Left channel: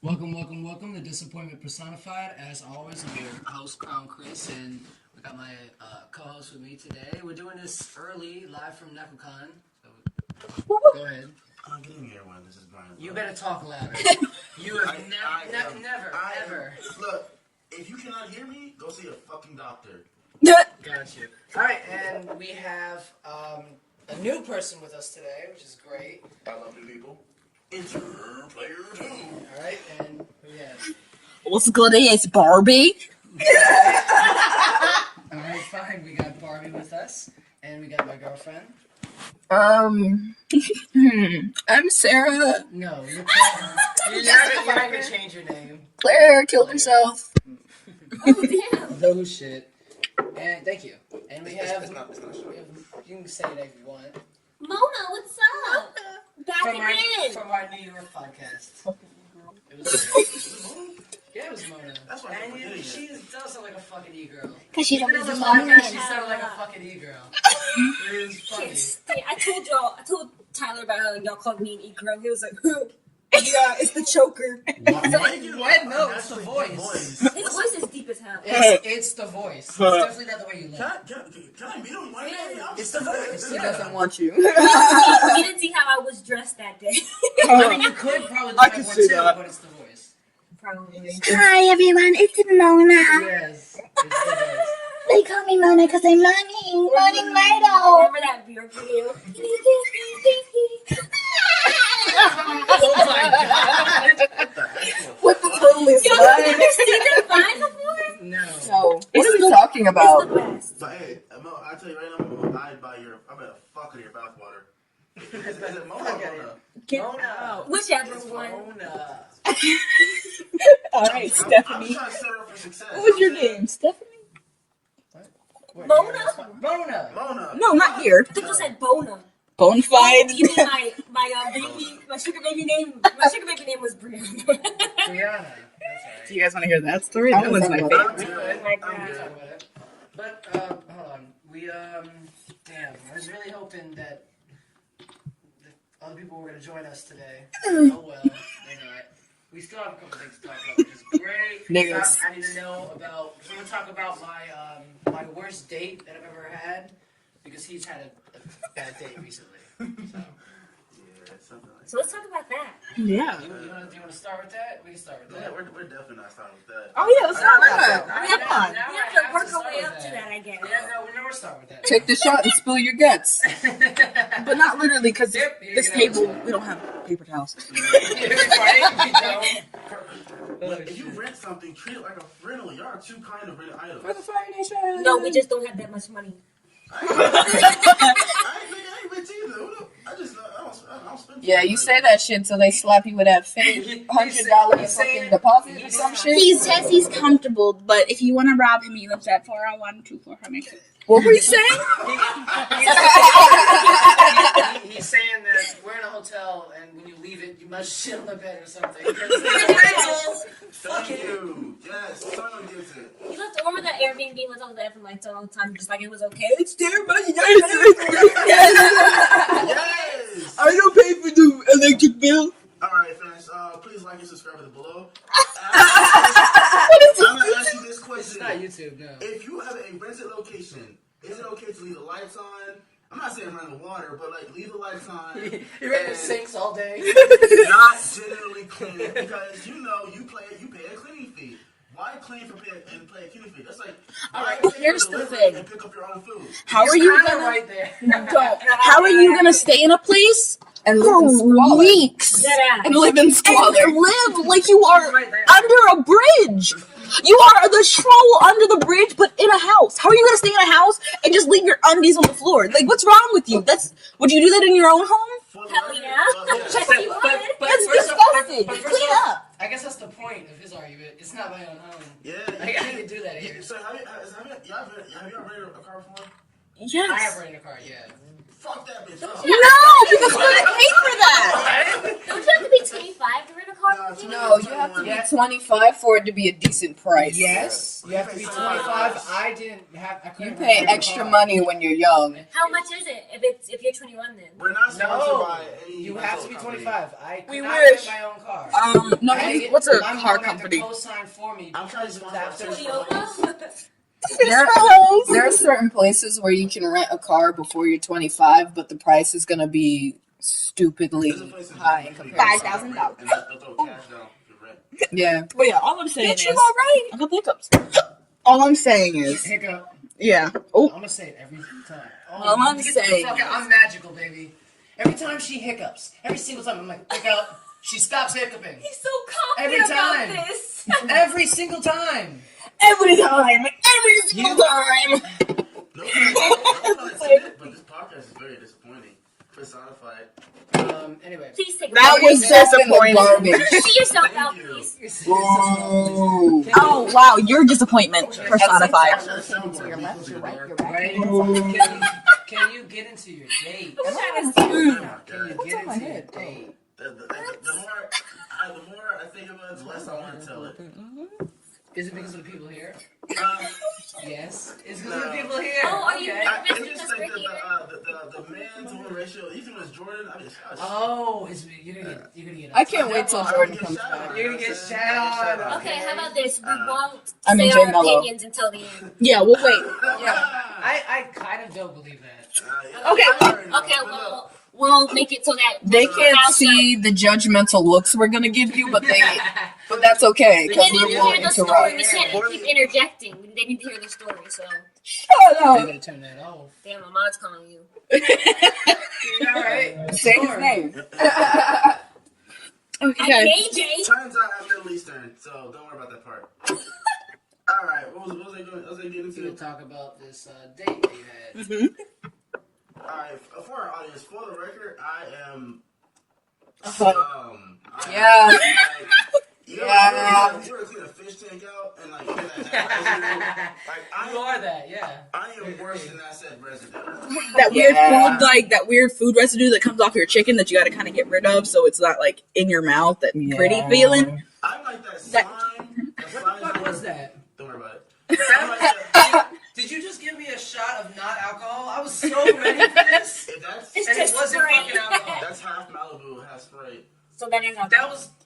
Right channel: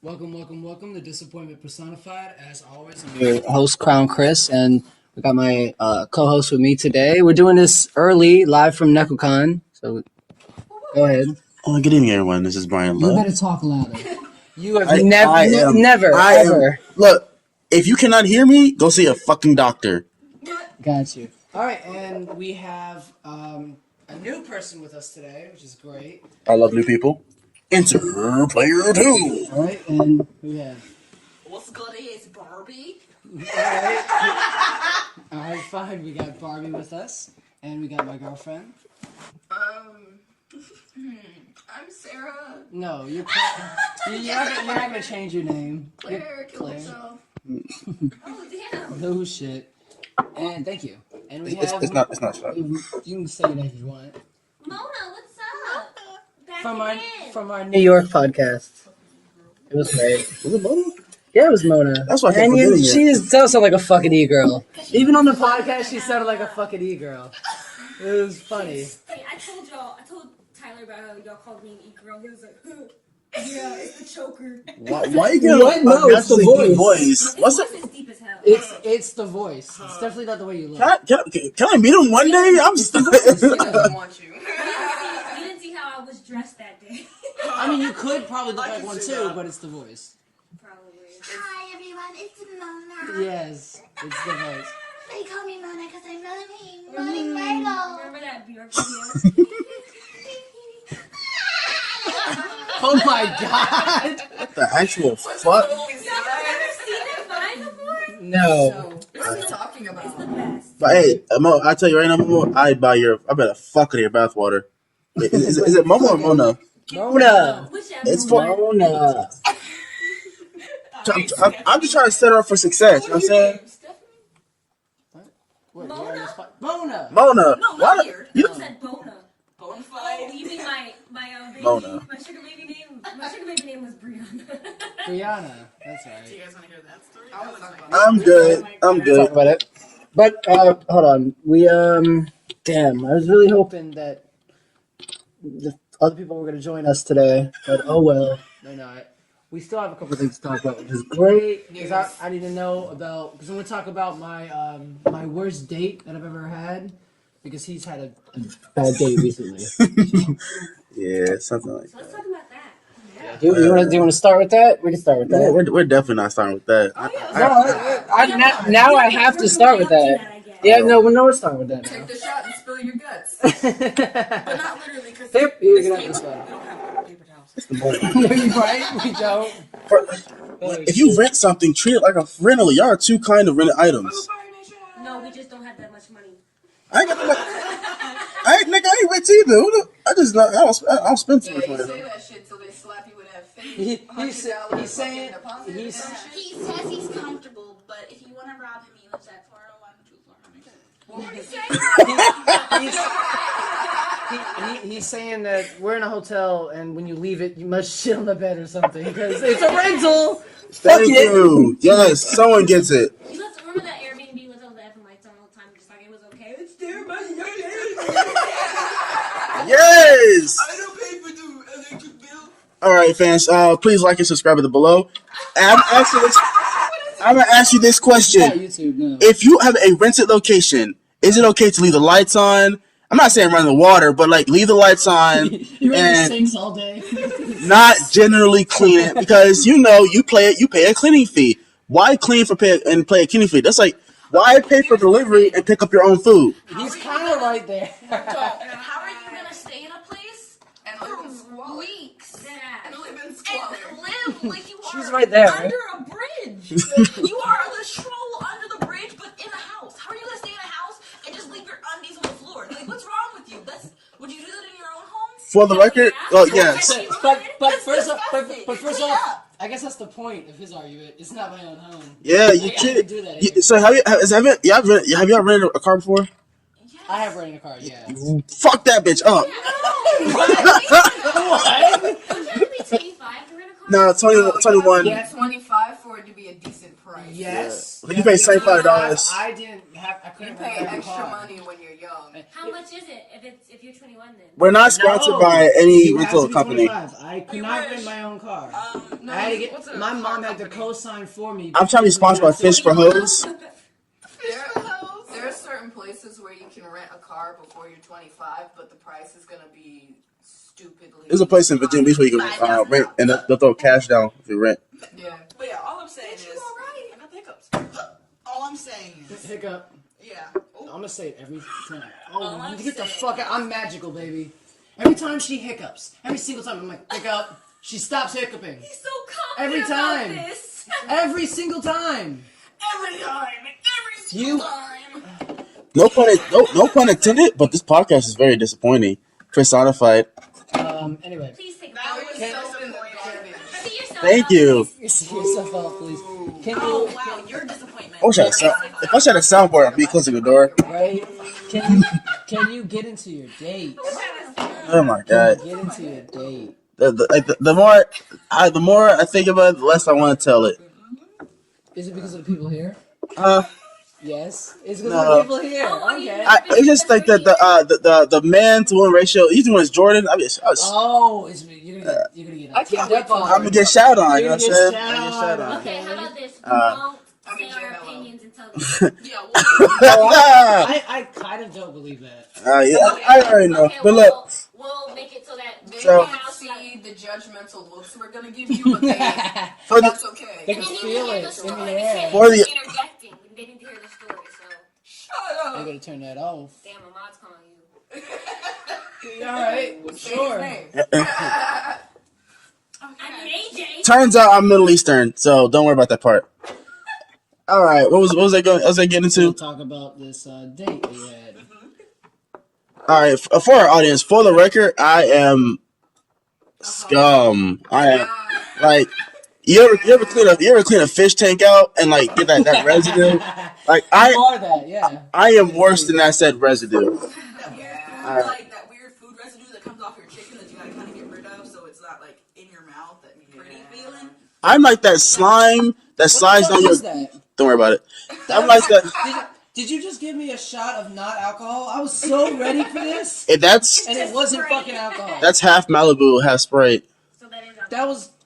Welcome to Disappointment Personified. As always, I'm Your host, Krowned Kris, and we got my co-host with me today. We're doing this early, live from NecoCon. So go ahead. Good evening, everyone. This is Bryan You Love. better talk louder. You have I am- never, I am- ever. Look, if you cannot hear me, go see a fucking doctor. Got you. All right, and we have a new person with us today, which is great. I love new people. Enter player 2. All right, and we have. What's good? It's Barbie. All right, fine. We got Barbie with us, and we got my girlfriend. I'm Sarah. No, you can't. You're not gonna change your name. Claire killed himself. No shit. And thank you. And we have. It's not shut. You can say your name if you want. Mona, what's up? Back From our New York podcast. It was great. Was it Mona? Yeah, it was Mona. That's why I kept And forgetting it. she does sound like a fucking e-girl. she Even on the wants to podcast, she sounded like a fucking e-girl. It was funny. I told Tyler about how y'all called me an e-girl. He was like, yeah, it's the choker. Why you getting What? No, it's the unnaturally deep voice. His What's voice it? is deep as hell. It's the voice. It's definitely not the way you look. Can I meet him one day? I'm It's the voice. Yeah. Want you? He didn't see how I was dressed that day. I mean, you could probably look I like can one see too, that. but it's the voice. Probably. Hi everyone, it's Mona. Yes, it's the voice. They call me Mona because I'm running Myrtle. Remember that Bjork video? Oh my god! The actual What's fuck. the police? Have you ever seen that vine before? No. So, what are we talking It's about? the best. But hey, Mo, I tell you right now, Mo, I better fuck with your bathwater. Is it Momo or Mona? Mona. Whichever It's one. Mona. I'm just trying to set her up for success. You know What's what I'm your saying? name? Stephanie? Wait, Mona? you're on the spot. Mona. Mona. No, not here. You said Bona. Bonafide. You mean my baby? Mona. My sugar baby name. My sugar baby name was Brianna. Brianna. That's right. Do you guys want to hear that story? That one's my favorite. I'm good. I'm Talk good. about it. But hold on. We damn, I was really hoping that the other people were gonna join us today. But oh well, they're not. We still have a couple things to talk about, which is great. Because I need to know about because I'm gonna talk about my my worst date that I've ever had. Because he's had a bad date recently. Yeah, something like that. So let's talk about that. Yeah. Do you want to start with that? We can start with Yeah, that. we're definitely not starting with that. Oh yeah. Let's talk about that. Now I have to start with that. I guess. Yeah, no, we're starting with that. Take the shot and spill your guts, but not literally because Yep, you're this gonna have table to. we don't have paper towels. Right? We don't. If you rent something, treat it like a rental. Y'all are two kind of rented items. No, we just don't have that much money. I ain't rich either. I don't spend. Yeah, you say that shit so they slap you with that fake $100 fucking deposit or some shit. He says he's comfortable, but if you want to rob him, he lives at 401 400. What were you saying? He's saying that we're in a hotel, and when you leave it, you must shit on the bed or something. Because it's a rental. Thank you. Yes, someone gets it. You have to remember that Airbnb was on there for like so long time, just like it was okay. It's there, but you Yes. I don't pay for the electric bill. All right, fans. Please like and subscribe at the below. And I'm gonna ask you this Not question: YouTube, no. if you have a rented location, is it okay to leave the lights on? I'm not saying run the water, but like leave the lights on You ready to and sinks all day? not generally clean it because you pay a cleaning fee. Why clean for pay and pay a cleaning fee? That's like why pay for Here's the delivery thing. and pick up your own food? How He's are you kinda gonna right there? How are you gonna stay in a place and live in squalor? Weeks. And live in squalor. And live like you are She's right there. under a bridge. You are the troll under the bridge, but in a house. How are you gonna stay in a house and just leave your undies on the floor? Like, what's wrong with you? Would you do that in your own home? For the record, yeah. yeah. But That's first off, disgusting. but first Yeah. off, I guess that's the point of his argument. It's not my own home. Yeah, you I can't can do that here. So have y'all rented a car before? Yes. I have rent a car. Yeah. Fuck that bitch up. No, you can't pay for that. Don't you have to be 25 to rent a car? No, 21. You have to be 25 for it to be a decent price. Yes. You pay $75. I didn't have. I couldn't You pay rent a extra car. money when you're young. How much is it if you're 21 then? We're not sponsored No, by any you have rental to be company. 25. I could You not wish. rent my own car. No, I had to get, what's a my car mom had to company? co-sign for me. I'm trying to be sponsored by Fish for Hoes. There are certain places where you can rent a car before you're 25, but the price is gonna be stupidly. There's a place in Virginia Beach where you can $5,000. rent, and they'll throw cash down if you rent. Yeah. But yeah, all I'm saying Bitch, is you all right? I got the hiccups. All I'm saying is, Hiccup. yeah. I'm Oh, gonna say it every time. Oh, I'm gonna get the say- fuck out. I'm magical, baby. Every time she hiccups, every single time I'm like, hiccup. She stops hiccuping. He's so confident Every time. about this. Every single time. every single time. No pun intended, but this podcast is very disappointing. Personified. Anyway. Please take That was disappointing. See yourself Thank out, you. please. Can Oh wow, your disappointment. I wish I had a soundboard. Be closer to the door. Can you get into your date? Oh my god. Get into your date. The more I think about it, the less I want to tell it. Is it because of the people here? Uh, Yes. It's because of the people here. Okay. It's just like the man to woman ratio. Usually when it's Jordan, I was Oh, you're gonna get. I can't wait till I'm gonna get shout on. You You're know gonna what I'm get saying? shat on. Okay, how Okay. about this? We won't I'm in say our J Mello. opinions until the end. Yeah, we'll wait. I kind of don't believe that. Yeah, I already know. Okay, But look, we'll make it so that They So- can't see the judgmental looks we're gonna give you, but but that's okay. They Because need to we're hear willing the to story. run. We can't For the- keep interjecting. They need to hear the story. So, Shut You up. better turn that off. damn, my mom's calling you. All right. Say his Sure. name. Okay. AJ. turns out I'm Middle Eastern, so don't worry about that part. All right, what was I going? Was I getting We'll into? talk about this date that you had. All right, for our audience, for the record, I am scum. I am Yeah. like you ever clean a fish tank out and like get that residue? Like You I are that, yeah. am worse than that said residue. That weird Yeah. food, like that weird food residue that comes off your chicken that you got to kind of get rid of, so it's not like in your mouth. That pretty feeling. I'm like that slime that What slides the on fuck your. is that? Don't worry about it. I'm like that. Did you just give me a shot of not alcohol? I was so ready for this, That's and it wasn't fucking alcohol. that's half Malibu, half Sprite. So that is our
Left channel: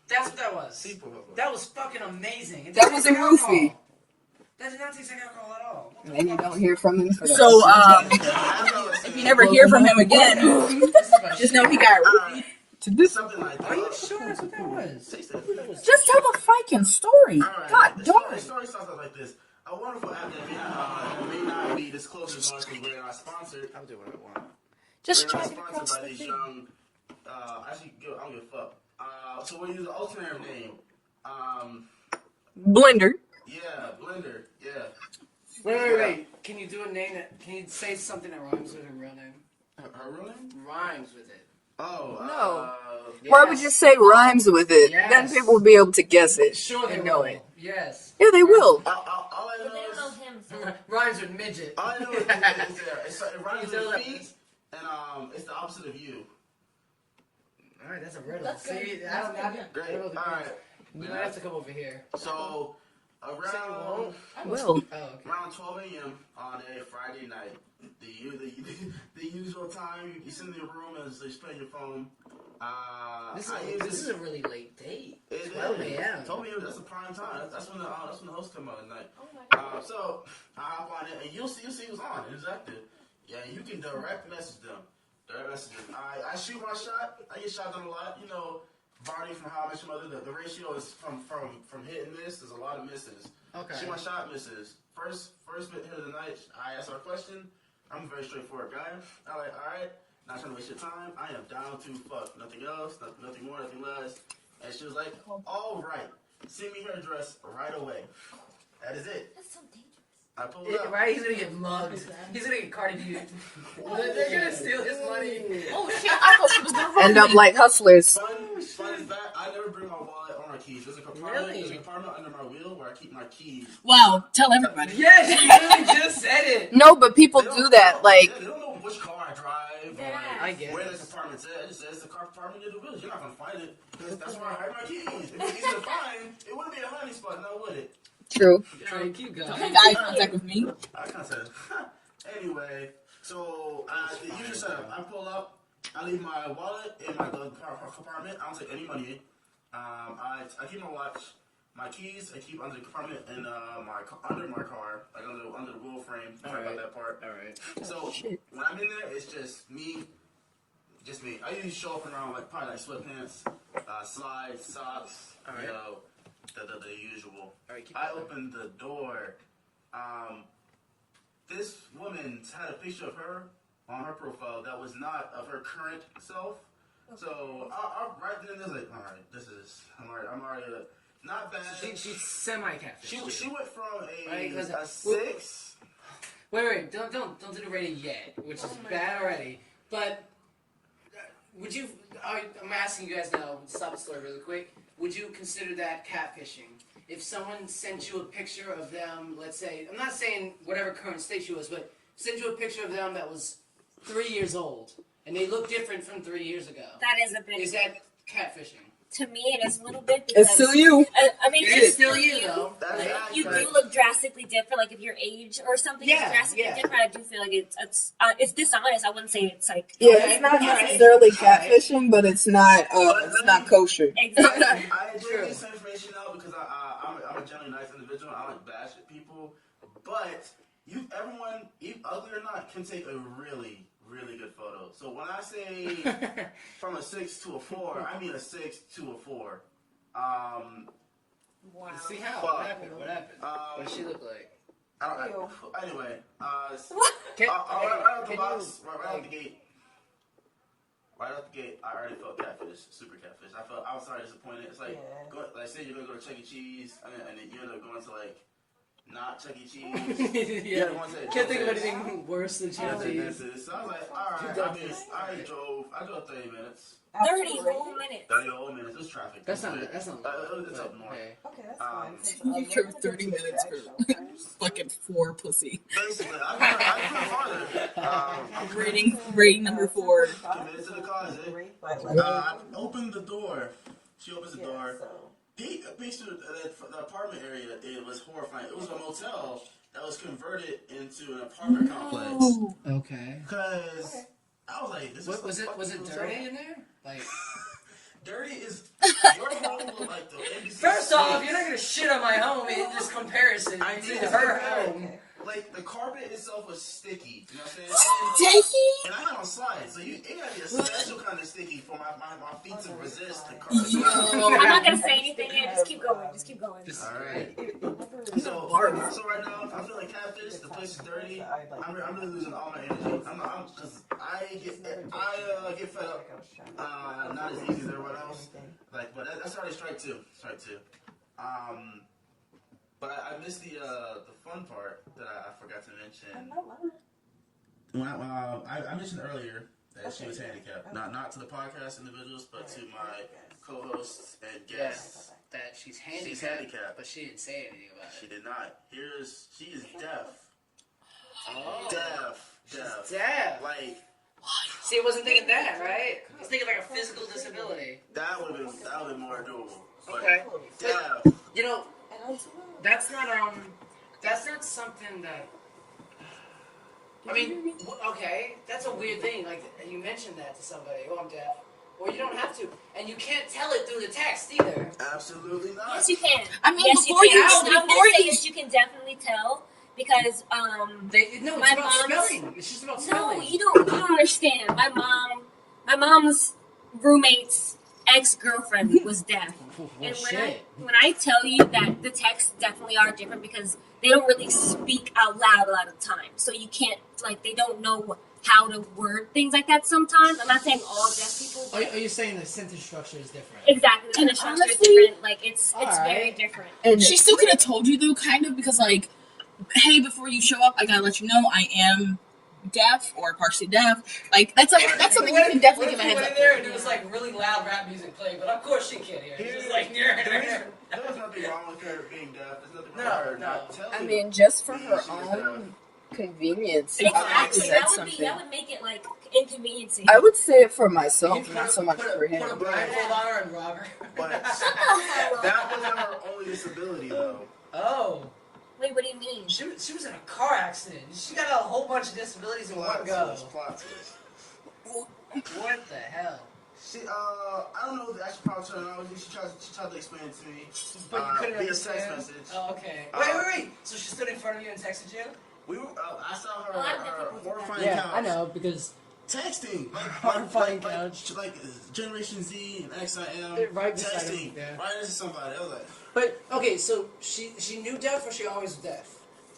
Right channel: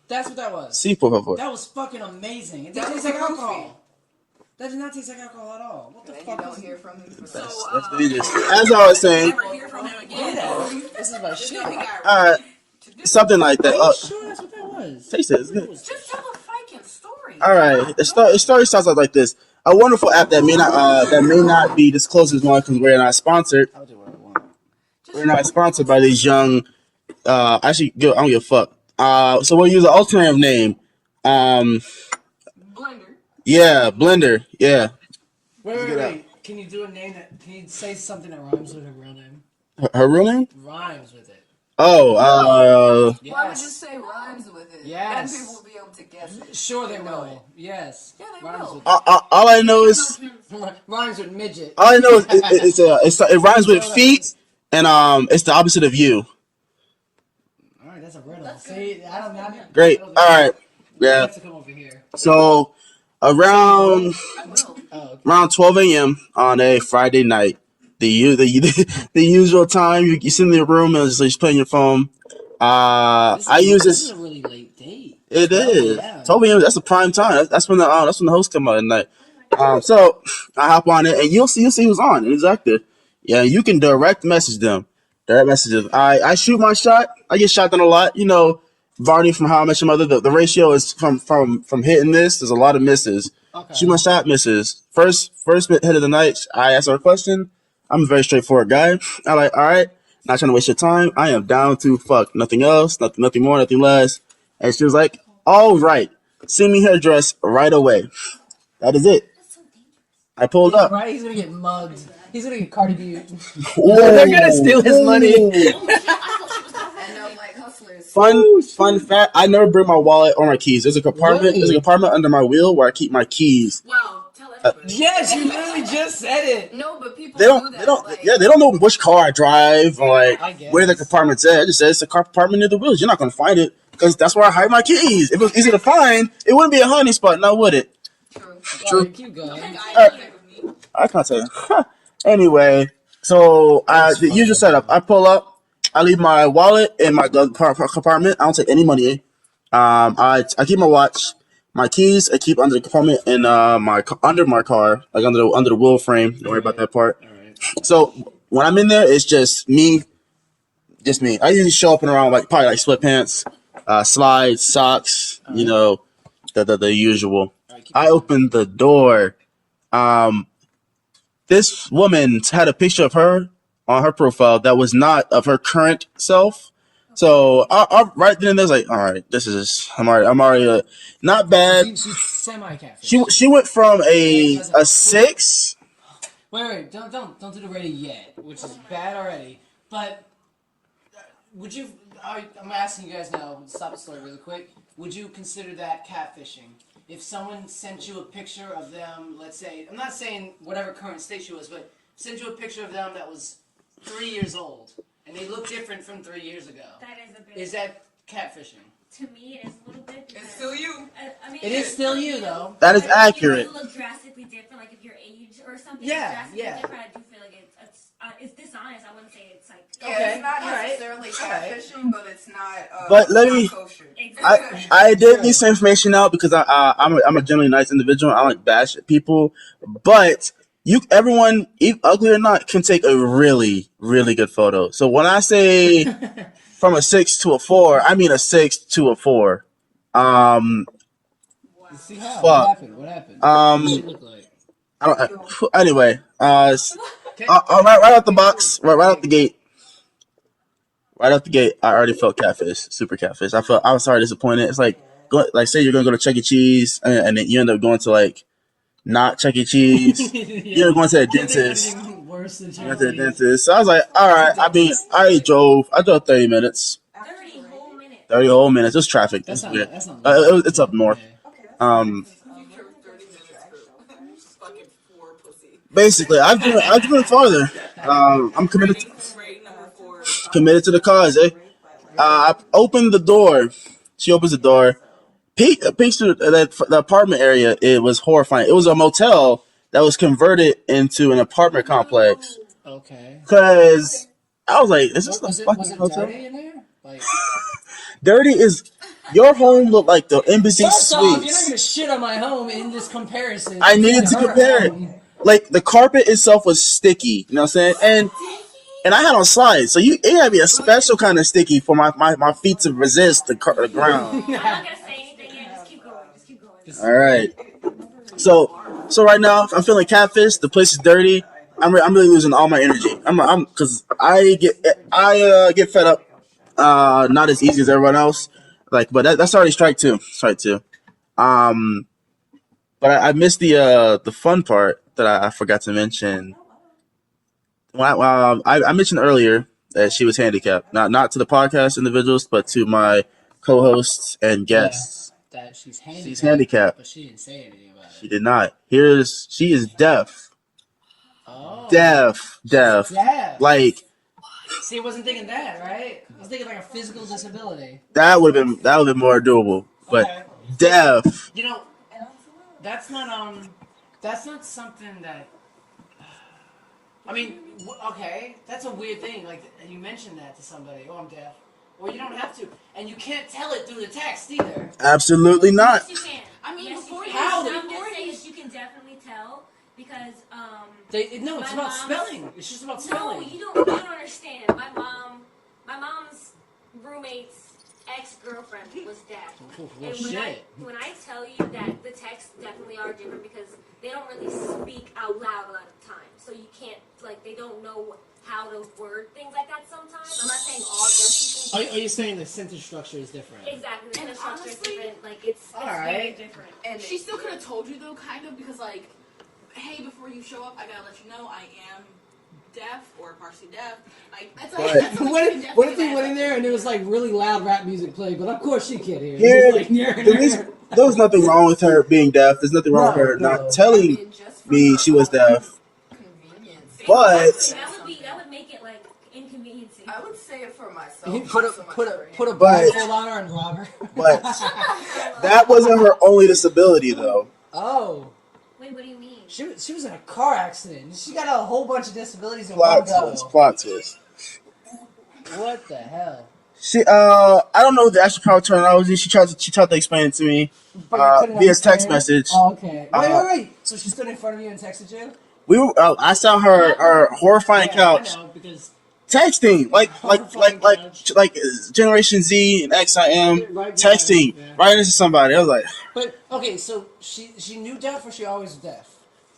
That's what that was. Sí, por favor. That was fucking amazing. It That didn't was taste like alcohol. goofy. That did not taste like alcohol at all. What the And you fuck? don't hear from him for that. So, As I was saying, never hear from him again. This is my Just shit. know he got. something like Are that. you sure that's what that was? Taste it. It's good. Just tell the fucking story. All right. The story starts out like this. A wonderful app that may not be disclosed as much because we're not sponsored. I'll do what I want. We're not sponsored by these young. Actually, I don't give a fuck. So we'll use an alternative name. Blender. Yeah, Blender. Yeah, Wait. Can you do a name that? Can you say something that rhymes with her real name? her real name. Rhymes with it. Oh, Why would you say rhymes with it? Yes. Then people will be able to guess it. Sure they know will. it. Yes. Yeah, they will. all I know is Rhymes with midget. all I know is it rhymes with feet, and it's the opposite of you. All right, that's a riddle. See, I don't know. Great. All right. You Yeah. have to come over here. So around Oh, okay. around 12 a.m. on a Friday night, the usual time you sit in your room and just playing your phone. I use This is this. a really late date. It 12 is a.m. 12 a.m. That's the prime time. That's when the hosts come out at night. So I hop on it and you'll see who's on and who's active. Yeah, you can direct message them. Direct messages. I shoot my shot. I get shot down a lot. You know, Barney from How I Met Your Mother. The ratio is from hitting this. There's a lot of misses. Okay. Shoot my shot, misses. First hit of the night. I ask her a question. I'm a very straightforward guy. I'm like, all right, not trying to waste your time. I am down to fuck. Nothing else. Nothing more. Nothing less. And she was like, all right, send me her address right away. That is it. I pulled up. Right? He's gonna get mugged. He's gonna get Cardi B. Whoa. They're gonna steal his money. Ooh. Oh shit! I thought she was gonna End up like hustlers. Fun fact: I never bring my wallet or my keys. There's a compartment. Really? There's a compartment under my wheel where I keep my keys. Wow, tell everybody. Yes, you really just said it. No, but people They don't do that. they don't know which car I drive or I like guess. where the compartment's at. It just says it's a compartment near the wheels. You're not gonna find it because that's where I hide my keys. If it was easy to find, it wouldn't be a hiding spot, now would it? True. Alright, keep going. Eye contact with me. I can't tell you. Anyway, so the usual setup. I pull up. I leave my wallet in my glove compartment. I don't take any money in. I keep my watch, my keys. I keep under the compartment in under my car, like under the wheel frame. Don't worry about that part. All right. So when I'm in there, it's just me. I usually show up in around probably sweatpants, slides, socks. All right. You know, the usual. All right, keep I going. opened the door. This woman had a picture of her on her profile that was not of her current self. So I right then and there was like, all right, this is I'm already not bad. She's semi-catfish. She went from a 6. Wait, don't do the rating yet, which is bad already. But would you? I'm asking you guys now. Stop the story really quick. Would you consider that catfishing? If someone sent you a picture of them, let's say, I'm not saying whatever current state she was, but sent you a picture of them that was 3 years old, and they look different from 3 years ago. That is a bit. Is that catfishing? To me, it is a little bit. Because, It's still you. I mean, It is still you, though. That is right? accurate. You look drastically different, like if your age or something Yeah, is drastically yeah. different. I do feel like it's dishonest. I wouldn't say it's like Yeah, Okay, it's not alright. necessarily catfishing, but it's not. But let it's me- not kosher. exactly. I did need some information out because I'm a generally nice individual. I like bash at people, but everyone, ugly or not, can take a really, really good photo. So when I say from a 6 to a 4, I mean a 6 to a 4. Let's see how. Fuck. What happened? What happened? What does she look like? Anyway, Okay. right out the box, right out the gate. Right out the gate, I already felt catfish, super catfish. I was already disappointed. It's like say you're gonna go to Chuck E. Cheese, and then you end up going to not Chuck E. Cheese. You're going to the Can't think of dentist. anything worse than Went to the cheese. dentist. So I was like, all right. I mean, I drove 30 minutes. 30 whole minutes. 30 whole minutes. Just traffic. That's not. Yeah. That's not. It's up north. Okay. You drove 30 minutes for fucking 4 pussy. Basically, I've been farther. I'm Rating number 4. committed to the cause. I opened the door. She opens the door. Peeks through the apartment area. It was horrifying. It was a motel that was converted into an apartment complex. Okay. Cause I was like, "Is this Was the it fucking hotel?" dirty in there? Like, Dirty is your home looked like the embassy first off, you're not suites. gonna shit on my home in this comparison. I needed to her compare it. home. Like the carpet itself was sticky. You know what I'm saying? And I had on slides, so it had to be a special kind of sticky for my feet to resist the ground. I'm not gonna say anything yet. Just keep going. Just keep going. All right. So right now I'm feeling catfish. The place is dirty. I'm really losing all my energy. I'm because I get fed up. Not as easy as everyone else. But that's already strike two. But I missed the fun part that I forgot to mention. I mentioned earlier that she was handicapped. Not to the podcast individuals, but to my co-hosts and guests. That she's handicapped. She's handicapped. But she didn't say anything about it. She did not. She is deaf. Oh. Deaf. Deaf. Like See, I wasn't thinking that, right? I was thinking like a physical disability. that would have been more doable. But Okay. deaf. You know, that's not something that. I mean, okay, that's a weird thing. Like you mentioned that to somebody. Oh, I'm deaf. Or you don't have to, and you can't tell it through the text either. Absolutely not. Yes, you can. I mean, yes, before you can. you- I'm gonna before say you- this. You can definitely tell because No, it's My about mom's- spelling. It's just about no, spelling. you don't understand. My mom's roommate's ex-girlfriend was deaf. Well, And shit. when I tell you that the texts definitely are different because they don't really speak out loud a lot of the time. So you can't, they don't know how to word things like that sometimes. I'm not saying all deaf people. Are you saying the sentence structure is different? Exactly. The sentence structure is Honestly, different. It's very alright. different. And She still could have told you though, kind of, because hey, before you show up, I gotta let you know I am deaf or partially deaf. Like that's something you can What definitely if he went in there and it was like really loud rap music playing, but of course she can't hear. There was nothing wrong with her being deaf. There's nothing wrong with her not telling just for me her she was own deaf. convenience. But that would make it like inconveniencing. I would say it for myself, You put not so much for him. a blindfold on her and rob her. But that wasn't her only disability, though. Oh. Wait, what do you mean? She was in a car accident. She got a whole bunch of disabilities in one go. Plot twist. What the hell? I don't know the actual power terminology. She tried to explain it to me But you couldn't via understand? text message. Oh, okay. Wait. So she stood in front of you and texted you? I saw her horrifying couch. I know, because Texting like Generation Z and X I am texting right into somebody. I was like, but okay, so she knew deaf or she always was deaf?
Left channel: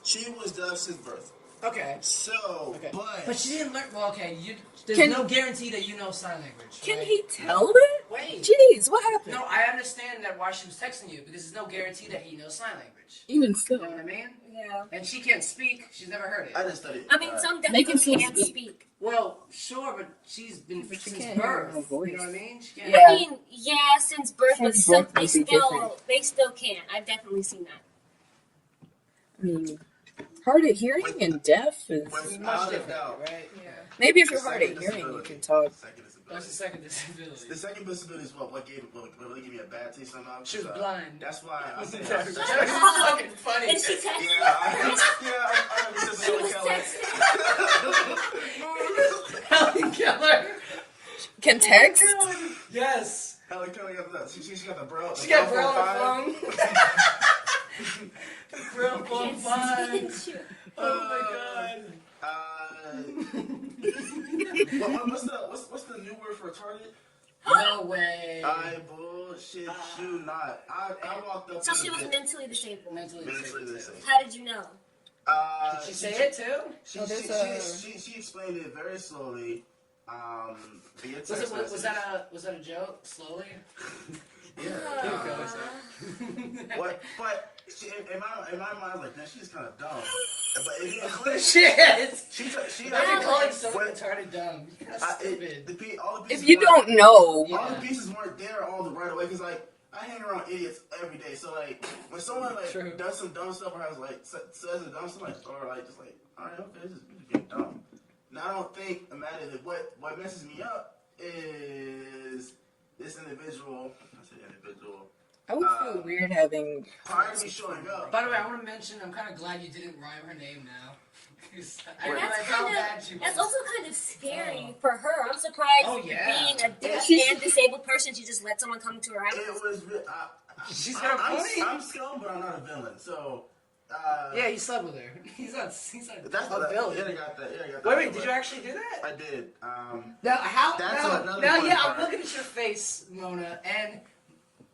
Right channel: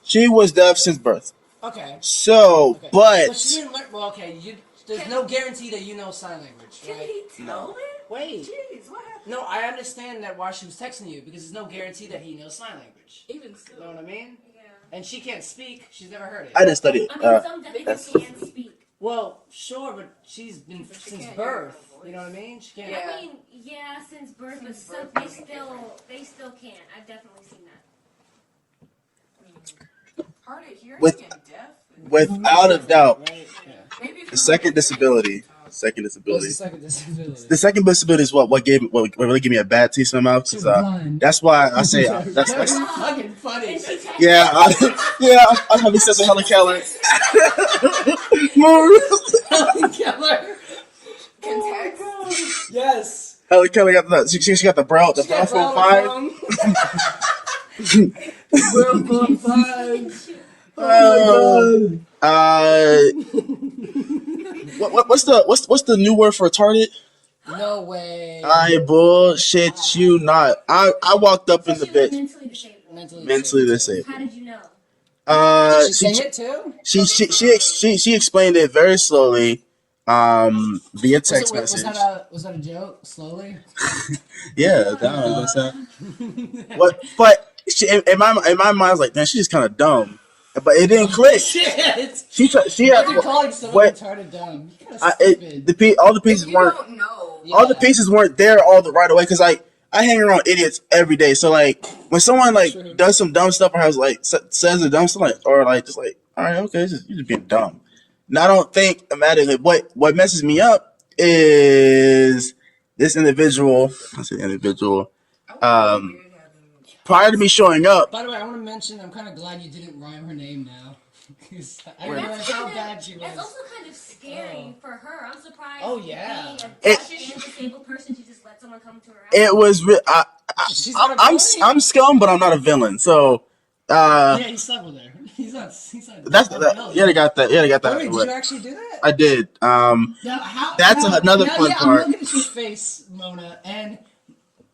she was deaf since birth. Okay. So, Okay. but she didn't learn. Well, okay, there's no guarantee that you know sign language. Can right? he tell it? Wait. Jeez, what happened? No, I understand that why she was texting you because there's no guarantee that he knows sign language. Even still. You know what I mean? Yeah. And she can't speak. She's never heard it. I didn't study it. I mean, some They can definitely still can't speak. speak. Well, sure, but she's been since can't hear birth. her voice. You know what I mean? She can't. Yeah. I mean, yeah, since birth, but Since some, birth might be different. they still can't. I've definitely seen that. I mean, hard of hearing and deaf is Without a doubt, Right? Yeah. maybe if the you're second hard of hearing, you disability. can talk. Second What's disability. the second disability? The second disability is what really gave me a bad taste in my mouth. She was 'Cause, blind. that's why I say That's that's fucking funny. And she texted yeah. I'm gonna be such a Helen Keller. Helen Keller. Can text? Yes. Helen Keller got the she got the brow She got brow Braille on the phone. Braille on 5. Oh my god. What's the new word for retarded? No way. I bullshit you not. I walked up So in the she was bit mentally disabled. mentally disabled. How did you know? Did she sing it too? She explained it very slowly, via text Was message. that a joke? Slowly. Yeah, that was but in my mind, I was like, man, she's just kind of dumb. But it didn't click. Shit. She had You're calling someone what- retarded dumb. You're kinda stupid. all the pieces You weren't don't know. all the pieces weren't there all the right away because like I hang around idiots every day. So like when someone like True. does some dumb stuff or has like says a dumb stuff like, or like just like, all right, okay, you're just being dumb. And I don't think automatically what messes me up is this individual. I say individual. I would feel weird having. Prior to me showing up, By the way, I want to mention I'm kind of glad you didn't rhyme her name now. 'Cause I didn't realize how bad she was. That's also kind of scary for her. I'm surprised. Oh, yeah. Being a deaf and disabled person, she just let someone come to her house. it was. She's not a bully. I'm scum, but I'm not a villain. So. Yeah, he slept with her. He's not. That's a that. villain. Yeah, they got that. Yeah, they got By that. the way, did you actually do that? I did. Now, That's another fun I'm part. looking at your face, Mona, and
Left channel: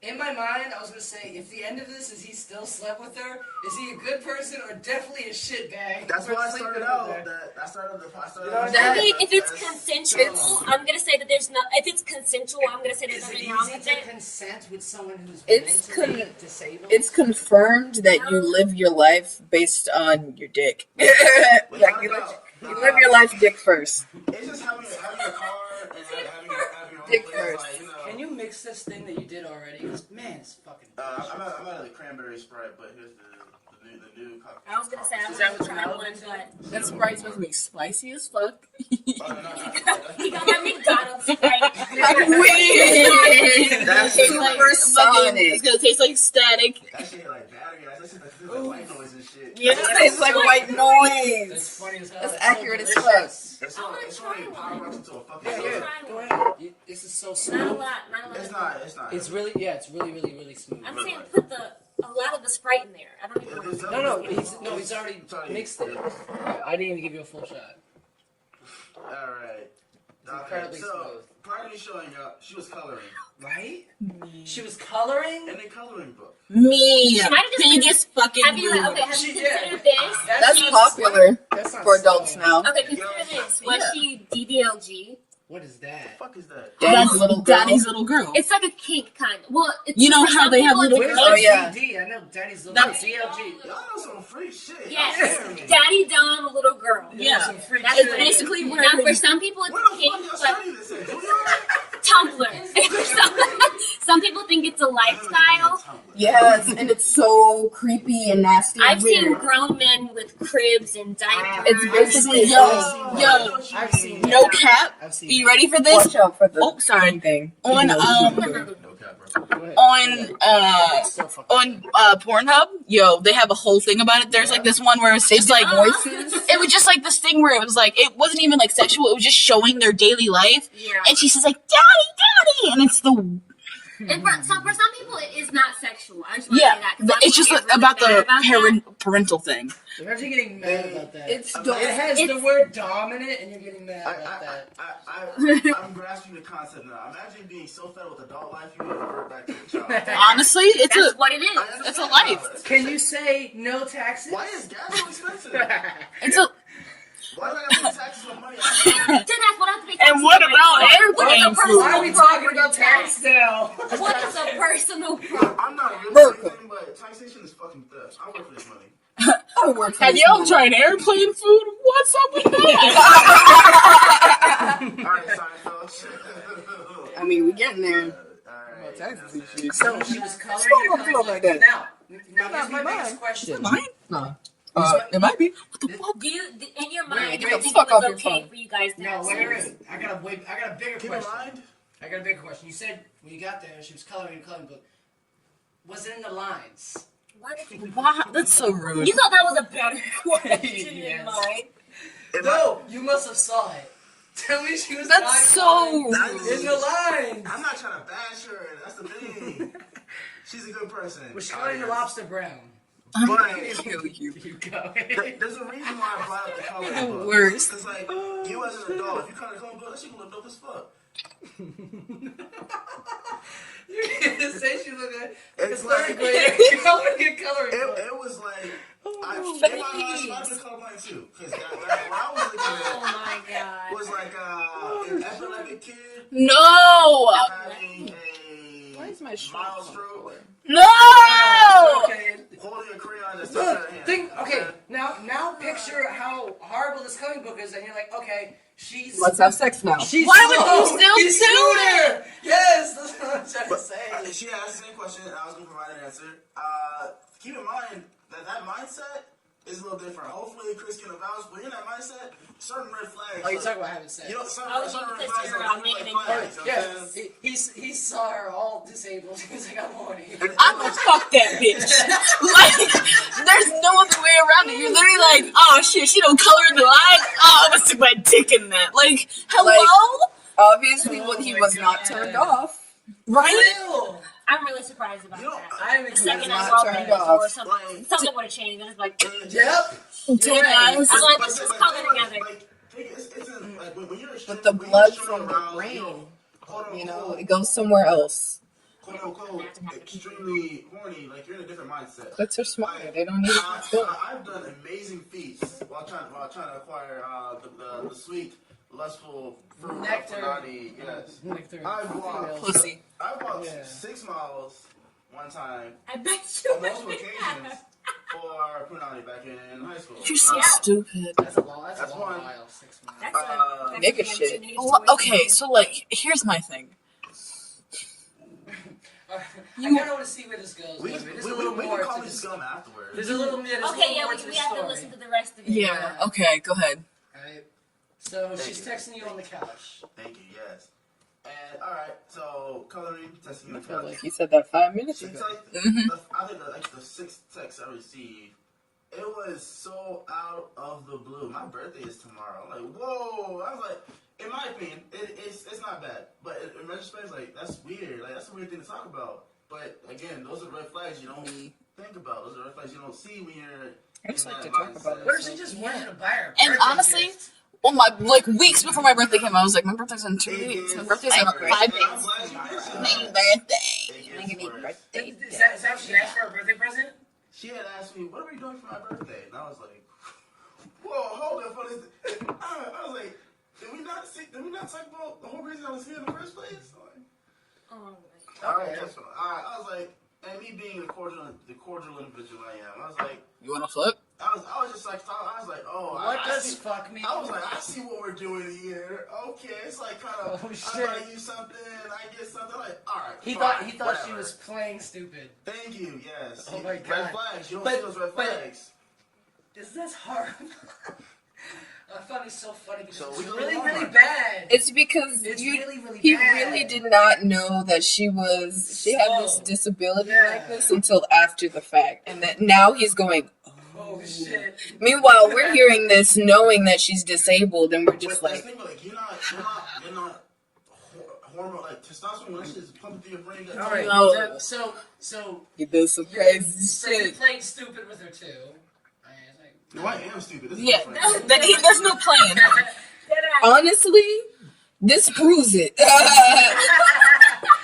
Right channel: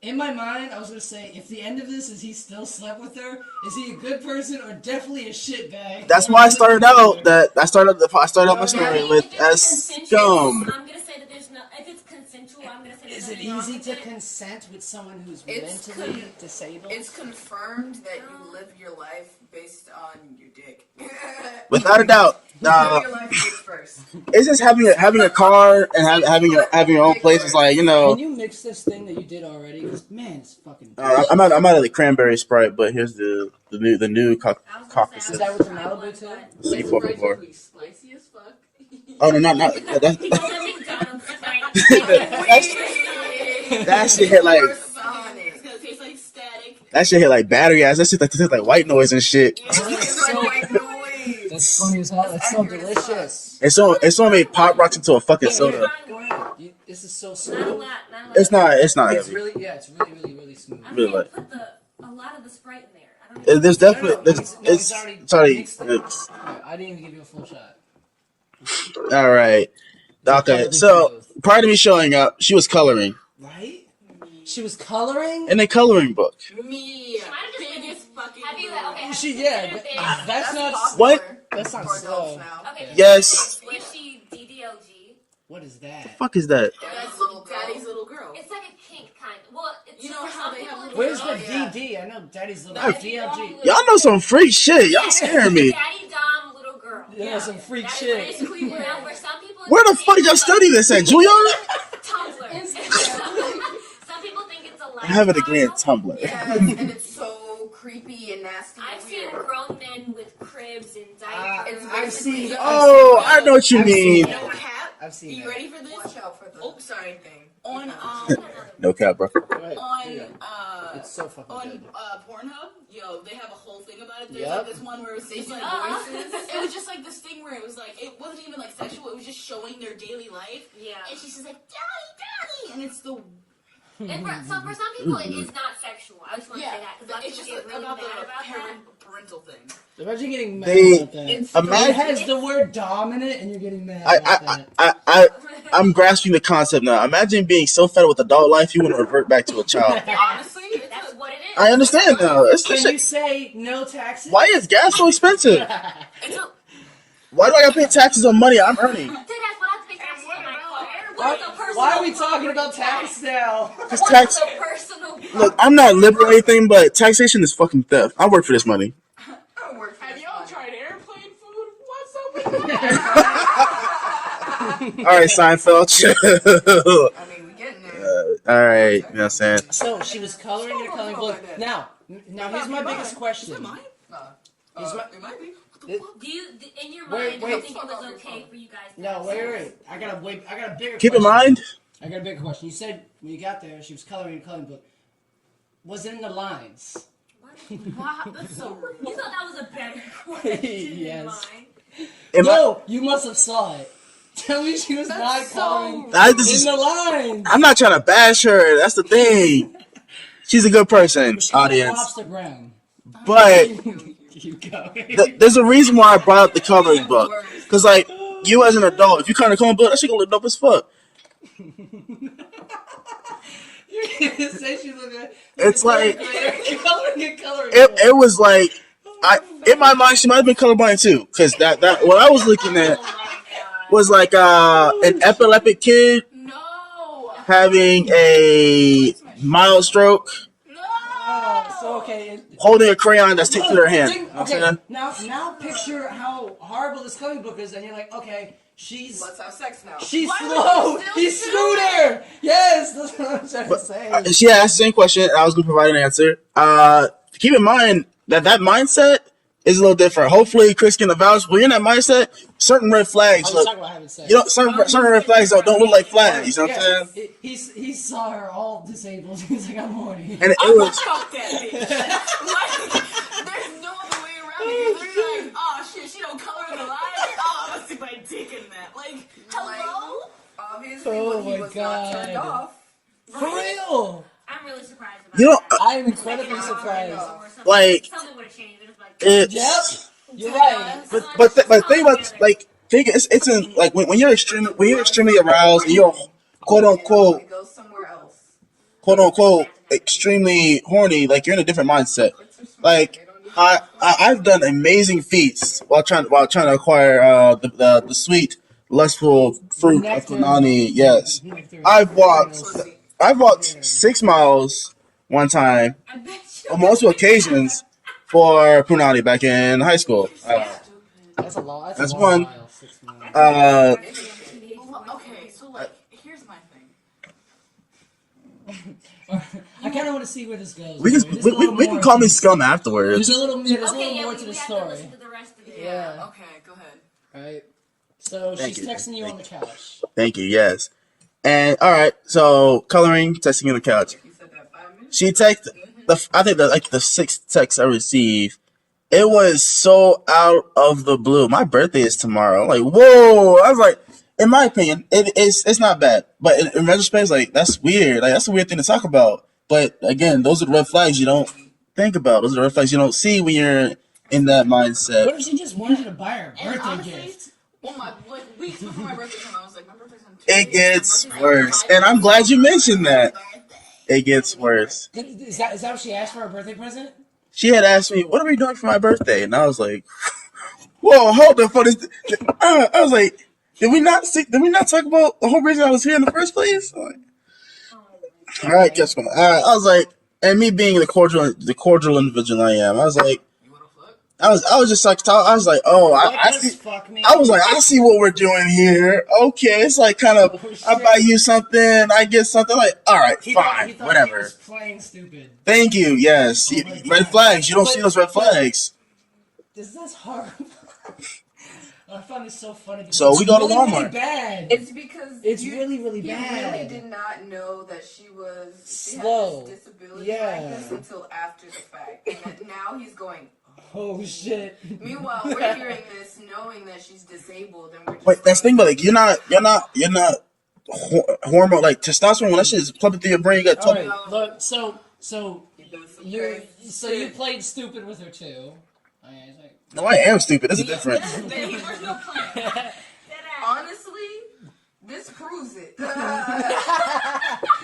in my mind, I was gonna say, if the end of this is he still slept with her, is he a good person or definitely a shitbag? That's why I started out. I started my I story mean, with if it's as consensual, dumb. I'm gonna say that there's no. If it's consensual, I'm gonna say there's Is it nothing wrong easy with to it. consent with someone who's It's mentally disabled? It's confirmed that you live your life based on your dick. Without a doubt. Live your life dick first. It's just having a car and having your own place is like, you know. Can you mix this thing that you did already? 'Cause, man, it's fucking. I'm out of the cranberry Sprite, but here's the new I was gonna say, caucus. Is that with the Malibu too? That Sprite supposed to be spicy as fuck. Oh no, not that's, You know that McDonald's Sprite. that shit hit like Sonic. gonna taste like static. that shit hit like battery ass. That shit tastes like white noise and shit. It tastes like white noise. That's funny as hell. That's It's so accurate as delicious. It's so made pop rocks into a fucking soda. Go ahead. This is so Not a smooth. lot, not a lot. It's not. It's really, it's really smooth. I'm really saying like- put a lot of the Sprite in there. I don't even There's No, definitely he's already it's already mixed it. I didn't even give you a full shot. all right. Okay, so prior to me showing up, she was coloring Right? She was coloring? in a coloring book. Me, She might have just biggest fucking. Have you okay? Have you considered this? That's That's not popular That's not for adults slow. now. Okay, consider Yes. this. Was she DDLG? What is that? Fuck is that? Daddy's little girl. It's like a kink kind of. Well, it's, You know for how some they have people, little- Where's it's the Oh, yeah. DD? I know Daddy's little DLG. Y'all know some freak shit. Y'all Yeah. scaring me. Daddy Dom, little girl. Yeah, some freak That's shit. basically now for some people. It's Where the fuck did y'all like study this at, Julian? Tumblr. Some people think it's a I lifestyle. have a degree in Tumblr. Yes, and it's so creepy and nasty. I've and seen weird. grown men with cribs and diapers. It's basically Yo, I know what you I've seen mean. that. No cap. I've seen You that. ready for this? Watch out for the Oh, sorry. thing. On No cap, bro. Go ahead. on So fucking Pornhub, yo, they have a whole thing about it. There's like this one where it's just like voices. it was just like this thing where it was like it wasn't even like sexual. It was just showing their daily life, Yeah. and she says like daddy, and it's the And for some people, it is not sexual. I just want to yeah. say that. 'cause some It's just people get about really the mad about that. parental thing. Imagine getting mad They- about that. It's It has the It's- word dom in it, and you're getting mad about that. I'm grasping the concept now. Imagine being so fed with adult life, you want to revert back to a child. Honestly, it's That's a what it is. I understand That's now. It's Can you say no taxes? why is gas so expensive? it's a Why do I gotta pay taxes on money I'm earning? Then that's what I have to be And what taxed about on. airplane What's the food? Why are we talking about tax now? It's What's tax. the personal Look, I'm not liberal or anything, but taxation is fucking theft. I work for this money. I work for have this y'all movie. tried airplane food? What's up with that? All right, Seinfeld. chill. I mean, we getting there. All right, you know what I'm saying? So she was coloring in a coloring book. Now here's my biggest question. No. It might be. Do you, in your Wait, mind, wait, do you think fuck it was off your okay phone. for you guys to No, have wait. sex? I got a bigger Keep in question. mind, I got a bigger question. You said when you got there, she was coloring in a coloring book. Was it in the lines? Why did you, Wow, that's so rude. you thought that was a better question Yes. than mine? No, you must have saw it. Tell me she was not That's so coloring I in the lines. I'm not trying to bash her. That's the thing. She's a good person, Was she like audience. lobster brown? But You go. there's a reason why I brought up the coloring book. Because, like, you as an adult, if you kind of coloring book, that shit gonna look dope as fuck. Say she looked at It's like- coloring a coloring book. It was like, in my mind, she might have been colorblind too. Because that what I was looking at Oh my god. was like an epileptic kid No, having a mild stroke, no. Okay. holding a crayon that's taking her hand. Think, You know what okay, I'm saying? now picture how horrible this coloring book is, and you're like, okay, she's Let's have sex now. she's Why would slow. you still He's do scooter. Yes, that's what I'm trying to say. And she asked the same question, and I was going to provide an answer. Keep in mind that mindset is a little different. Hopefully, Chris can vouch. When you're in that mindset, certain red flags. Oh, you're Look, talking about having sex. you know, certain red flags don't look like flags. You know what I'm saying? He saw her all disabled. He's like, I'm horny. And it I'm was. fuck that bitch. Like, there's no other way around it. You're literally like, oh shit, she don't color in the line. Oh, I'm gonna stick my dick in that. Like, hello, Obviously, Oh he my was not God. turned off. right? Real. I'm really surprised about You know, that. I'm Thinking incredibly about surprised. things or something, Like- something would have changed. It's like, it, Yep. Yeah, but think about it's in like when you're extremely aroused and you're quote unquote It goes somewhere else. extremely horny, like you're in a different mindset. That's so smart. Like They don't need I've done amazing feats while trying to acquire the sweet lustful fruit of Nectar. punani. Yes, Nectar. I've walked Yeah. 6 miles one time I bet you. on multiple occasions for punani back in high school. You're so stupid. That's a long. That's a long one. while, 6 months. Nigga shit. Well, okay, so like, here's my thing. I kind of want to see where this goes. We There's can a little we can more call to me this- scum afterwards. There's a little Okay, yeah, more we to the have to story. listen to the rest of it. Yeah. Okay, go ahead. Right. So Thank she's you. texting you on the couch. Thank you. Yes. And all right, so coloring, texting on the couch. You said that 5 minutes. She texted I think the sixth text I received. It was so out of the blue. My birthday is tomorrow. I'm like, whoa! I was like, in my opinion, it's not bad, but in retrospect, it's like that's weird. Like that's a weird thing to talk about. But again, those are the red flags you don't think about. Those are the red flags you don't see when you're in that mindset. What if she just wanted you to buy her a And birthday honestly, gift? well, my like weeks before my birthday came, I was like, my birthday's in 2 It weeks. gets My birthday's in worse, 5 and I'm days. glad you mentioned that. Birthday. It gets worse. Is that what she asked for a birthday present? She had asked me, "What are we doing for my birthday?" And I was like, "Whoa, hold the fuck!" I was like, Did we not talk about the whole reason I was here in the first place? All right, guess what? I was like, and me being the cordial individual I am, I was like, You want to flip? I was just like, I was like, oh, I see. Fuck me? I was like, I see what we're doing here. Okay, it's like kind of, I buy you something, I get something. Like, all right, He fine, thought whatever. he was playing stupid. Thank you. Yes, Oh my red God. flags. You don't see those red flags. This is hard. I find it so funny. Because So we go to really, Walmart. Really bad. It's because It's really he bad. really did not know that she had this Slow. disability Yeah. like this until after the fact, and that now he's going. Oh shit. Meanwhile, we're hearing this knowing that she's disabled, and we're just But like, that's the thing, but like, you're not hormone like testosterone. When that shit is pumping through your brain, you got All right. No. So he does some you crazy you shit. played stupid with her too. No, I am stupid. That's a difference. There's no plan. Honestly, this proves it.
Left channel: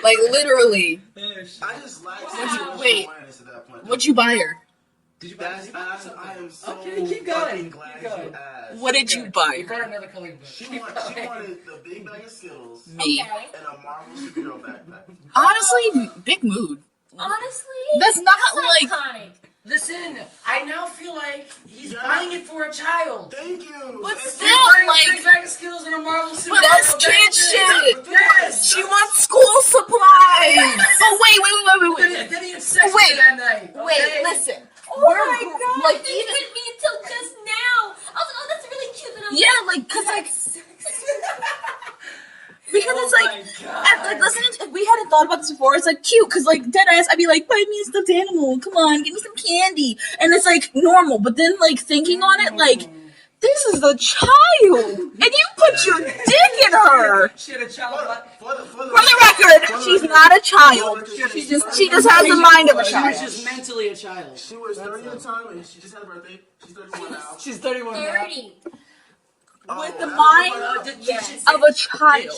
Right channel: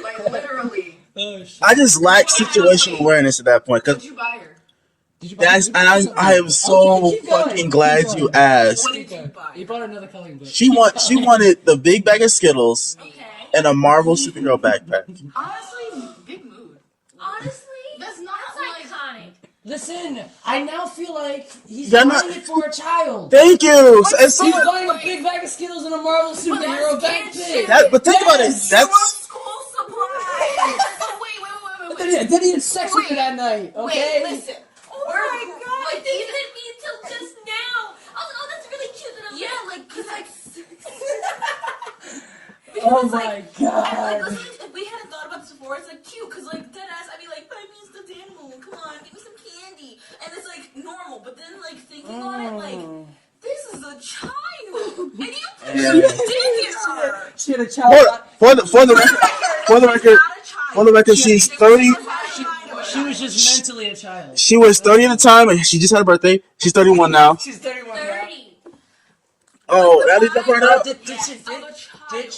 Like literally. Oh, shit. I just lack situation awareness at that point. What'd you buy her? Did you buy- That's did you buy and something? I am so Okay, keep going, fucking keep glad going. you asked. What did you buy? You bought another coloring book. She wanted the big bag of Skittles Me. and a Marvel superhero backpack. Honestly, big mood. Honestly, That's not like. kind. Listen, I now feel like he's You're buying not- it for a child. Thank you. But And still, see, He's buying like- a big bag of Skittles and a Marvel That's superhero kid backpack. shit. but think about it. Yes, She wants school supplies. Oh wait. Then he had sex with Wait. her that night. Okay? Wait, listen. Oh my god! Like, It didn't hit me until just now. I was like, oh, that's really cute. And I'm Yeah, like, like, cause like, Oh because it's my like, god. and, like, listen, if we hadn't thought about this before, it's like cute, cause like dead ass, I'd be like, buy me a stuffed animal, come on, give me some candy, and it's like normal. But then like thinking on it, like this is a child, and you put your dick in her. She had a child. for the For the record, she's not a child. for the record, she's 30. She just has the mind of a She child. was just mentally a child. She was 30 at the time, and she just had a birthday. She's 31 now. She's 31 now. 30. Oh, the that is mind the part Did she, Of a child.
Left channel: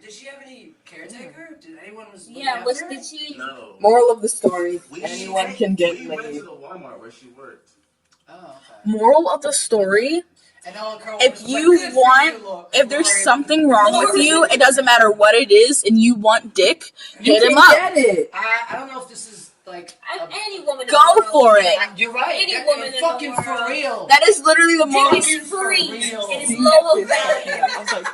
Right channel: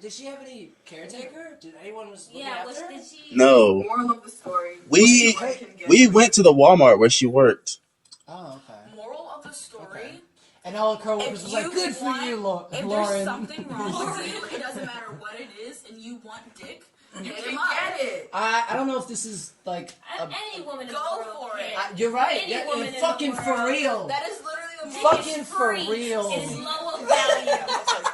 Did she have any caretaker? Did anyone was looking Yeah, after was her? did she? No. Moral of the story: We anyone can get we laid. went to the Walmart where she worked. Oh, okay. Moral of the story: And all the if coworkers was you like, "Good for want, you, if there's Lauren." something wrong with you, it doesn't matter what it is, and you want dick, hit him up. Get it. I don't know if this is like Any woman. in Go the world for can it. get you're right. Any Yeah, woman in the fucking world. for real. That is literally the moral. Dick Fucking is for free. real. It is low of value.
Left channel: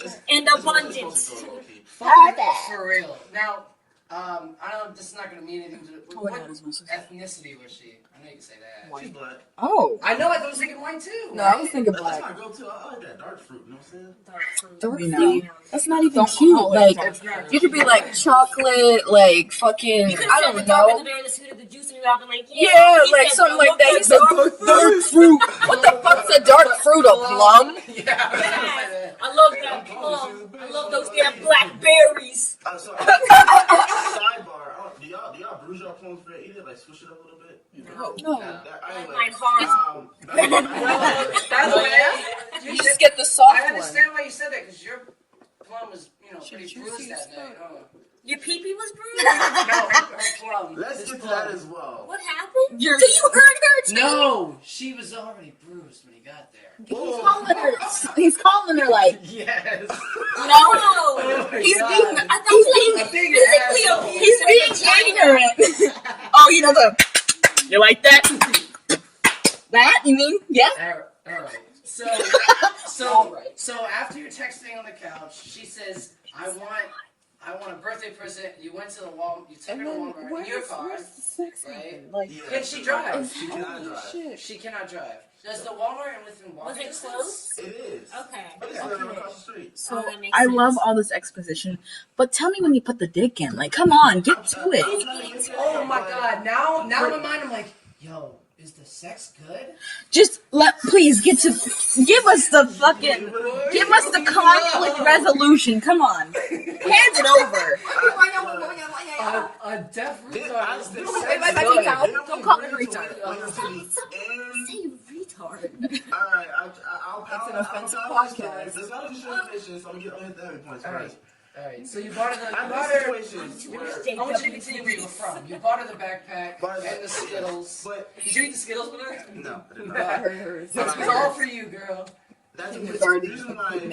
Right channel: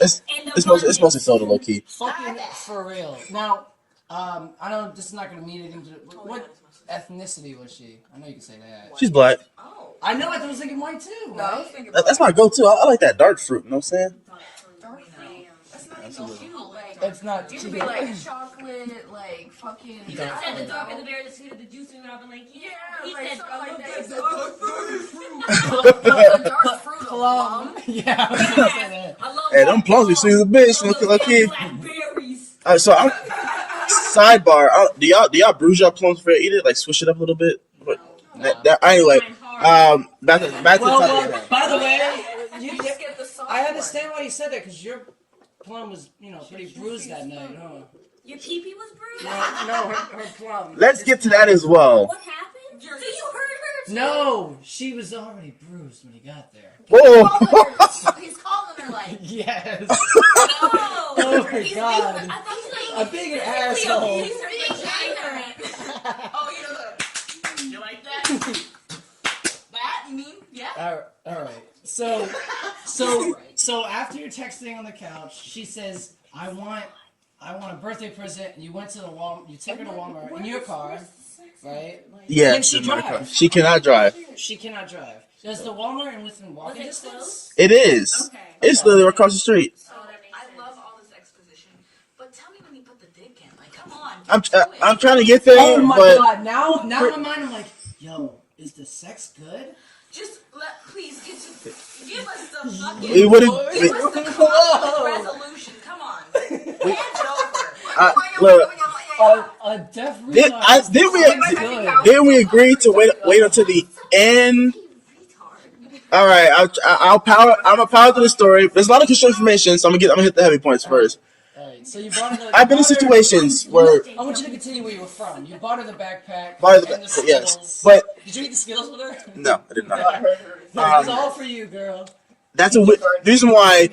It's And mostly soda, low key. Fucking for real. Now, I don't. This is not gonna mean anything to. What ethnicity was she? I know you can say that. She's black. Oh, I know. I was thinking white too. no, I was thinking That's my go-to. I like that dark fruit. You know what I'm saying? you know. That's not even Don't cute. call it Like, dark fruit. you could be like chocolate, like fucking. You could I have don't said the dog know. in the bear, the sweet of the juice, and you would have been like, Yeah, he like said something like that. He's a Dark fruit. What's a dark fruit? A plum? Yeah. I was gonna say that. I love Hey, dark them plums be plums. sweet as a bitch. I You know, love 'cause those I can't. damn blackberries. So, sidebar. Do y'all bruise your plums before you eat it? Like swish it up a little bit. Anyway, Mine hard. back to the Well, topic. by the way, you Just get the soft I understand why you said that because your plum was, pretty bruised that night. Huh? Your pee-pee was bruised? No, her plum. Let's His get to plum. that as well. What happened? So you hurt her too? No, she was already bruised when he got there. Whoa. He's calling her like, Yes. you know, Oh my he's god. being, I thought A like, big asshole. he's being ignorant. Oh, you know you like that? That you mean? Yeah. All right. So after you're texting on the couch, she says, "I want a birthday present." And you went to the Walmart. You took her to Walmart in your car, right? Yeah. Can she drive? She cannot drive. She cannot drive. Is the Walmart within walking Was it distance? It is. Okay. It's literally across the street. So that makes I sense. love all this exposition, but tell me when you put the dick in. Like, come on, get to it. I'm trying to get there, Oh my but god! Now in my mind, I'm like, yo, is the sex good? Just please give us the fucking, it wouldn't. give us the conflict resolution. Come on, hand it over. Look, Definitely. didn't we agree to wait until the end? All right, I'm gonna power through the story. There's a lot of extra information, so I'm gonna hit the heavy points first. Alright, so you bought her the. I've been in situations where I want you to continue where you were from. You bought her the backpack Bought her the and the backpack, Skittles. yes, but Did you eat the Skittles with her? no, I did not. It was all for you, girl. That's a reason why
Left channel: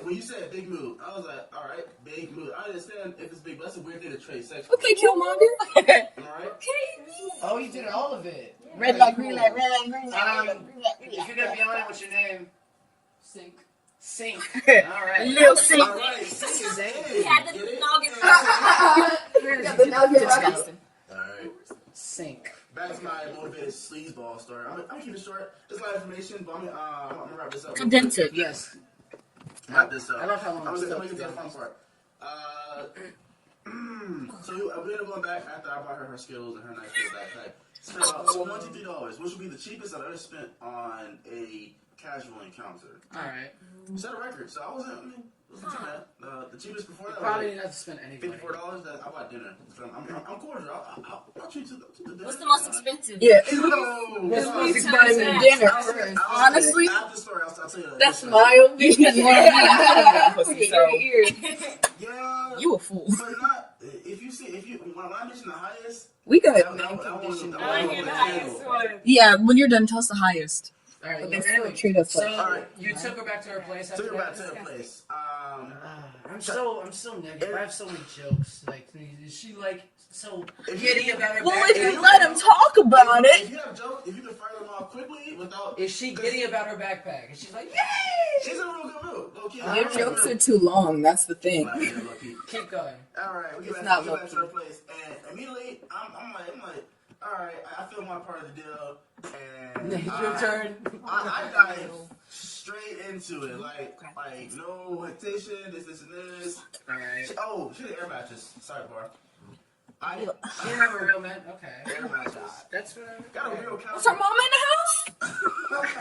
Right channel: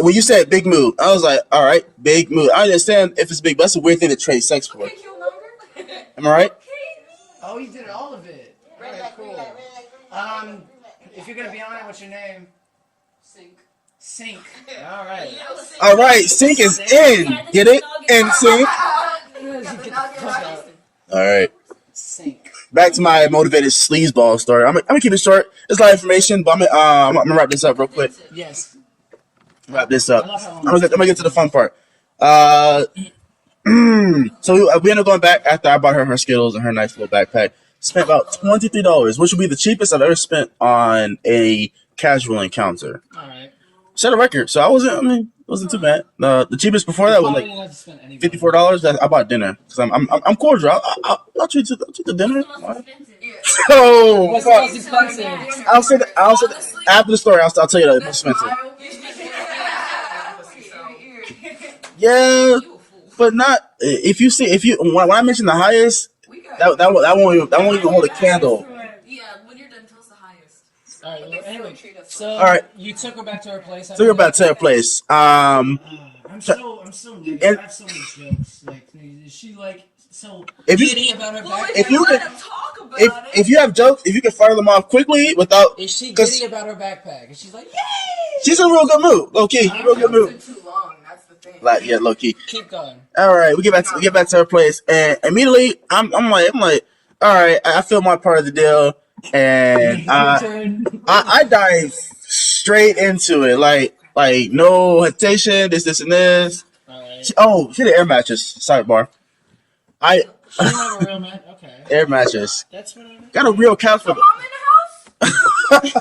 when you said big mood, I was like, all right, big mood. I understand if it's big, but that's a weird thing to trade sex for. Okay, Killmonger. Am I right? Oh, you did all of it. Red Very light, cool. green light, red light, green light. If you're gonna be on it, what's your name? Sync. All right. Lil Sync. All right, sync is in. Get it? In sync. All right. Sync. Back to my motivated sleazeball story. I'm gonna keep it short. There's a lot of information, but I'm gonna wrap this up real quick. Yes. Wrap this up. I'm gonna get to the fun part. So we ended up going back after I bought her Skittles and her nice little backpack. Spent about $23, which would be the cheapest I've ever spent on a casual encounter. All right. Set a record, so it wasn't too bad. The cheapest before that was Probably like didn't have to spend any $54. I bought dinner because I'm cordial. I'll treat you to dinner. What's the most expensive? Yeah. Oh, What's the most expensive? Dinner. I'll say Honestly, after the story. I'll tell you that it's that's expensive. my opinion. Yeah, You a fool. but not if you when I mention the highest, We got that won't even hold a candle. Yeah, when you're done, tell us the highest. All right. Well, anyway, Treat us so All right. you took her back to her place. So we're about to her place. I'm so negative. I have so many jokes. Like, is she like so If you- giddy about her Well, backpack? if you let him talk about it. If you have jokes, if you can fire them off quickly without, Is she 'cause- giddy about her backpack? And she's like, yay! she's in a real good mood. Low key, real good Jokes mood. are too long. That's the thing. Like, yeah, low key. Keep going. All right, we get back to her place, and immediately I'm like, all right, I feel my part of the deal, and Your turn. I dive straight into it, like no hesitation, this and this. All right. She had an air mattress. Sidebar. She didn't have a real man. Okay. Air mattress. That's what I mean. Got a real couch. So, mama in the house?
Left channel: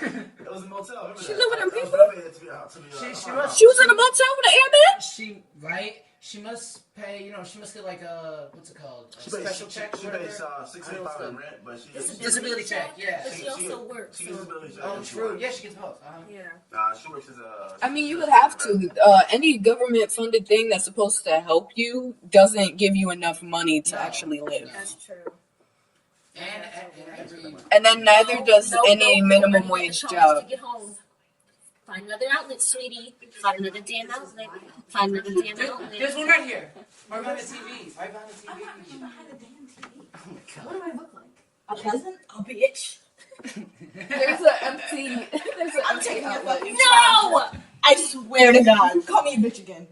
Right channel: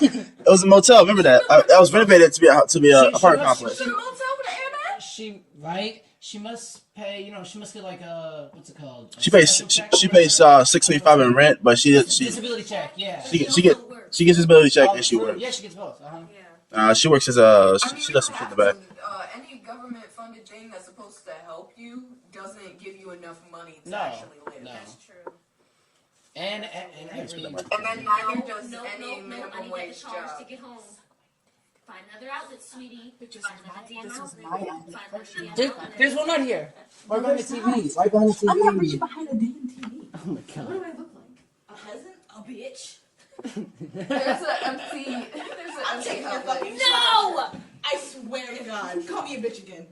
It was a motel. Remember that? I was renovated to be a apartment complex. She was in a motel with an airman? She must pay. You know, she must get like a what's it called? A She pays special check she or pays whatever. $6.25 in rent, but she Disability check. Yeah. she gets disability check and she true. works. Yeah, she gets both. She works as a. I mean, she you does would have something in the back. to. Any government-funded thing that's supposed to help you doesn't give you enough money to actually live. No. That's true. And every. And then neither does any minimum wage job. To get home. Find another outlet, sweetie. Find another damn outlet. Find another damn outlet. There's one right here. Right behind the TV. Right behind the TV. I'm not reaching behind the damn TV. Oh my god. What do I look like? A peasant? A bitch? There's an empty outlet. No! I swear to God. Call me a bitch again.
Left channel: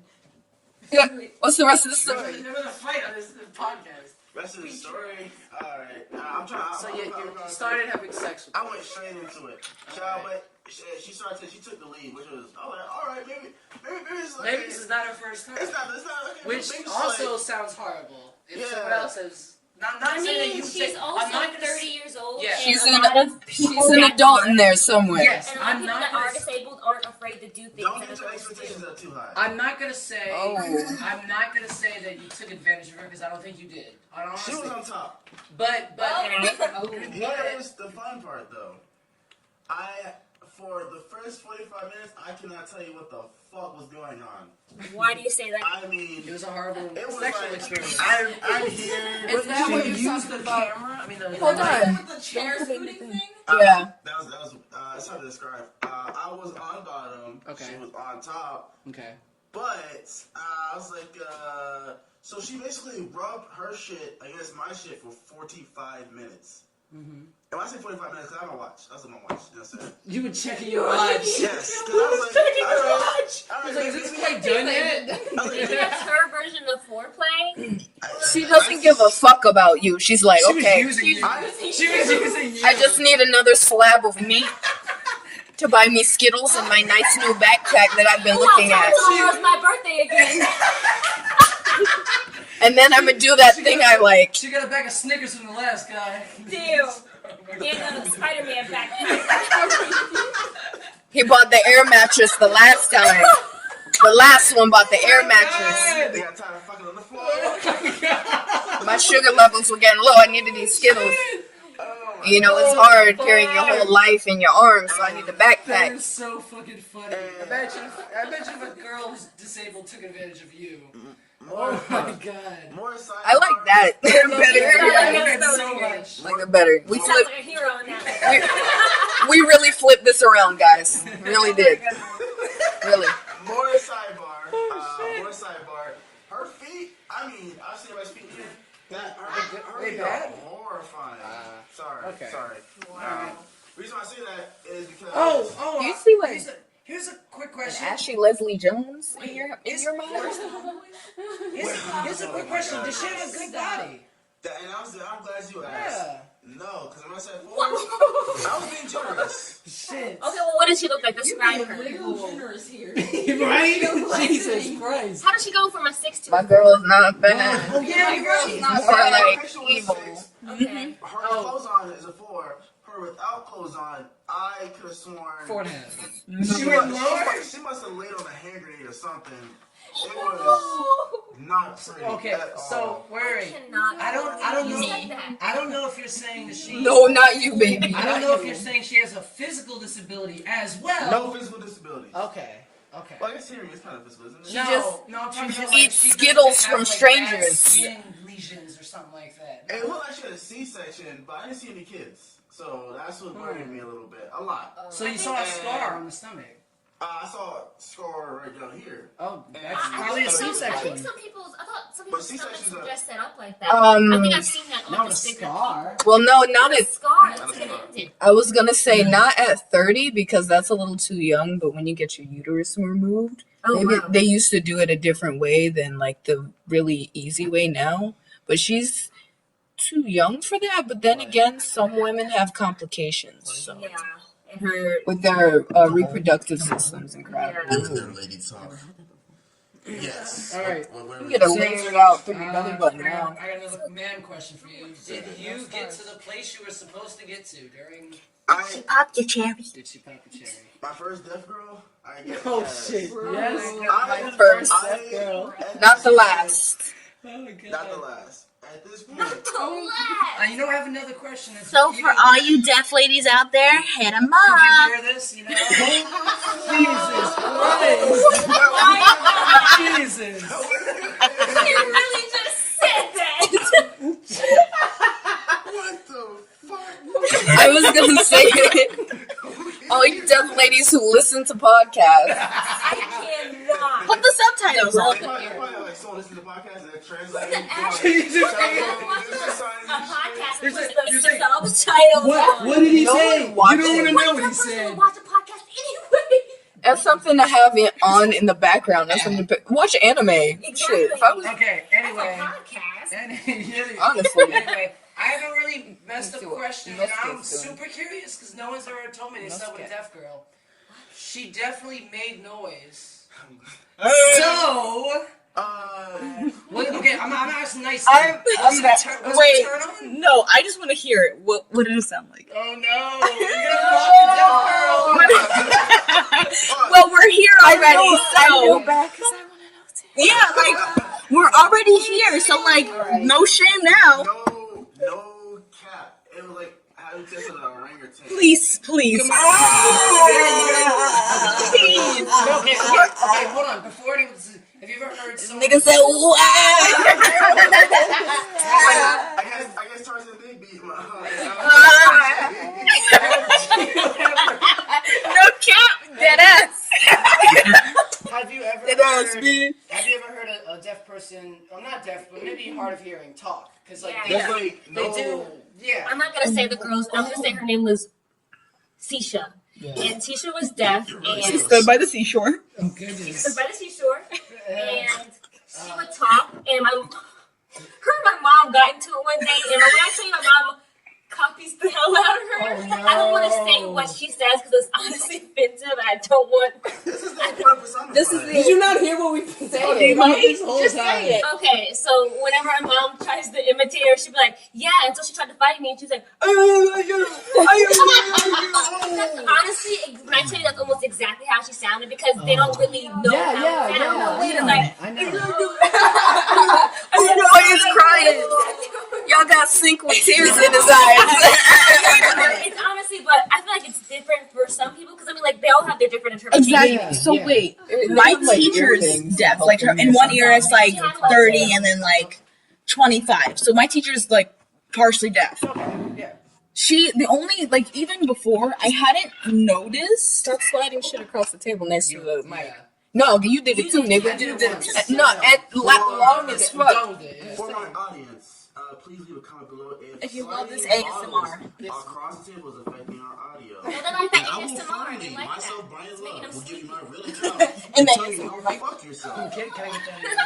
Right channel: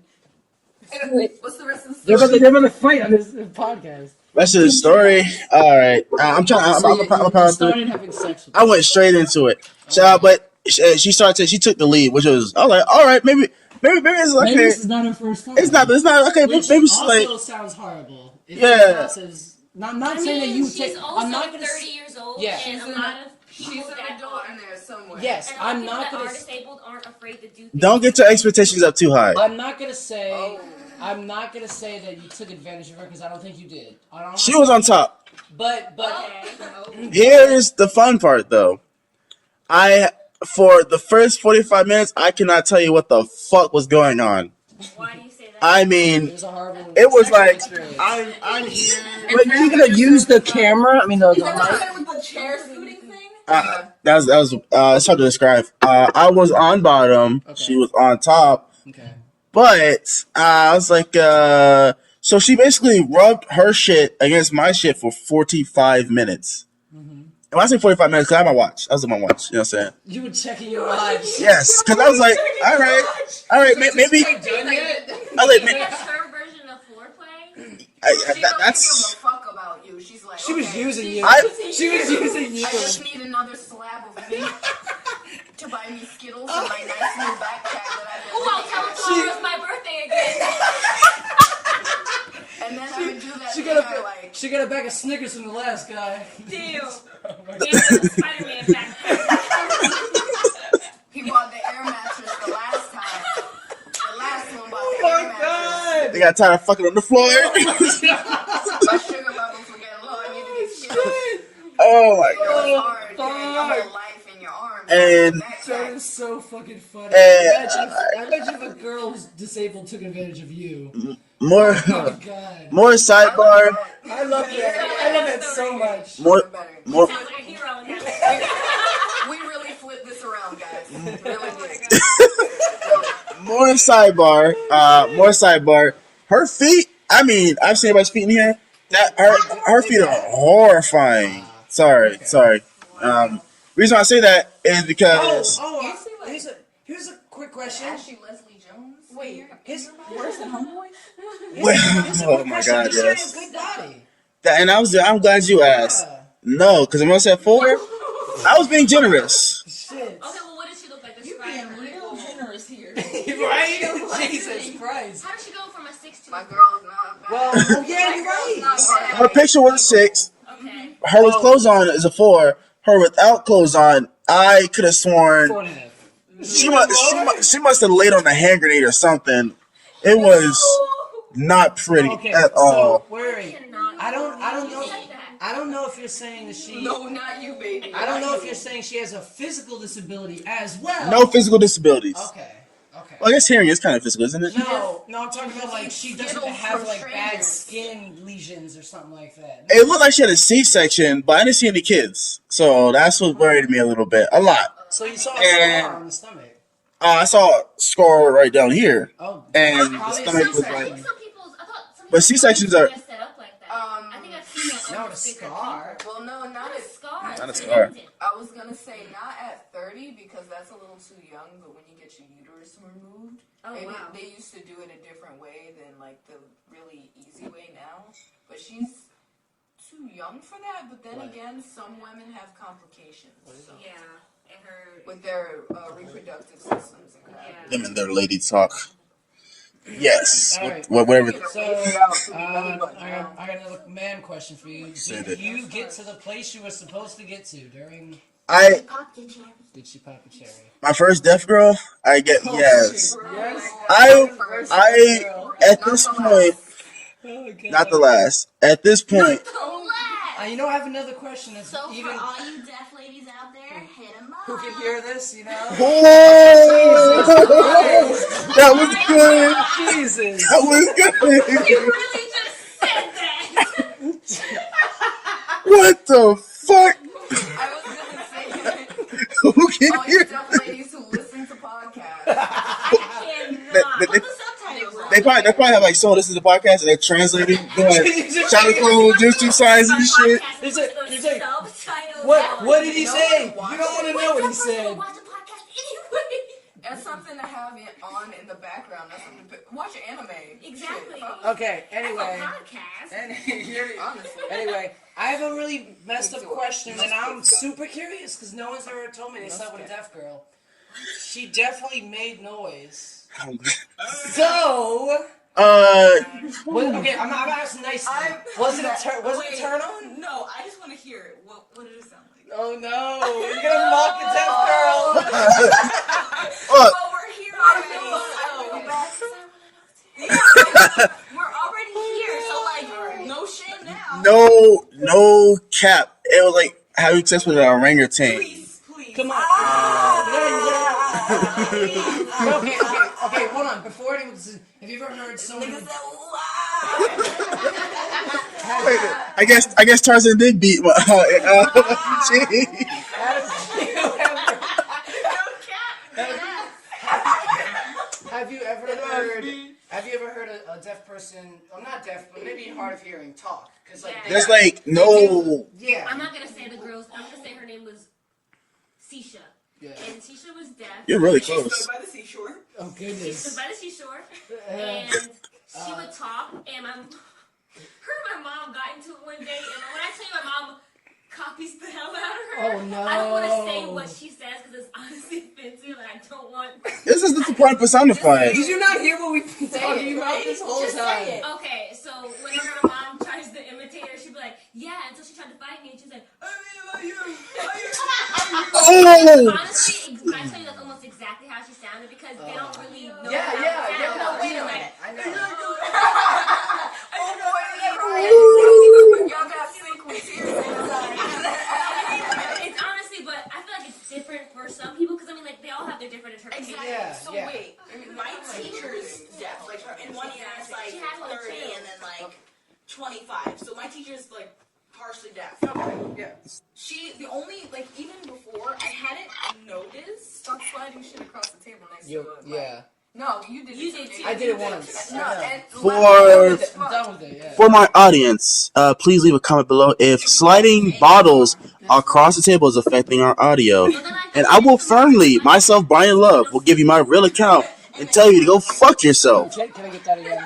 Wait, what's the rest of the They're story? about to fight on this podcast. Rest of the story. All right, I'm started having sex with I went straight into it. So, but she took the lead, which was I was like, all right, maybe it's okay. Maybe this is not her first time. It's not okay. Which Maybe it's also like sounds horrible. It Yeah. sounds not saying that you take. I'm not gonna. 30 years old. Yeah. She's an adult in there somewhere. Yes, And I'm people not that gonna. are disabled aren't afraid to do things. don't get your expectations up too high. I'm not gonna say. I'm not gonna say that you took advantage of her because I don't think you did. She was on top. But Here is the fun part, though. For the first 45 minutes, I cannot tell you what the fuck was going on. Why do you say that? I mean, it was a horrible. it was sexual like experience. I'm here. But you could have used the camera. I mean, the mic. With the chair scooting thing? That was it's hard to describe. I was on bottom. Okay. She was on top. Okay. But I was like, so she basically rubbed her shit against my shit for 45 minutes. Mm-hmm. When I say 45 minutes, because I had my watch. I was on my watch. You know what I'm saying? You were checking your watch. Yes, because I was like, all right, Is this maybe. quite done yet? I was like, Is her version of foreplay? She doesn't give a fuck about you. She's like, She was okay, using you. She was using you. I just need another slab of meat to buy me Skittles and my nice new backpack that I've been looking at. Tomorrow's my birthday again. And then I'm gonna do that thing I like. She got a bag of Snickers from the last guy. Ew. And the Spider-Man backpack. He bought the air mattress the last time. The last one bought the air mattress. They got tired of fucking on the floor. My sugar levels were getting low. I needed these Skittles. Oh, my You know, it's hard carrying your whole life in your arms on a And- That backpack. is so fucking funny. And- I imagine if a girl who's disabled took advantage of you. more, Oh my god. more I sidebar. like that. I love that so much. More, Better. more, Sounds like a hero in that. we really flipped this around, guys. We really did. Really. More sidebar. More sidebar. Her feet. I mean, I've seen everybody's feet in here. That her feet are horrifying. Sorry. Reason why I say that is because You see what here's a quick question. Ashley Leslie Jones in your mouth? Here's a quick question. God, Does she have yes. a good body? and I'm glad you asked. Yeah. No, because when I said 4, I was being generous. Shit. Okay, well, what does she look like? Describe her. Right? Jesus Christ. How does she go from a 6 to My a girl is not Well, finished. oh yeah, you're right. Her picture was a 6. Okay. Her with clothes on is a 4. Her without clothes on, I could have sworn 4.5. she must have laid on a hand grenade or something. It was not pretty Okay, at all. so wait. I don't know if you're saying that she. No, not you, baby. I don't know if you're saying she has a physical disability as well. No physical disabilities. Okay. Well, I guess hearing is kind of physical, isn't it? No, I'm talking about like eats she doesn't Skittles have from like strangers. bad skin lesions or something like that. It looked like she had a C-section, but I didn't see any kids. So that's what worried me a little bit. A lot. So you saw a And- scar on the stomach. I saw a scar right down here. Oh, And that's probably a the stomach was C-section. I thought some But C-sections people are- set up like that. I think I've seen that on Not the a sticker. scar. Well, no, not Not a at. scar. Not a It's scar. connected. I was gonna say not at 30 because that's a little too young. But when you get your uterus removed, Oh, maybe wow. they used to do it a different way than like the really easy way now. But she's too young for that. But then again, some women have complications so, Yeah. And her. with their reproductive systems and crap. Yeah. Them and their lady talk. Yes. All right. Whatever. Get a lazy out pretty I good, but got now. another man question for you. Did you get to the place you were supposed to get to during? Pop your cherry. Did she pop a cherry? My first deaf girl, I get yes. Yes. I at Not this the point, last. Oh god. not the last. At this point, You know, I have another question. That's So even, for all you deaf ladies out there, hit them who up. can hear this, you know? that was good. Jesus. That was good. You really just said that. What the fuck? I was gonna say Who can all you hear? deaf ladies who listen to podcasts. They, Put the subtitles on. they probably have like someone listen to the podcast and they're translating, doing China Clue, Juice signs and shit. You're saying, Subtitles. what did he say? You watch don't want to it. know what he said. Watch the podcast anyway. That's something to have it on in the background. That's something to watch anime. Shit. If I was, Okay, anyway. honestly. Anyway, I have a really messed up question, and I'm super curious because no one's ever told me they slept with a deaf girl. She definitely made noise. So, okay, I'm asking nicely. Was it a turn on? No, I just want to hear it. What did it sound like? Oh no, you're gonna mock the deaf girl. Fuck. Well, we're here already, so yeah, like, we're already here, so like, no shame now. No cap. It was like having sex with an orangutan. Please. Come on. Please. Okay, hold on. Before anyone, have you ever heard someone? Nigga said, wow. I guess Tarzan did beat. No cap, dead ass. Have you ever heard a deaf person? I'm not deaf, but maybe hard of hearing talk? Because like There's like no. yeah. I'm not gonna say the girl's. I'm gonna say her name was Sisha. And Tisha was deaf. You're really and close. Stood by the seashore. Oh She goodness. stood by the seashore, and she would talk. And her and my mom got into it one day. And when I tell you, my mom copies the hell out of her. Oh, no. I don't want to say what she says because it's honestly offensive, and I don't want. This is Disappointment Personified. Did you not hear what we've been talking about this whole Just time? say it. Okay, so whenever my mom tries to imitate her, she'd be like, "Yeah," until she tried to fight me, and she's like, honestly, when I tell you that's almost exactly how she sounded because they don't really know. Yeah. She was like, I know. This boy is crying. Y'all got sync with tears in his eyes. it's honestly, but I feel like it's different for some people because I mean, like they all have their different interpretations. Exactly. Yeah, So yeah. wait, my teacher's deaf. Like her, in one ear it's like 30, and then like 25. So my teacher's like partially deaf. Okay, yeah. The only, like, even before, I hadn't noticed. Stop sliding shit across the table next to the mic. Yeah. No, you did it too, nigga. I did it once. No, Yeah. and For- I'm done with it, yeah. For my audience, please leave a comment below if sliding bottles across the table is affecting our audio. And I will firmly, myself, Bryan Love, will give you my real account and tell you to go fuck yourself. Can I get that again?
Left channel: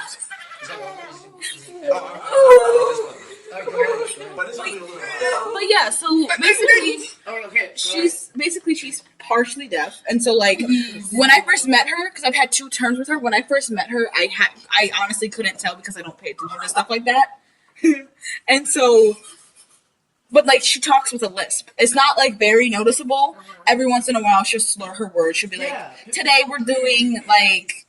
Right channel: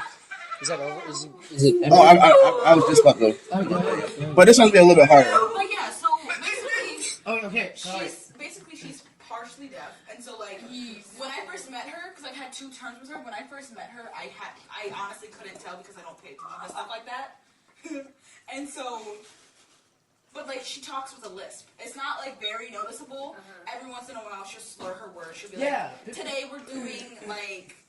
Is that over? Is it Oh, I was just about to. Oh, go ahead. But this one's be a little bit harder. But yeah, so basically, Oh, okay. she's partially deaf, and so like when I first met her, because I've had 2 terms with her. When I first met her, I honestly couldn't tell because I don't pay attention to stuff like that, and so. But like she talks with a lisp. It's not like very noticeable. Every once in a while, she'll slur her words. She'll be like, "Today we're doing like."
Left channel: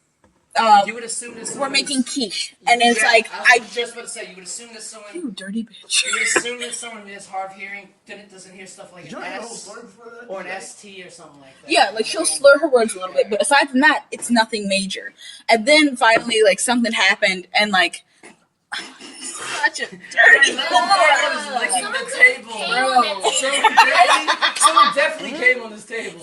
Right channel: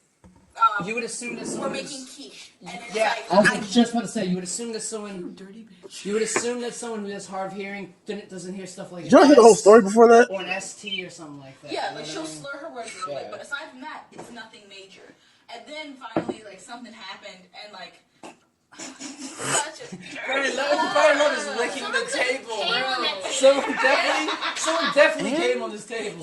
You would assume that We're someone making quiche, and it's like I was just about to say, you would assume that someone, you dirty bitch. you would assume that someone who has hard hearing doesn't hear stuff like Did you hear the whole story before that? or an ST or something like that. Yeah, like she'll slur her words a little bit, but aside from that, it's nothing major. And then finally, like something happened, and like such a dirty Bryan Love is licking the table. Someone definitely came on this table.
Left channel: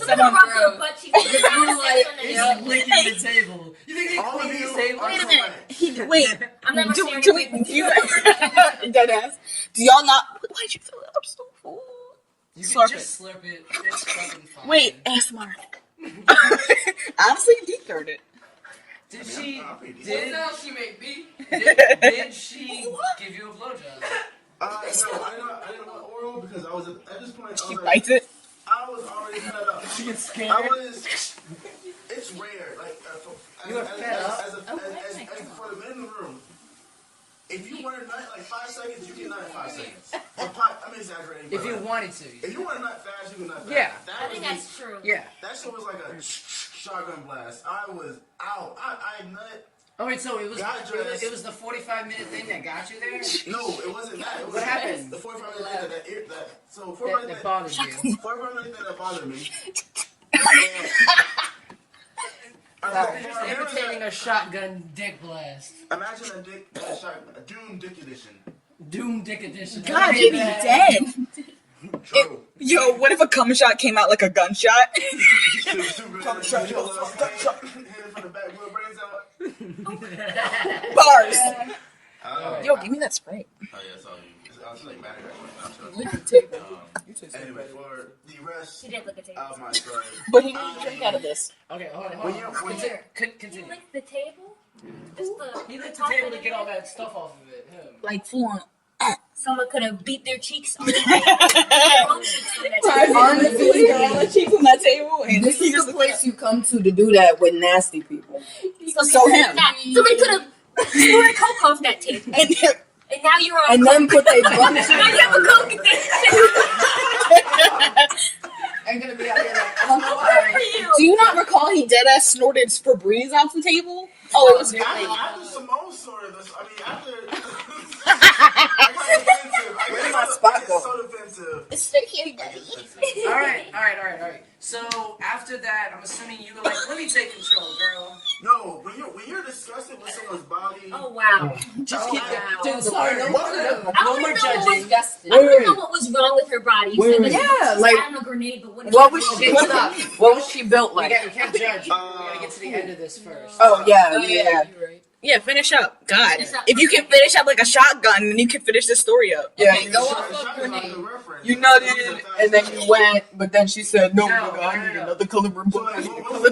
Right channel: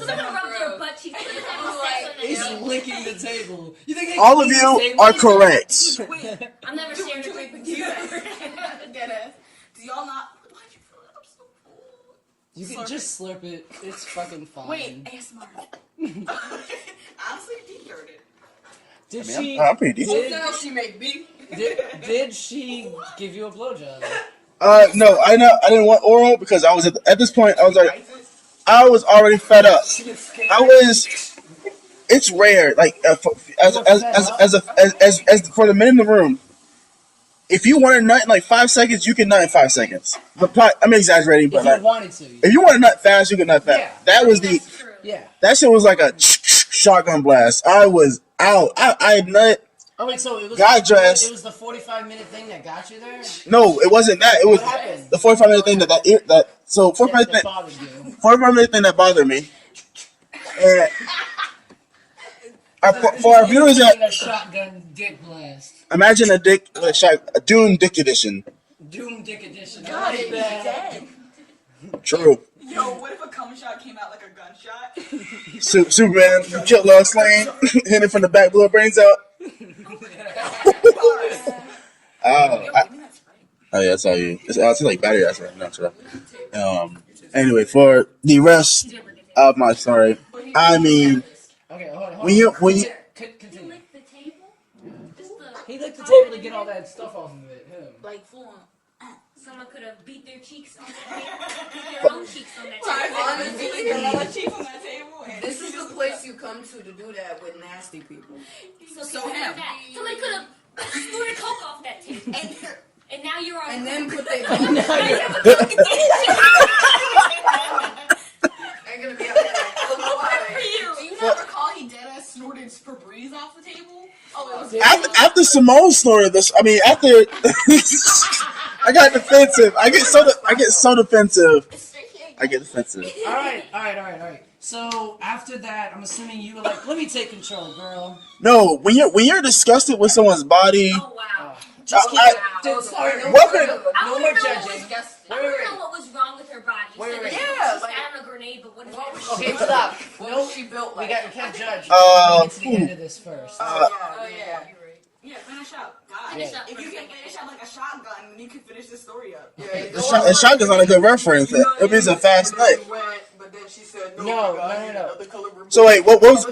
He's licking the table. You think All of you are correct. Wait, I'm never do sharing we? Do you deadass? Do y'all not? Why'd you fill it up so full? You Slurp can just slurp it. It's fucking fine. Wait, ASMR. Honestly, deep throated it. Did she? I'm pretty decent. She made beef. Did she give you a blowjob? No, I didn't want oral because I was at this point. I was like, Liked it. I was already fed up. She gets scared. It's rare. Like as for the men in the room, if you want to nut in like 5 seconds, you can nut in 5 seconds. I'm exaggerating, but If you wanted to. if you want to nut fast, you can nut fast. Yeah. That was Yeah. that shit was like a shotgun blast. I was out. I nut. Oh wait, so it was Got dressed. It was the 45-minute thing that got you there. No, it wasn't that. It was What happened? the 45-minute thing that. So 45 That bothered you. 45-minute thing that bothered me. For our viewers Taking that a shotgun dick blast. imagine a Dune dick edition. Doom dick edition. I God, like you'd be that. dead. True. Yo, what if a cum shot came out like a gunshot? Superman killed Lois Lane, hit it from the back, blew her brains out. Bars. Yo, I- give me that spray. Oh yeah, that's all you. It's like battery acid. No, true. Anyway, for the rest of my story, But he I mean, Okay, hold on. when you Continue. Lick the table? Just the, He licked the table to get all that stuff off of it. Him. Like full on. someone could have beat their cheeks on their own cheeks on that table. Honestly, cheeks on that table, and this is the place you come to do that with nasty people. So him. Somebody could have snorted coke off that table. And now you're on And then put their butt. Now you have a coke in I'm gonna be out here like, Do you not recall he dead ass snorted Febreze off the table? Oh, it was after Simone's story, after I got defensive. I get so defensive. I get defensive. All right. So after that, I'm assuming you were like, "Let me take control, girl." No, when you're disgusted with someone's body, Oh, wow. Just keep it. Dude, sorry, no more judging. I don't know what was wrong with her body. You said that she Yeah, was like, out of a grenade, but what was she? she? Stop. What was she built We like? can't judge. We gotta get to the end of this first. Oh yeah. Yeah, finish up. God. Finish up. If you can finish up like a shotgun, then you can finish this story up. Yeah. and shotgun's not a good reference. You know, It means a fast and then nut. you went, but then she said no. No. The caliber. So wait, what was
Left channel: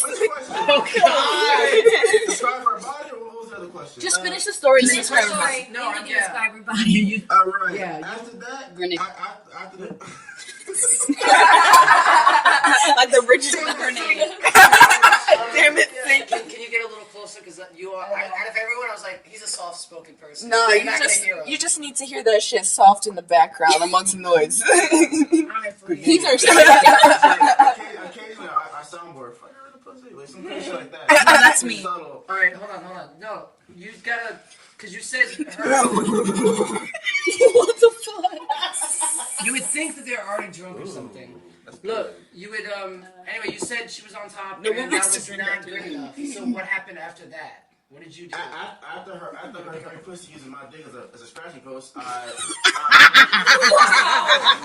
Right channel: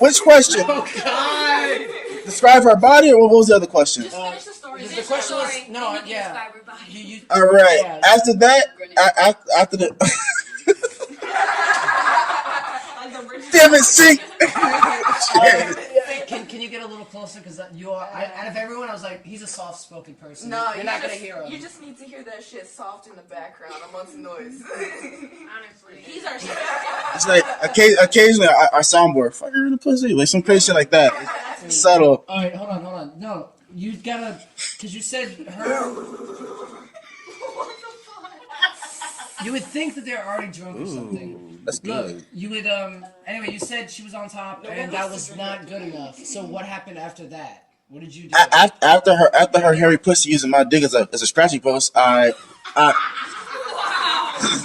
which question? Oh God! Describe her body, or what was the other question? Just finish the story. The Just question was Right, no, then you can yeah. describe her body. All right. Yeah. After that, after the like the richest. damn it, sink. Can you get a little closer? Because you are out of everyone, I was like, he's a soft-spoken person. No, You're you not just, gonna hear him. you just need to hear that shit soft in the background amongst noise. Honestly. These are It's like occasionally our soundboard fire in the pussy, like some crazy shit like that. That's me. Subtle. All right, hold on. No, you gotta, because you said her. What the fuck? You would think that they're already drunk or something. That's Look, good. you would. Anyway, you said she was on top, and that was not good enough. So what happened after that? What did you do? After her hairy pussy using my dick as a scratching post, I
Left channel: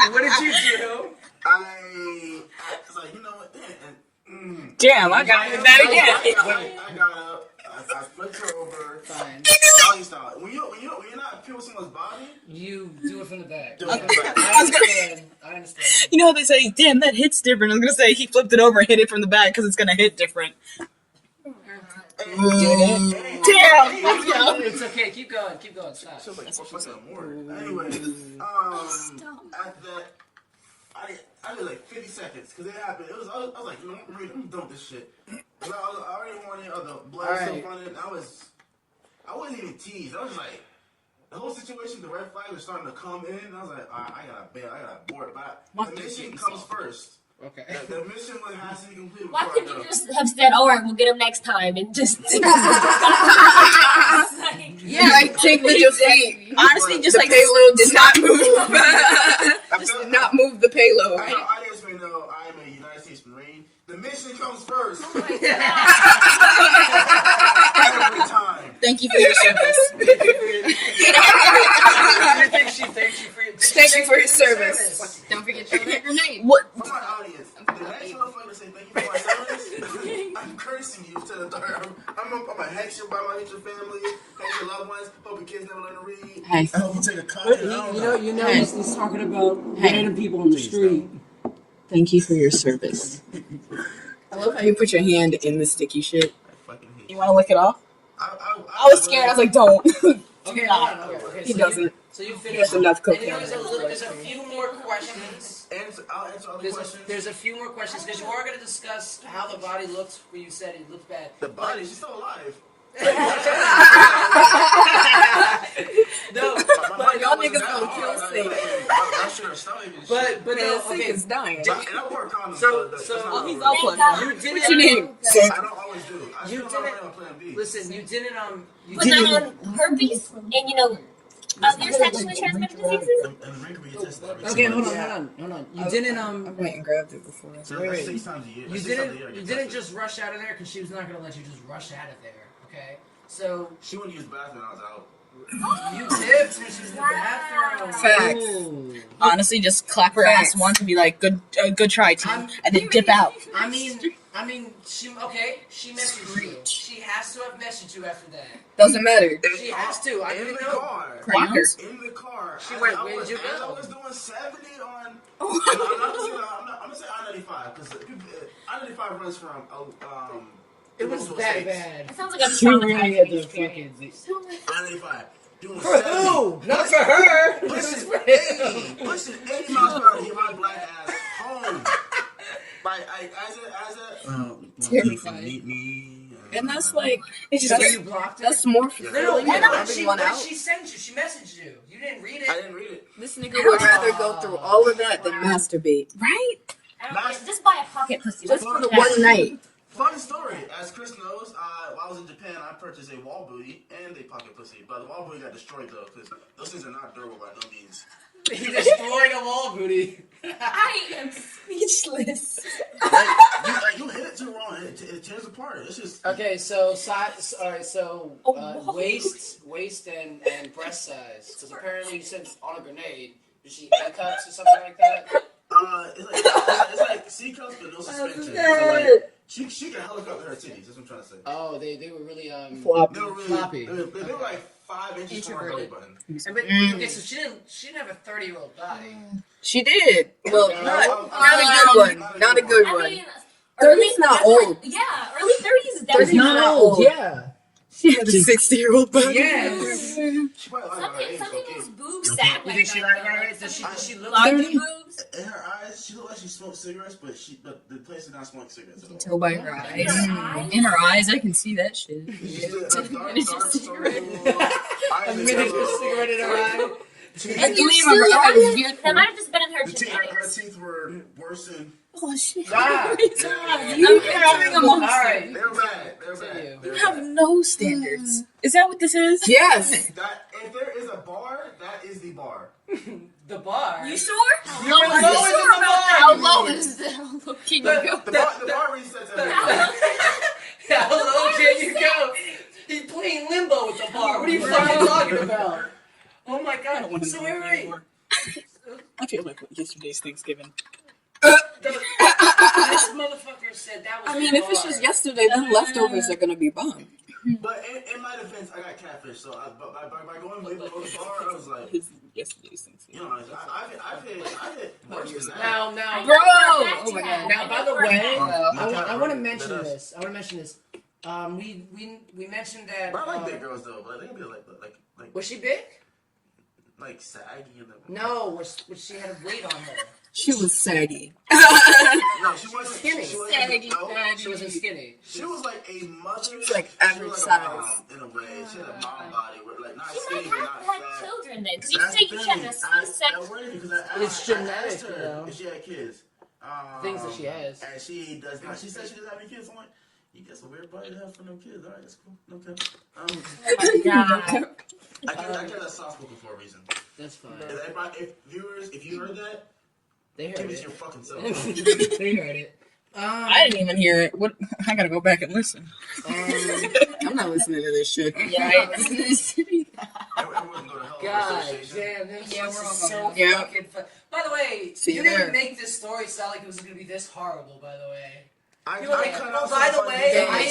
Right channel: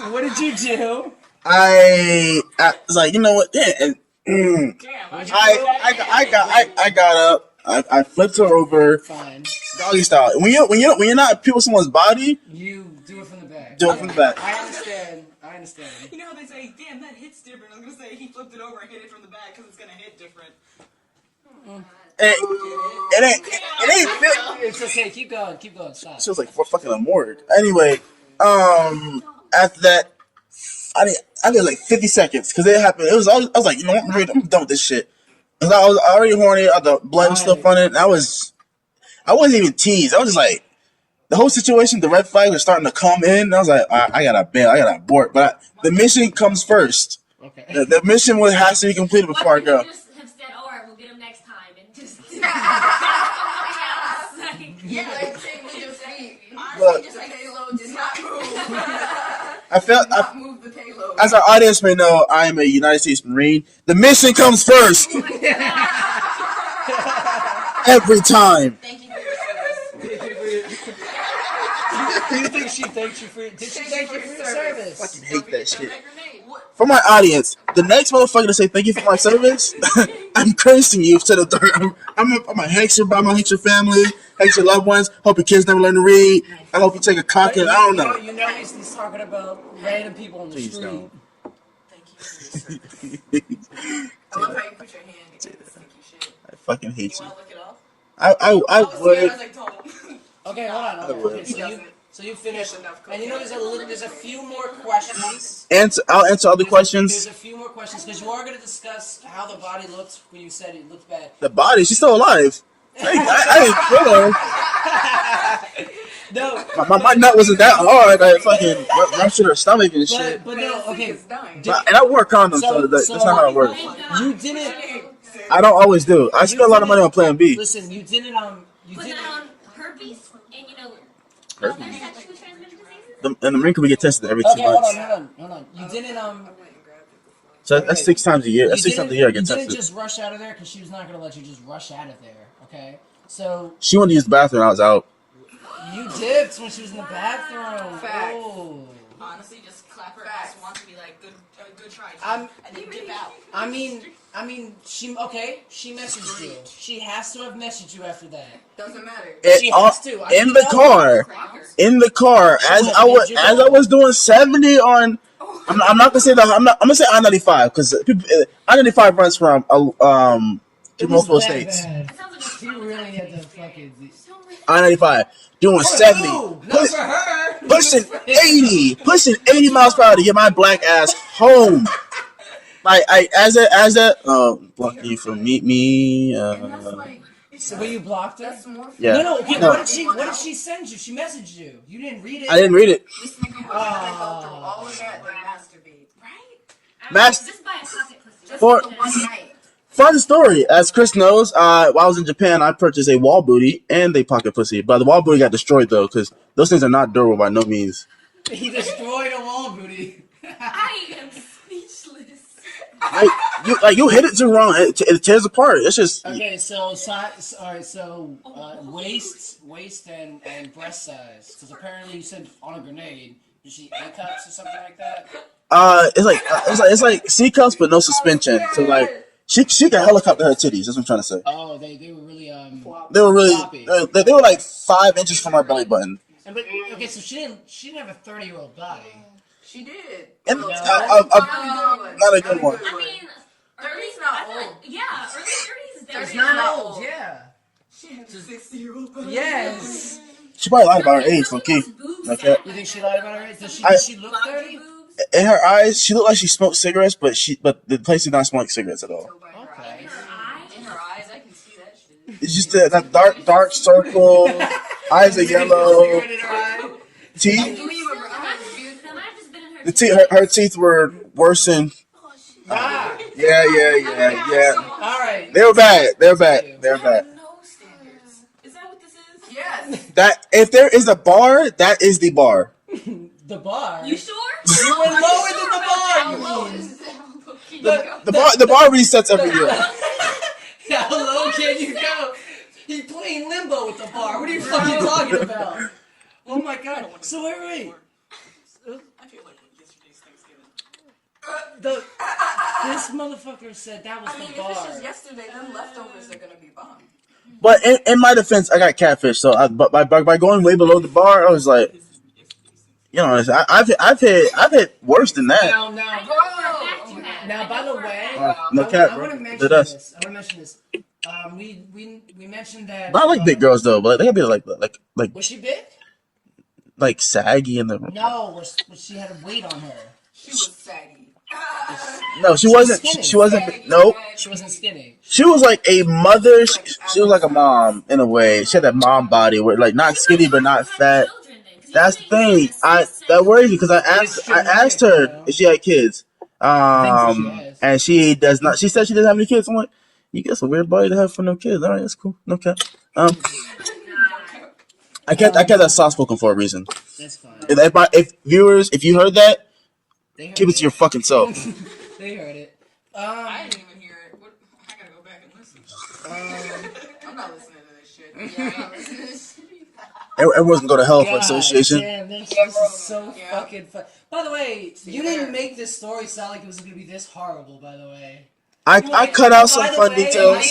What did you do? I was like, you know what? Yeah, Damn, I got that again. I got up. I flipped her over. Fine. Doggy style. When you're not people someone's body, You do it from the back. do it from the back. I understand. You know how they say, damn, that hits different. I was gonna say he flipped it over and hit it from the back because it's gonna hit different. It ain't. It's okay. Keep going. Stop. She was like, fucking a morgue. Anyway, after that, I did like 50 seconds because it happened. I was like, you know what? I'm done with this shit. Cause I was already horny. The blood was still running. I wasn't even teased. I was just like, the whole situation, the red flag was starting to come in. And I was like, I gotta bail. I gotta abort. But the mission comes first. Okay. The mission has to be completed before I go. You just have said, all right, we'll get him next time, and just. Yeah, take the defeat. Honestly, just the like payload did not move. I felt not move the payload. as our audience may know, I am a United States Marine. The mission comes first. Every time. thank you for your service. Do you think she thanked you for your service? What? For my audience, the next motherfucker to say thank you for my service, I'm cursing you to the third. I'm gonna hate your family, hate your loved ones. Hope your kids never learn to read. I hope you take a cock and I don't know. You know, he's talking about random people on the street. Thank you for your service. I love how you put your hand in the sticky shit. I fucking hate You you. want to lick it off? I was scared. I was like, don't. Okay, hold on. Okay, He so doesn't. you finished. enough And you know, there's a few more questions. I'll answer other There's questions. a few more questions because you are going to discuss how the body looks when you said it looked bad. The body, she's still alive. I didn't kill her. No, My nut wasn't that hard. I fucking ruptured her stomach and shit. but no, okay. And I wore condoms, so that's not how it works. You didn't. I don't always do. I spend a lot of money on Plan B. Listen, you didn't. But not on herpes, and other sexually transmitted diseases. In the Marine Corps, we get tested every 2 Okay, hold months. on. You didn't. Went and grabbed it before. So that's 6 times a year. That's 6 times a year I You get didn't tested. just rush out of there because she was not going to let you just rush out of there. Okay, so She wanted to use the bathroom. I was out. you dipped when she was in the bathroom. Facts. Ooh. Honestly, just clap her ass once and be like, good try, team, and then dip out. I mean, she messaged you. She has to have messaged you after that. Doesn't matter. She has to. In the car, as I was doing 70 on. I'm not gonna say that. I'm gonna say I-95 because I-95 runs from multiple states. Bad. Sounds like I'm She really had to fucking. I-95 doing 70. No, not for her. Pushing 80 miles per hour to get my black ass home. Like blocking you from me. And that's like, It's So you blocked it? that's more. Yeah. No. Yeah. What did she send you? She messaged you. You didn't read it. I didn't read it. This nigga would rather go through all of that than masturbate. right. Just buy a pocket pussy. Just For One night. Fun story. As Chris knows, while I was in Japan, I purchased a wall booty and a pocket pussy. But the wall booty got destroyed though, because those things are not durable by no means. He destroyed a wall booty. I am speechless. You hit it too wrong. It tears apart. It's just Okay, so waist and breast size. Because apparently you said on a grenade. Did she A cups or something like that? it's like C cups but no suspension. So like she can helicopter her titties. That's what I'm trying to say. Oh, they were really They were really floppy. they were like 5 inches from her belly button. Okay, so she didn't have a 30-year-old body. She did. Well, No. not a good one. Not a Not a good one. good I one. mean, 30's not old. Yeah, early 30s is It's definitely not old. Yeah. She had a 60-year-old body. Yes. She probably lied about her age, low key. Okay. You think she lied about her age? Does she look Large 30? boobs? In her eyes, she looked like she smoked cigarettes, but the place did not smell like cigarettes at all. Go by her eyes. In her eyes, I can see that shit. It's just that dark circle, eyes are yellow, Cigarette in her eye. teeth. That might have just been in her. The teeth, her teeth were worse than. Oh shit. Ah. Yeah. All right. They were bad. They were bad. They were You have bad. no standards. Is that what this is? Yes. That if there is a bar, that is the bar. The bar. You sure? You were lower than the bar. How you low mean. is it? How low can you go? The bar resets every year. How low can you go? He playing limbo with the bar. What are you fucking talking about? Oh my god. So wait. I feel like yesterday's Thanksgiving. This motherfucker said that was. I mean, if it's just yesterday, then leftovers are gonna be bomb. But in my defense, I got catfish. So, but by going way below the bar, I was like, you know, I've hit worse than that. Now, bro. Oh my god. Now, by the way, I want to mention this. We mentioned that. Not like big girls though, but they gotta be like. Was she big? Like saggy in the. No, was she had a weight on her. She was saggy. No, she wasn't. She wasn't. Nope. She wasn't skinny. She was like a mother. She was like a mom in a way. She had that mom body, where like not skinny but not fat. That's the thing. That worries me because I asked her if she had kids. And she does not. She said she doesn't have any kids. I'm like, you get a weird body to have for no kids. All right, that's cool. No cap. I kept that soft spoken for a reason. That's fine. If viewers, if you heard that, keep it to your fucking self. They heard it. I didn't even hear it. What? I gotta go back and listen. I'm not listening to this shit. Yeah, I ain't listening to this shit either. Everyone's gonna go to hell for association. Damn, this is so fucking fun. By the way, you didn't make this story sound like it was gonna be this horrible. By the way, I cut out some fun details.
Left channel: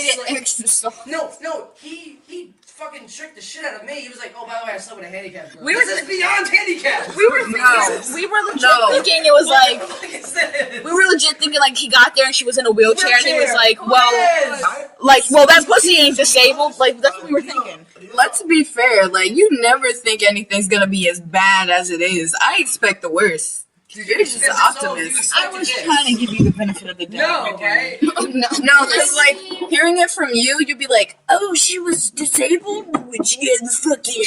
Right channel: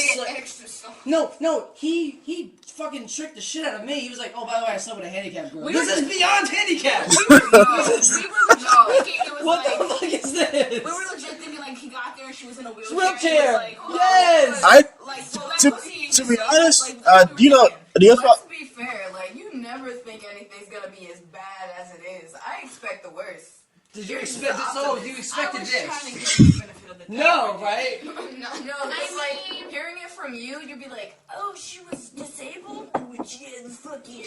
No, he fucking tricked the shit out of me. He was like, "Oh, by the way, I slept with a handicapped girl." This is beyond handicapped. We were legit thinking it was like. What the fuck is this? We were legit thinking like he got there and she was in a wheelchair and he was like, well, Yes. that pussy ain't disabled. Like that's what we were thinking. Let's be fair. Like, you never think anything's gonna be as bad as it is. I expect the worst. You're just an optimist. I was trying to give you the benefit of the doubt. No, right? No, it's like hearing it from you, you'd be like, "Oh, she was disabled, but she had fucking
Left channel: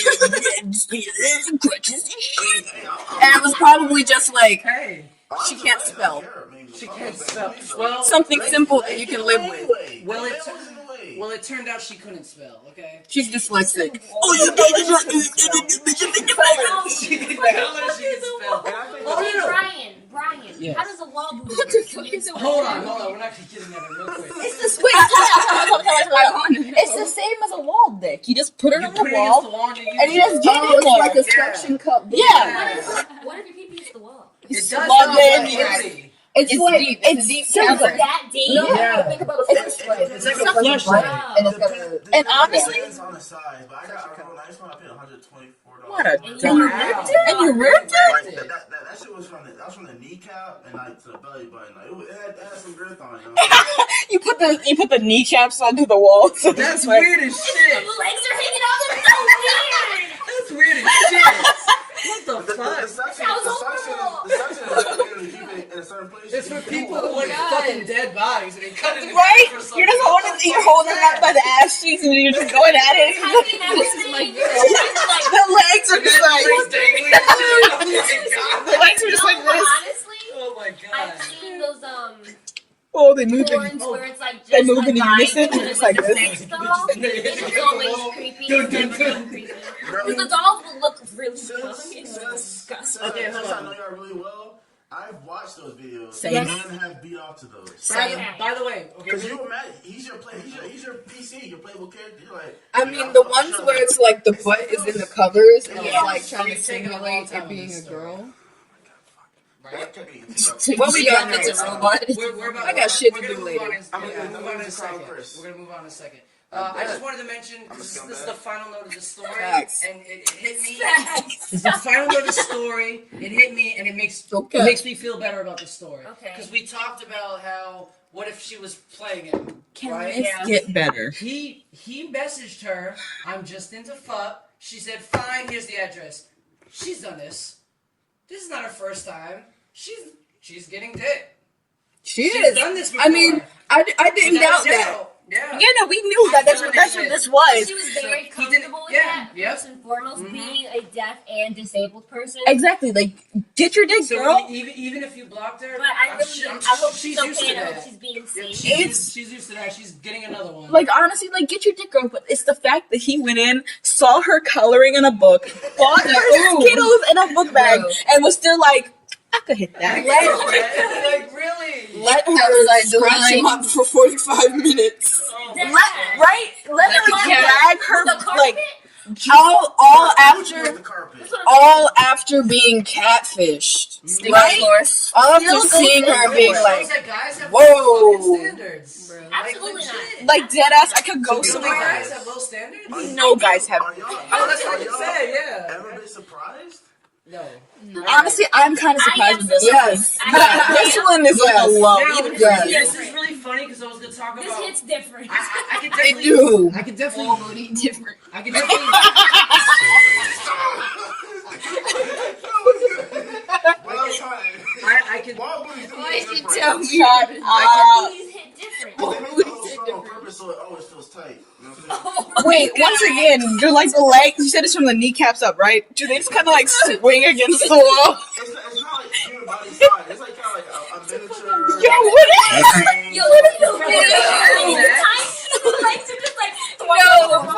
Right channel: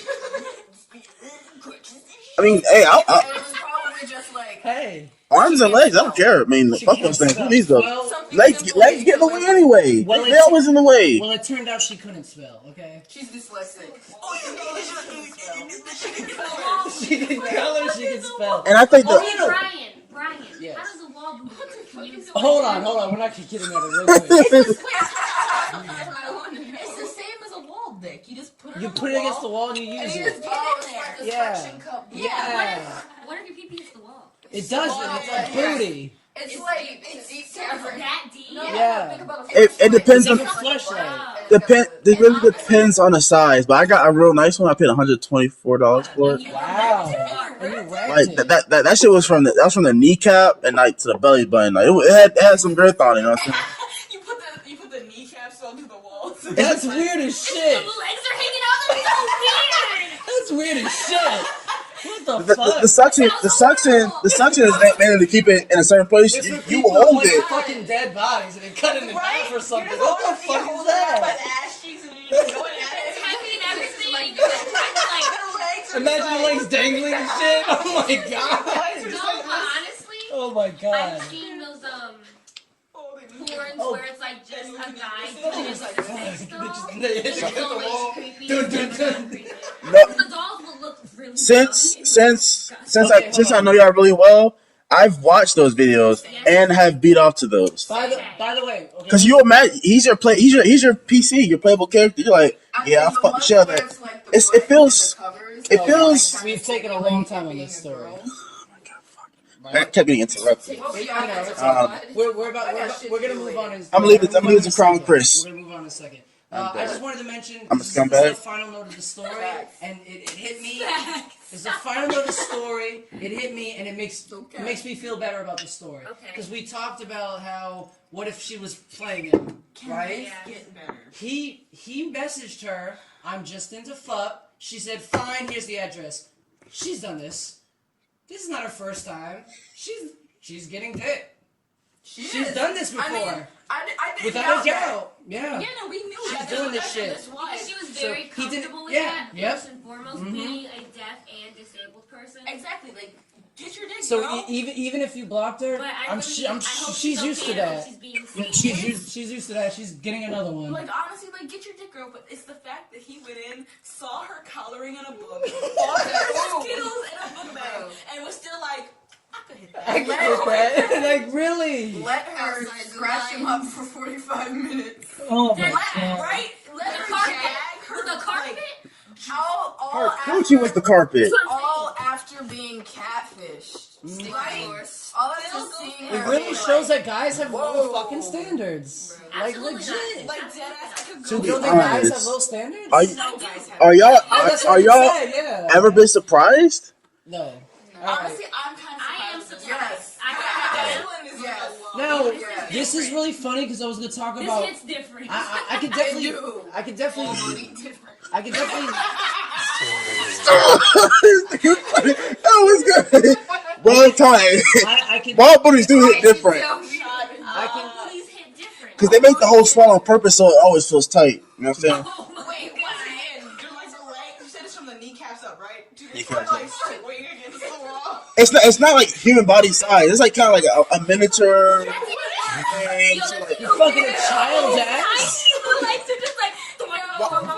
crutches." I mean, hey, and it was probably just like, Hey. arms and legs. I don't care. I mean, fuck those things. Please though. Well, something Legs simple get that you in can the way live with. anyway. Well, They always in the way. Well, it turned out she couldn't spell. Okay. She's dyslexic. Oh, you did She can color. She can spell. And I think Oh, that, no. Brian, Yes. how does a wall move? Hold on. We're not getting at it real quick. It's the same as a wall dick. You just put it You on put the it against the wall wall and you use and you just it. get in there. like a Yeah. suction cup. Yeah. What if your pee hits the wall? It does. Well, It's then- fruity. It's like deep. it's deep simple. That deep? Yeah. it depends on It's like a flashlight. depends on the size. But I got a real nice one. I paid $124 for it. And you ripped it? Like that shit was from the kneecap and like to the belly button. Like it had some girth on it. You know what I'm saying? You put the kneecaps onto the wall. So That's weird as shit. The legs are hanging out. That's so weird. That's weird as shit. What the fuck? The suction is mainly to keep it in a certain place. It's for You people hold with it. fucking dead bodies and they cut it in Right? half or something. You're just What holding the you're fuck holding is it up that? by the ass cheeks and you're just going at it. The legs are just Imagine like legs dangling and shit. Oh my god. the legs are just like this. Honestly, Oh my god. I've seen those Oh, they moved porns where it's like just they move like in unison, vibes just like this. sex doll. They hit It's against the always wall. creepy. Dun, dun, dun. Because the dolls will look really Since Okay, hold I on. know y'all really well, I've watched those videos and have beat off to those. By the way, okay. Because you imagine he's your PC, your playable character. You're like, I mean, yeah, the fuck ones shit. where it's like the It butt feels- is in the covers. it feels- So we've taken a long time on this story. I kept getting interrupted. What we got now? We're about. I got shit We're to gonna do move later. on. I'm gonna leave the Krowned Kris. We're gonna move on in a second. I just wanted to mention I'm a this is the scumbag. final note of the story, and it hit me. This is the final note of the story. It hit me, and it makes me feel better about the story. Because we talked about how what if she was playing him, right? Get better. He messaged her, "I'm just into fuck." She said, "Fine, here's the address." She's done this. This is not her first time. She's getting dick. She's done this before. I mean, I didn't Without doubt a that. doubt. Yeah. Yeah, no, we knew that. That's doing what this shit. this was. She was So very he didn't- comfortable with yeah, that. yep. First and foremost, being a deaf and disabled person. Exactly. Like, get your dick, So girl. even if you blocked her, But I hope she's she's used to okay. I hope that. she's being Yeah, seen. she's used to that. She's getting another one. Like, honestly, like, get your dick, girl. But it's the fact that he went in, saw her coloring in a book, bought her Skittles in a book bag, Bro. and was still like, I could hit that. Like really? Let her like Scratch him up for 45 minutes. Oh my god. let her drag her The carpet? like all What after you with the carpet? All after being catfished. right? All after Still seeing goes her It being really shows like, that guys have whoa. low fucking standards. Like Absolutely legit. Like dead ass. I could go You don't to think guys have low standards? Are, no guys have. are y'all Oh, that's what are you y'all said, yeah. ever been surprised? No. Honestly, I'm kind of I surprised am with this. yes. This one is like a low. Now, Yeah. this is really funny because I was gonna talk This about. hits different. I could definitely. do. I could definitely. different. I could definitely. That was good. Wrong time. I could. Ball booties do hit different I These hit different. because they make the whole small on purpose, so it always feels tight. You know what I'm saying? Wait, once again, do like the legs? You said it's from the kneecaps up, right? Do they just kind of like swing against the wall? It's not like human body size. It's like kind of like a miniature. Yo, fucking child's ass. like to just like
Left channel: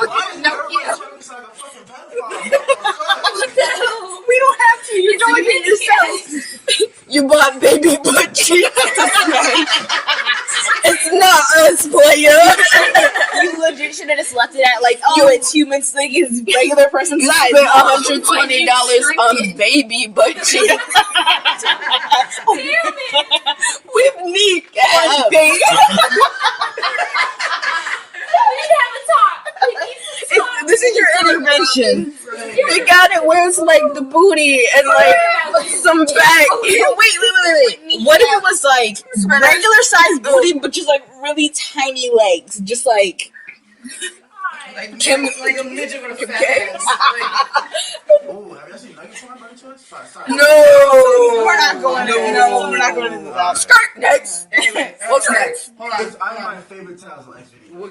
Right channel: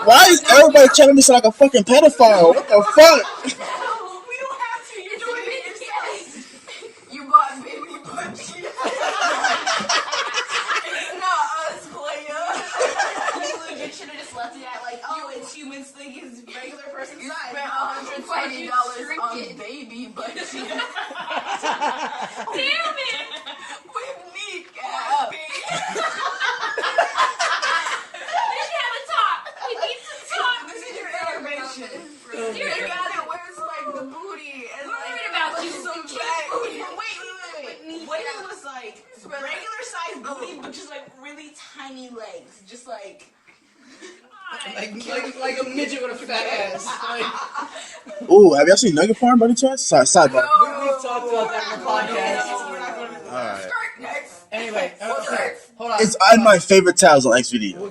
Why is everybody trying to be like a fucking pedophile? What the fuck? We don't have to. You're doing it yourself. You bought baby butt cheeks. It's not us, player. You legit should have just left it at like, oh, it's human thing is regular person You size. spent $120 on baby butt cheeks. damn it. With kneecaps, baby. We should have a talk. We need to talk. This is your intervention. They got it where it's like the booty and like some back. Wait. What if it was like regular size booty, but just like really tiny legs? Just like Like a midget with a fat ass. Like, Ooh, have y'all seen nugget porn by any chance? Side note. No. we're not going to. No, we're not going to do that. Skirt next. anyway, okay, hold on. It's on my favorite tabs on XVD. We're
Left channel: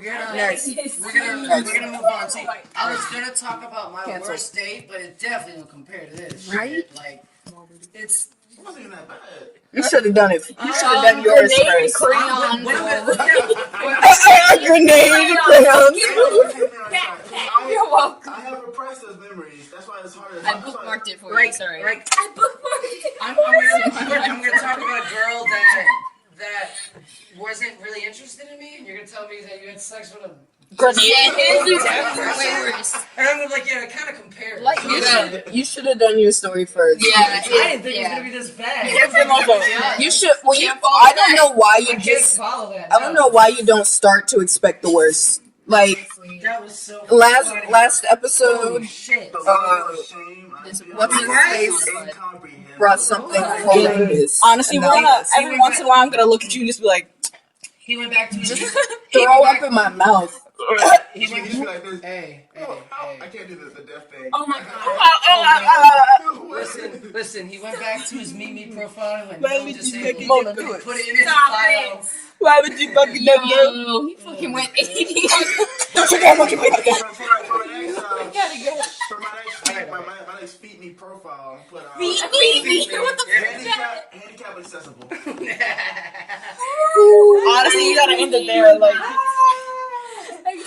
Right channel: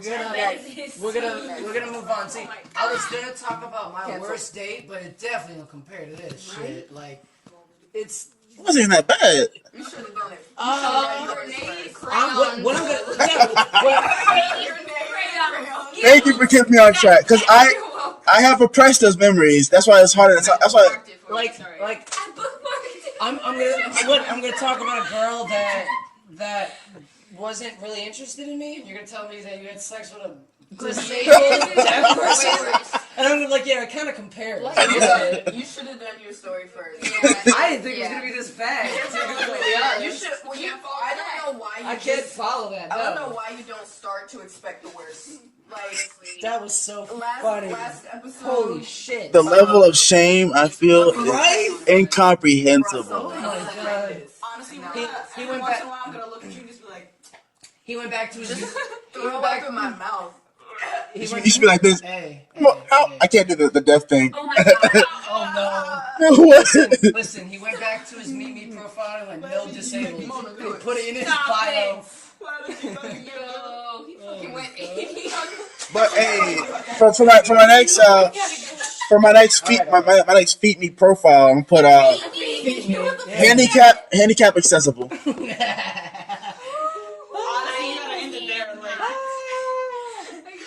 gonna move on. See, I was gonna talk about my worst date, but it definitely don't compare to this shit. Like, it's. It wasn't even that bad. You should have done it. You should have done yours first. When I'm gonna. A grenade. Thank you for keeping me on track, because I have repressed those memories. That's why it's harder. That's why. Like, I'm gonna talk about a girl that wasn't really interested in me, and you're gonna tell me that you had sex with a deaf person, and I'm gonna be like, yeah, it kind of compares. You should have done your story first. I didn't think it was gonna be this bad. You should. Well, I don't know why I you can't just. follow that. I don't know why you don't start to expect the worst. Like That was so funny. last Holy episode shit. The level of shame I feel is Right? brought incomprehensible. something Oh my hilarious. Honestly, And we're that gonna, is- every once in a while, I'm gonna look at you and just be like, He went back to his. throw up in my mouth. He went. You should be like this. Hey, I can't do the death thing. Oh my god. Listen, he went back to his Meet Me profile and went no disabled. He put it in his bio. why would you fucking let go? Yo, he fucking went 80. For my next feet me profile, I'm gonna put handicap accessible. Honestly, you gotta end it there. Like,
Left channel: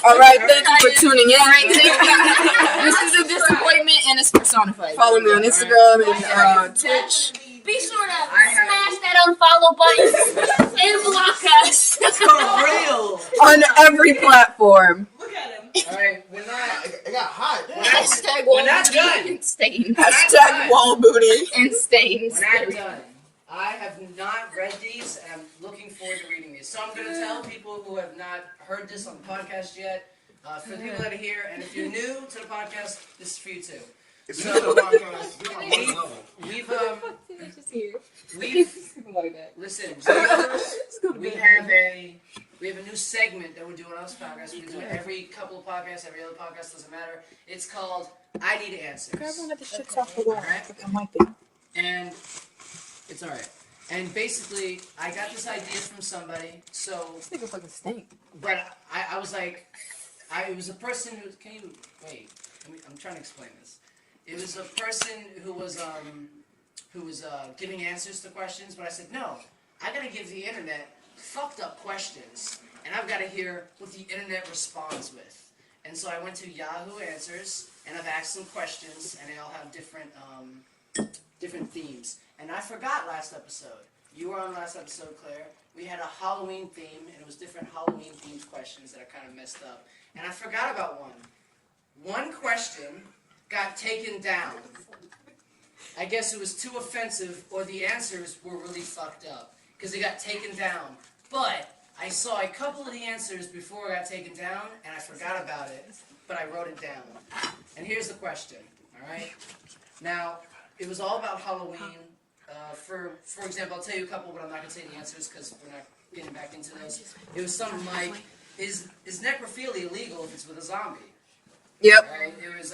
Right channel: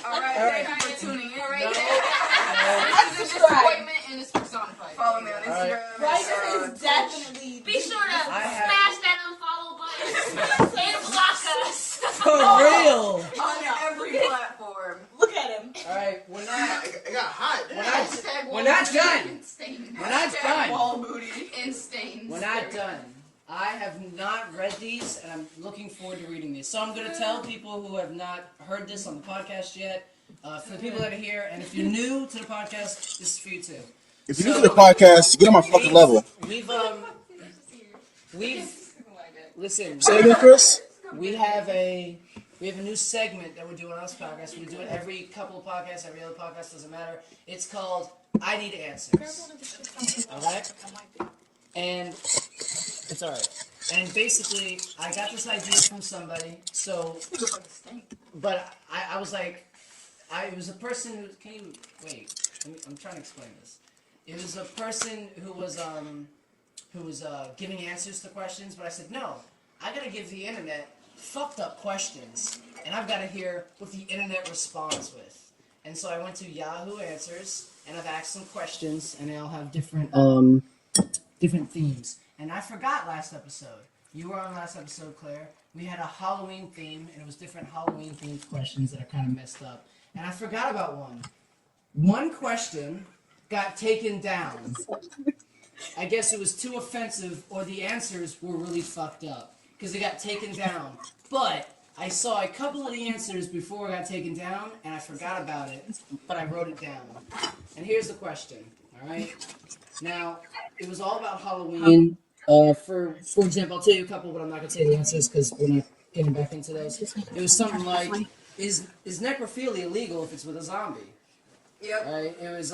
All right, thank you for tuning in. This is a disappointment and it's personified. Follow me on Instagram and Twitch. Be sure to smash that unfollow button and block us. For real. On every platform. look at him. Alright, It got hot. we're not done. And stains. Hashtag wall booty. And stains. We're not done. I have not read these, and I'm looking forward to reading these. So I'm going to tell people who have not heard this on the podcast yet, for the people that are here, and if you're new to the podcast, this is for you too. If you do the podcast, get on my fucking level. Listen, Say it, Chris. we have a new segment that we're doing on this podcast. We do it every couple of podcasts, every other podcast, doesn't matter. It's called I Need Answers. Alright? And it's alright. And basically, I got this idea from somebody, so, but I was like, it was a person who, can you, wait, I'm trying to explain this. It was a person who was giving answers to questions, but I said, no, I gotta give the internet fucked up questions, and I've gotta hear what the internet responds with. And so I went to Yahoo Answers, and I've asked some questions, and they all have different themes. And I forgot last episode. You were on last episode, Claire. We had a Halloween theme, and it was different Halloween themed questions that I kind of messed up. And I forgot about one. One question got taken down. I guess it was too offensive, or the answers were really fucked up because it got taken down. But I saw a couple of the answers before it got taken down, and I forgot about it, but I wrote it down. And here's the question, all right? Now, it was all about Halloween. For example, I'll tell you a couple, but I'm not going to say the answers because we're not getting back into those. It was something like, is necrophilia illegal if it's with a zombie? Yep. Right? It was,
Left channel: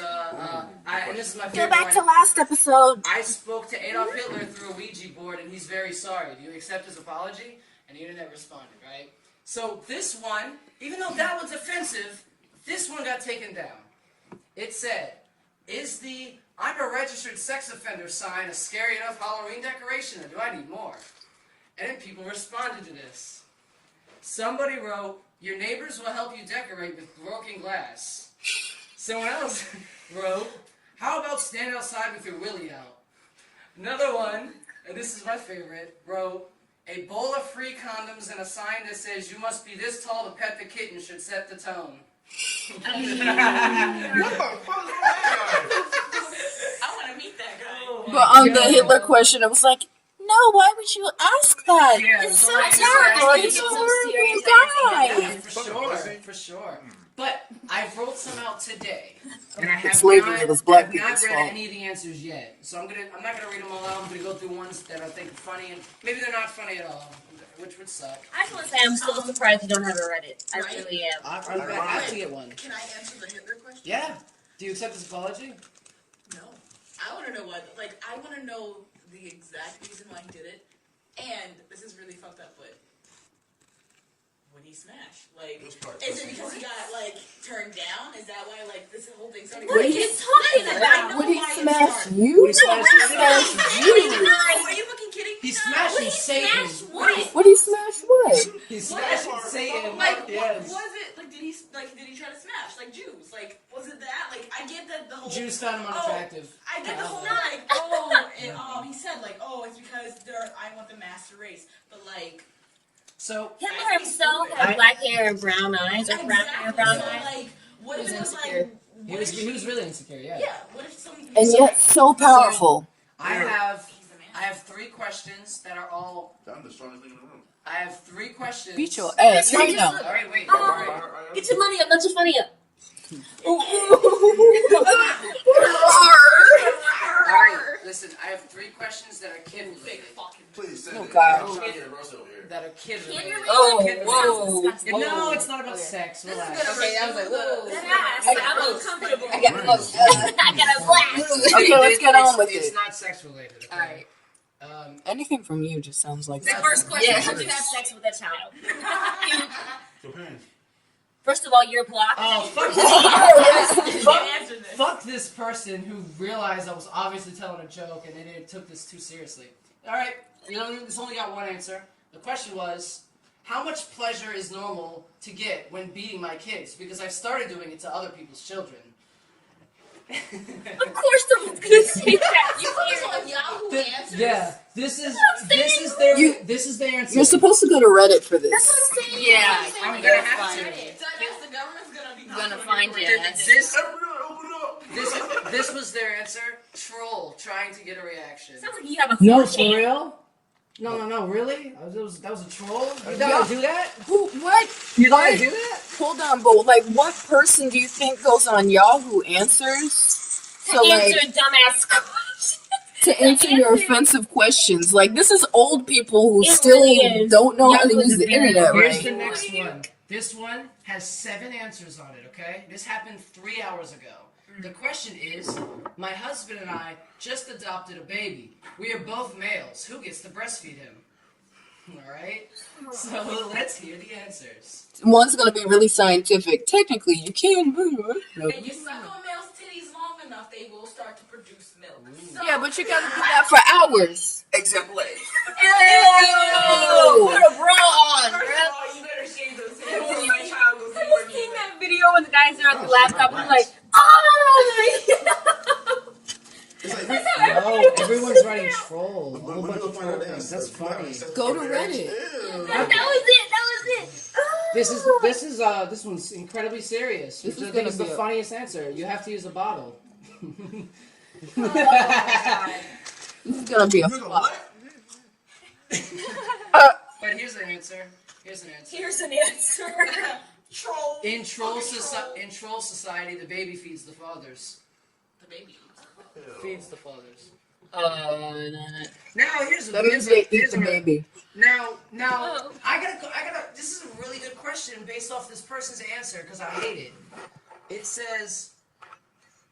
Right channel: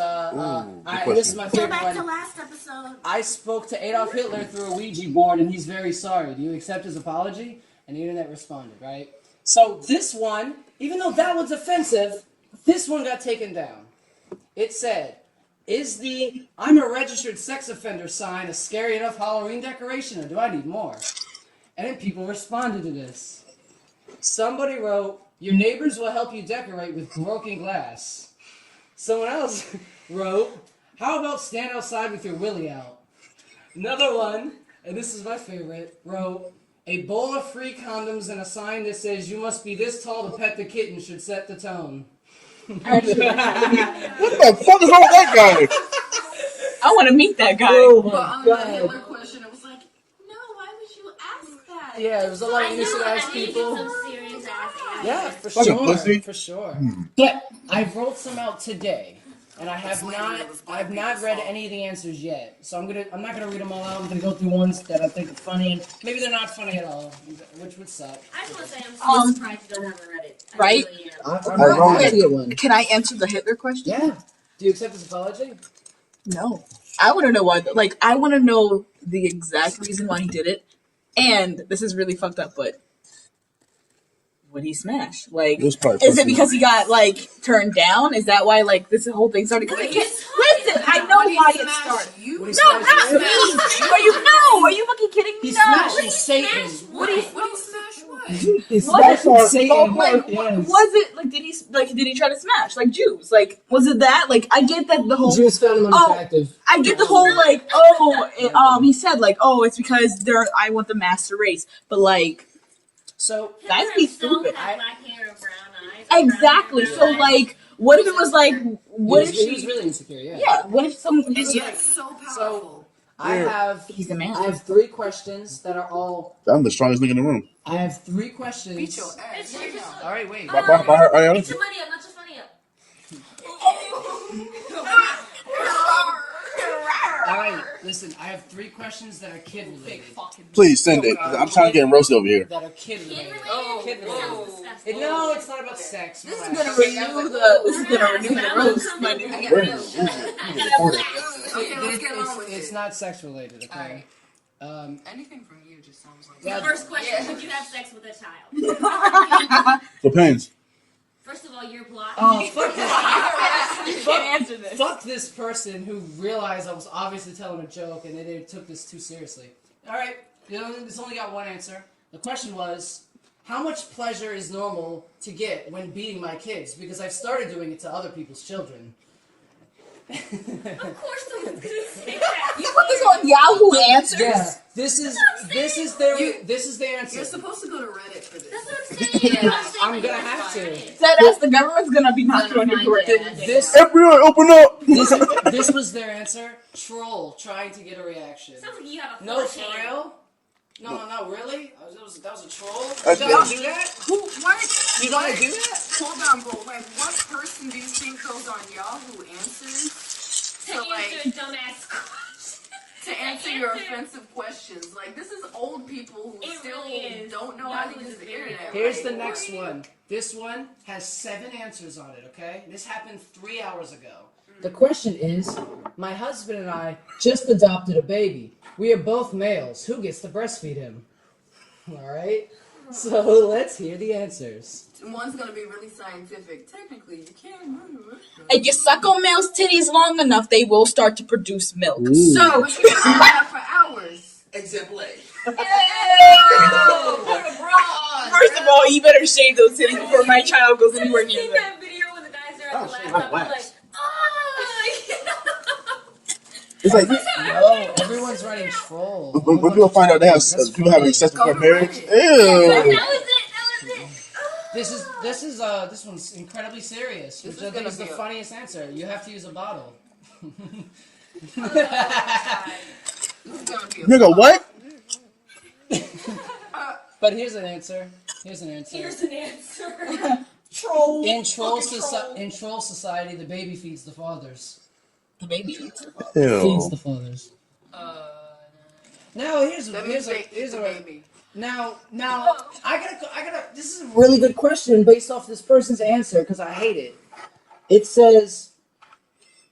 this is my favorite Get back to one. last episode. I spoke to Adolf Hitler through a Ouija board, and he's very sorry. Do you accept his apology? And the internet responded, right? So this one, even though that was offensive, this one got taken down. It said, is the "I'm a registered sex offender" sign a scary enough Halloween decoration, or do I need more? And then people responded to this. Somebody wrote, "Your neighbors will help you decorate with broken glass." Someone else wrote, "How about stand outside with your willy out?" Another one, and this is my favorite, wrote, "A bowl of free condoms and a sign that says you must be this tall to pet the kitten should set the tone." What the fuck is wrong with that guy? I want to meet that guy. Oh but my on God. the Hitler question, it was like, no, why would you ask that? Yeah, it was a lot of It's innocent ass not people. a Serious guy. Yeah, for Fucking sure, pussy. for sure. But I wrote some out today, and I have Slavery not, was black have not people's read fault. any of the answers yet. So I'm not gonna read them all out. I'm gonna go through ones that I think are funny, and maybe they're not funny at all, which would suck. I just want to say I'm so surprised you don't have it read it. I Right? really am. I'm wrong. gonna get one. Can I answer the Hitler question? Yeah. Do you accept his apology? No. I want to know why. Like, I want to know the exact reason why he did it. And this is really fucked up, but would he smash? Like, It was probably is it pussy. because he got like turned down? Is that why like this whole thing started going? Listen, I know why it started. You? He No, smashed not you? me. Are you fucking kidding me? He's No. smashing Satan. What do you smash what? He's What? smashing Satan. Like, Yes. was it like did he try to smash like Jews? Like, was it that? Like, I get that the whole Jews found him unattractive. I get the whole like, he said like, oh, it's because I want the master race, but like, So Hitler That's himself stupid. had black hair and brown eyes. or brown hair, exactly. brown So eyes. like, what if it was like, he what was, if he was she? really insecure. Yeah. Yeah. What if some? And yet so powerful. I have. He's a man. I have 3 questions that are all. I'm the strongest nigga in the room. I have 3 questions. Beat your ass right now. All right, wait. Get your money up, let your funny up. All right, listen. I have 3 questions that are kid related. Please send it. I'm trying to get roasted over here. That are kid related. Oh, Kid related. No, it's not about sex. Relax. I got a blast. Okay, let's get on with It's it. not sex related. Okay. Anything from you just sounds like The that. first question, did you have sex with a child? Depends. First of all, you're blocked. Fuck this. Can't answer this. Fuck this person who realized I was obviously telling a joke and they took this too seriously. All right, it's only got one answer. The question was, how much pleasure is normal to get when beating my kids? Because I've started doing it to other people's children. Of course someone's gonna say that. You put this on Yahoo Answers. Yeah, this is their answer. You're supposed to go to Reddit for this. That's what I'm saying. Yeah, I'm gonna have to. That as the government's gonna be knocking on your door. This FBI, open up! this was their answer. Troll trying to get a reaction. Sounds like you have a No, full for chance. real? No, really? That was a troll? You gotta do that? What? You gotta do that? Hold on, but like, what person do you think goes on Yahoo Answers to Answer like a dumbass question. to answer your offensive questions? Like, this is old people who It still really is. don't know how to Yahoo use is the very internet. Here's Right? the next one. This one has 7 answers on it, okay? This happened 3 hours ago. The question is, my husband and I just adopted a baby. We are both males. Who gets to breastfeed him? All right? So let's hear the answers. One's gonna be really scientific. Technically, you can. If you suck on males' titties long enough, they will start to produce milk. So, but you got to do that for hours. Example A. Put a bra on. First of all, you better shave those titties before my child goes anywhere near Seen them. that video when the guys are on the laptop and like, oh! It's like No, everyone's writing troll. when people find out they have That's people having funny. sex Go before to marriage. Reddit. That Ew. was it. This one's incredibly serious, which is I think gonna is the be a- funniest answer. You have to use a bottle. It's gonna be a Nigga, what? But here's an answer. Here's an answer. Here's an answer. Troll. In troll society, the baby feeds the fathers. the baby. Feeds Ew. the fathers. No. Now here's That means they eat the baby. Now, I gotta. This is a really good question based off this person's answer because I hate it. It says,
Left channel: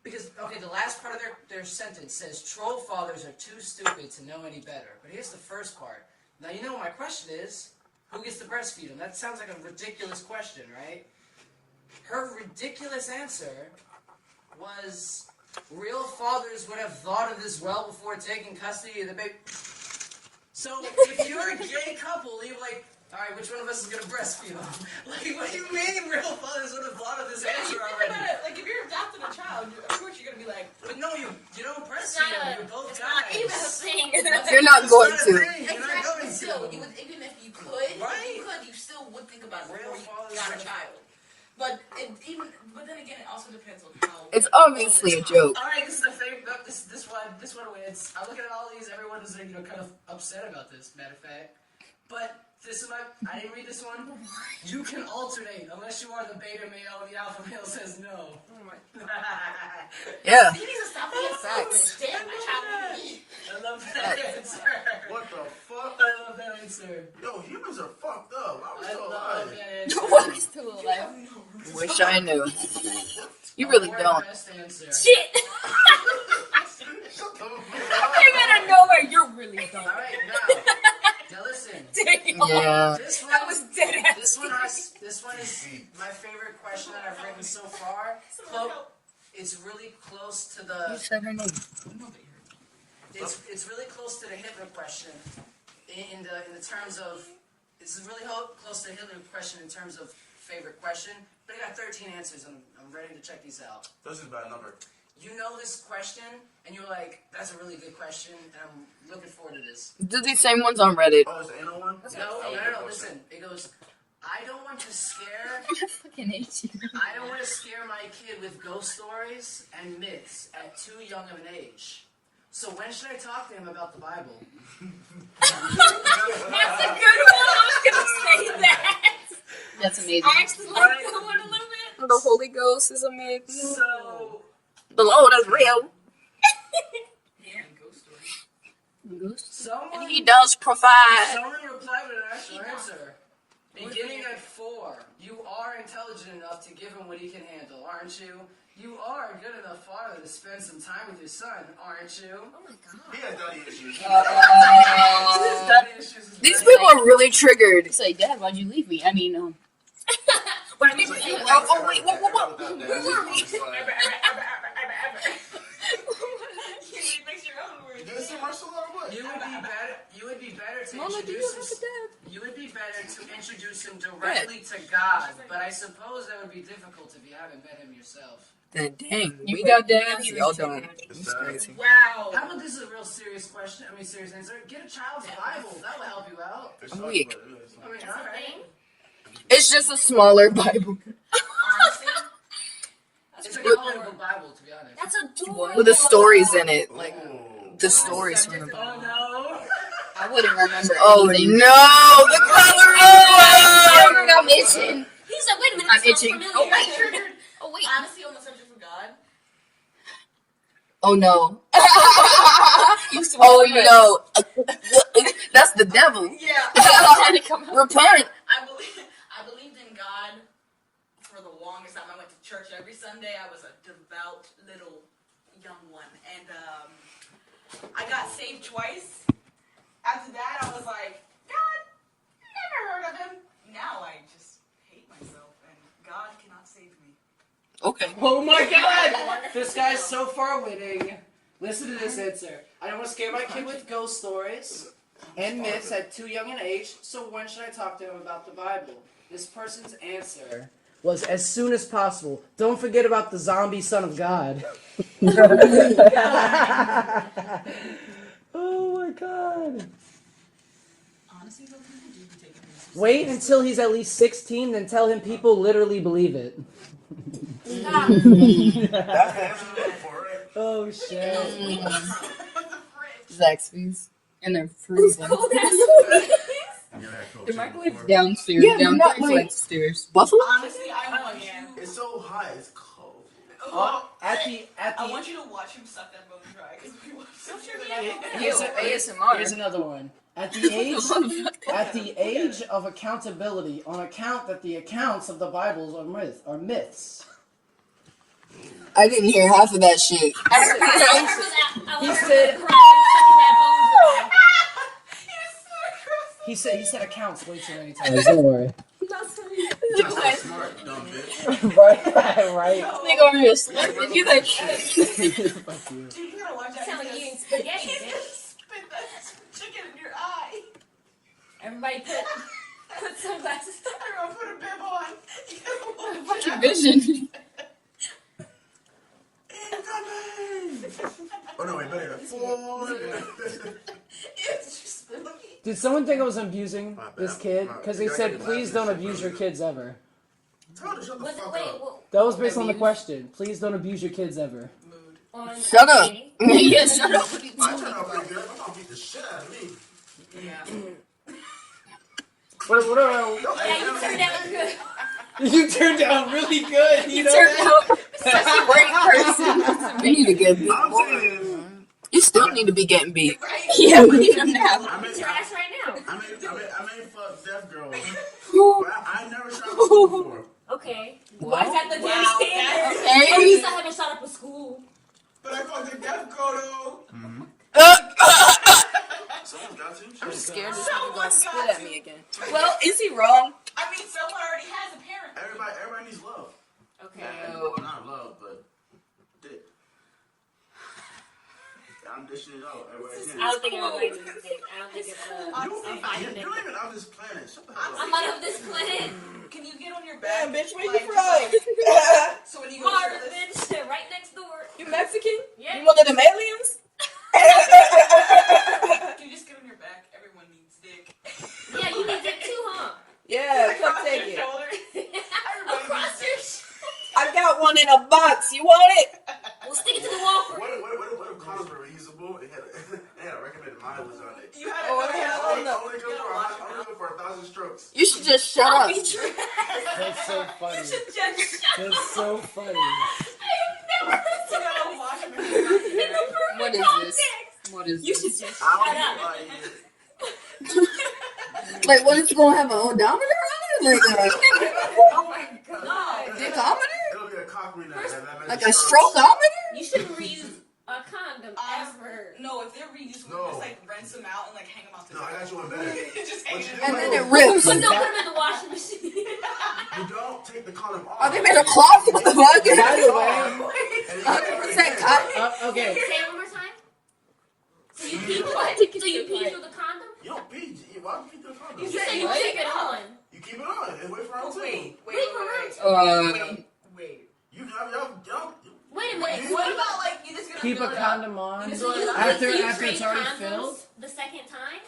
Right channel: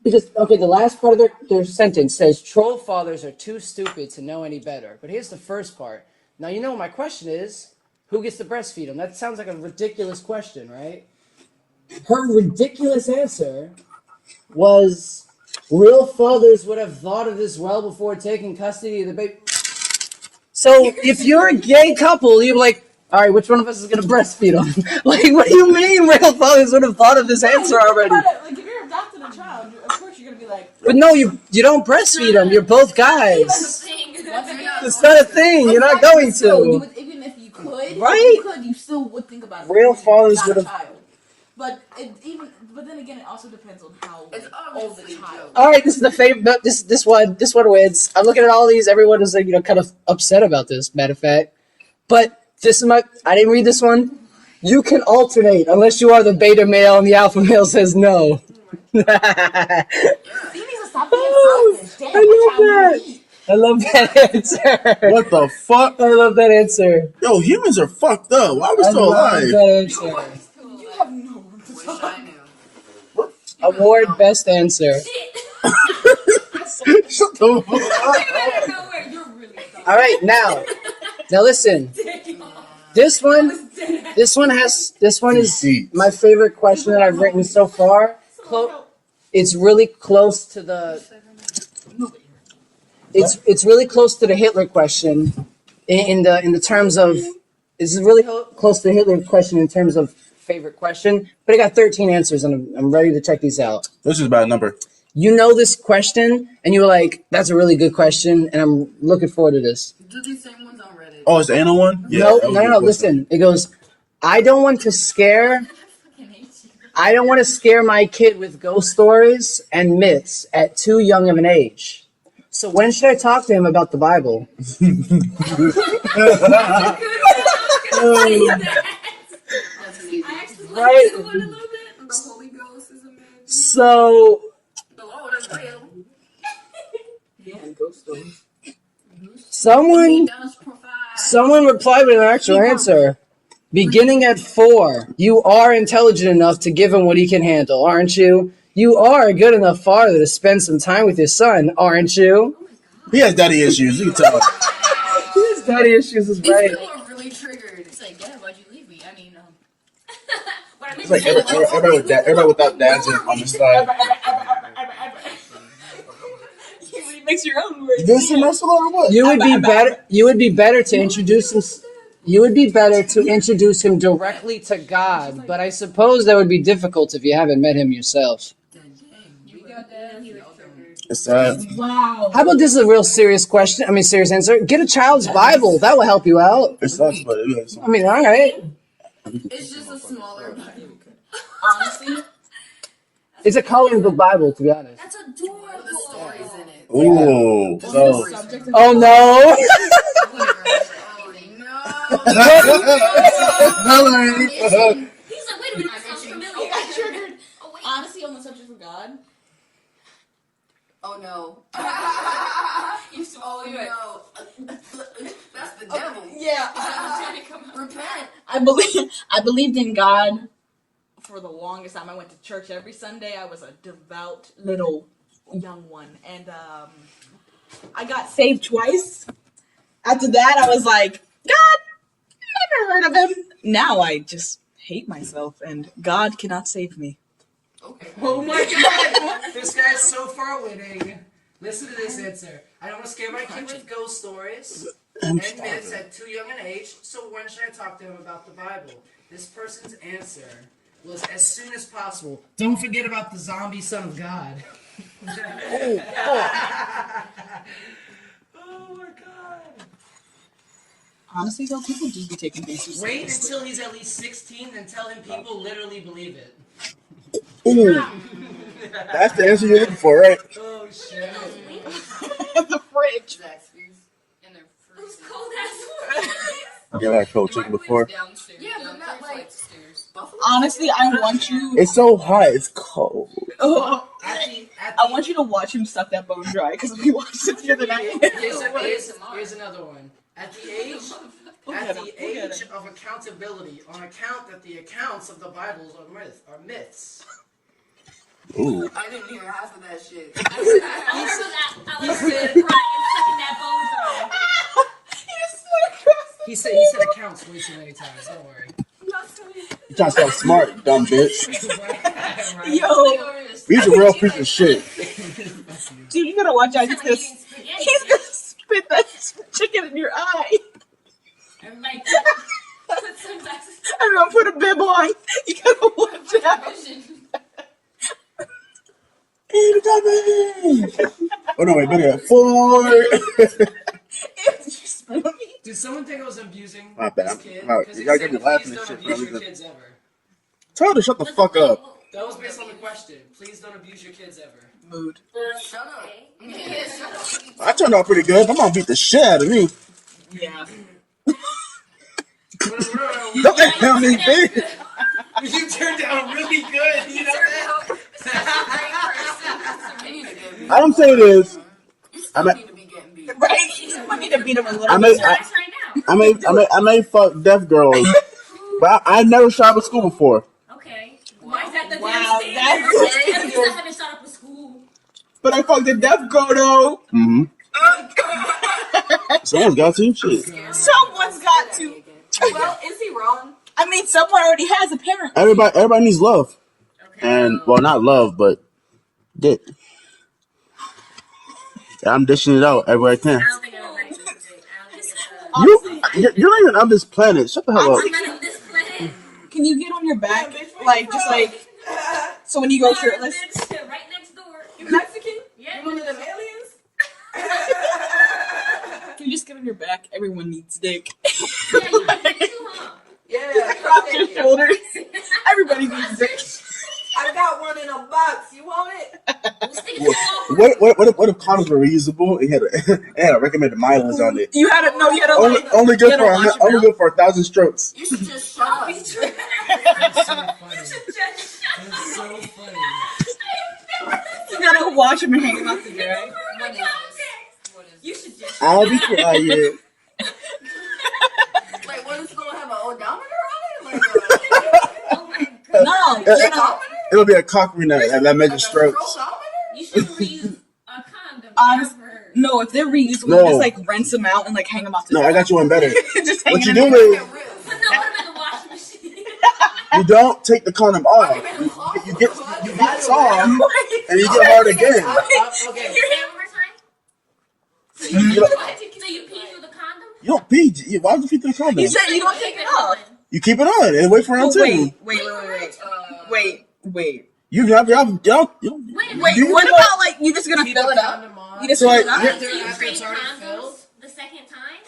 the last part of their sentence says, troll fathers are too stupid to know any better. But here's the first part. Now, you know my question is, who gets to breastfeed them? That sounds like a ridiculous question, right? Her ridiculous answer was, real fathers would have thought of this well before taking custody of the baby. So if you're a gay couple, you're like, all right, which one of us is going to breastfeed them? Like, what do you mean real fathers would have thought of this answer already? Like if you're adopting a child, of course you're gonna be like. But no, you don't breastfeed them. You're both guys. You're not It's going not a to. thing. You're not going Still, you to. would, even if you could, Right? you still would think about it. Real before you fathers got would a have. child. But then again, it also depends on how. It's obviously a joke. All right, this is the favorite. But this one wins. I'm looking at all these. Everyone is like, kind of upset about this. Matter of fact, but this is I didn't read this one. You can alternate unless you are the beta male and the alpha male says no. Yeah. You need to stop being selfish. Damn, what child would you eat? I love that answer. What the fuck? I love that answer. Yo, humans are fucked up. Why are we I still love alive? that answer. You have no room to Wish talk. I knew. You really Award don't. best answer. Shit. Shut the fuck up. You're gonna go where you're really dumb. All right, now listen. Yeah. This That one, was dead ass. this one is my favorite question that I've written so far. It's really close to the. It's really close to the Hitler question, in the terms of. It's really close to the Hitler question in terms of favorite question, but I got 13 answers and I'm ready to check these out. This is a bad number. You know this question, and you were like, "That's a really good question," and I'm looking forward to this. Do these same ones on Reddit? Oh, it's the anal one? Yeah, No, that was no, a no, good listen. It goes, I don't want to scare my kid with ghost stories and myths at too young of an age. So when should I talk to him about the Bible? That's amazing. I actually like Right. that one a little bit. The Holy Ghost is amazing. So The Lord is real. Yeah, ghost story. He someone does provide. replied with an actual answer. Beginning at 4, you are intelligent enough to give him what he can handle, aren't you? You are a good enough father to spend some time with your son, aren't you? He has daddy issues. You can tell. His daddy issues is These right. people are really triggered. It's like, Dad, why'd you leave me? I mean, But I mean, It's like everybody without dads on this side. you remix your own words. This semester or what? You would be better. You would be better to introduce him. You would be better to introduce him directly to God, but I suppose that would be difficult if you haven't met him yourself. Then dang, we got dads. Y'all don't. It's sad. Wow. How about this is a real serious question? I mean, serious answer. Get a child's Bible. That will help you out. It sucks, but it is. I mean, all right. It's just a smaller Bible Honestly, It's a coloring book Bible, to be honest. that's adorable. with the stories in it. Ooh. The So, stories. Oh no! I wouldn't remember Oh anything. no! I'm itching. He's like, wait a minute. I'm this sounds itching. familiar. Oh, I triggered. Oh, wait. Honestly, on the subject of God. Oh no! You swear Oh to God. no! That's the devil. Yeah. Repent. I believed in God for the longest time. I went to church every Sunday. I was a devout little young one, and I got saved twice. After that, I was like, God, never heard of him. Now I just hate myself, and God cannot save me. Okay. Oh my God! This guy's so far winning. Listen to this answer. I don't want to scare my kid with ghost stories and myths at too young an age. So when should I talk to him about the Bible? This person's answer was as soon as possible. Don't forget about the zombie son of God. Oh my god. Honestly, though, people do be taking things too Wait seriously. until he's at least 16, then tell him people literally believe it. That's the answer you're looking for, right? Oh shit. The fridge. Zaxby's. And they're freezing. Yeah, I told you before. Downstairs. Yeah, they're not downstairs, like- like stairs. Buffalo? Honestly, I want you. It's so hot. It's cold. Oh, I want you to watch him suck that bone dry because we watched it the other night. Here's another one. At the age of accountability, on account that the accounts of the Bibles are myths. Ooh. I didn't hear half of that shit. He said he said accounts way too many times. Don't worry. You trying to stay smart, dumb bitch. Right? Yo, He's a real piece of shit. Fuck you. dude, you gotta watch out. He's gonna spit that chicken in your eye. Everybody put sunglasses. I'm gonna put a bib on. You gotta watch out. Vision. Oh no, wait, better. 4. Did someone think I was abusing My bad. this kid? No, Because they you gotta said, get the please laughing don't shit. abuse your kids ever. Tell her to shut the fuck up. That was based on the question. Please don't abuse your kids ever. Mood. Shut up. Yeah, shut up. I turned out pretty good. I'm gonna beat the shit out of me. Yeah. Don't tell me, bitch. You turned out really good. You know that? Great person. You need to get beat. All I'm saying is, You still need to be getting beat. Right? Yeah, we need to beat him a little I bit. may, Thanks right now. I may fuck deaf girls, but I never shot up a school before. Okay. Why is that the Wow, damn that's standard? okay. At least I haven't shot up a school. But I fucked a deaf girl though. Mm-hmm. Someone's got to. Shit. Someone's got to. Well, is he wrong? I mean, someone already has a parent. Everybody needs love, Okay. and well, not love, but dick. I'm dishing it out everywhere I can. I don't think everybody's a mistake. I don't think it's a... You're not even on this planet. Shut the hell up. I'm not on this planet. Can you get on your back? Like, just like, so when you go shirtless. Bitch, right next door. You Mexican? Yeah. You one of them aliens? Can you just get on your back? Everyone needs dick. Yeah, you can take two, huh? Yeah, across your shoulders. Everybody needs dick. I got one in a box. You want it? We'll stick it to the wall. What if condoms were reusable? It had a recommended mileage on it. You had to know. You had to Only good you had to for 1,000 strokes. You should just shut up. That's so funny. That's so funny. You gotta watch him hang out there. What is this? What is You this? should just. I'll be quiet. Like, what is it going to have an odometer on it? Like, Oh my god. No. odometer? It'll be a cock ring that measures Like a strokes. strokeometer? You should reuse a condom Honest- ever. No, if they're reusable, No. just like rinse them out and like hang them out. No, I got you one better. Just What you hanging do them is Rips. Put them in the washing machine. you don't take the condom off. You made a cloth. You get the wax on, and you get hard again. Okay. Say it one more time. So you pee through the condom? You don't pee. Why would you pee through the condom? You said you don't Keep take it it off. on. You keep it on and wait for round two. Wait. You have Wait a minute. Wait, what about like you just gonna Keep fill a it up? condom on. You just So fill it up? After Do you it's trade already condoms filled? the second time?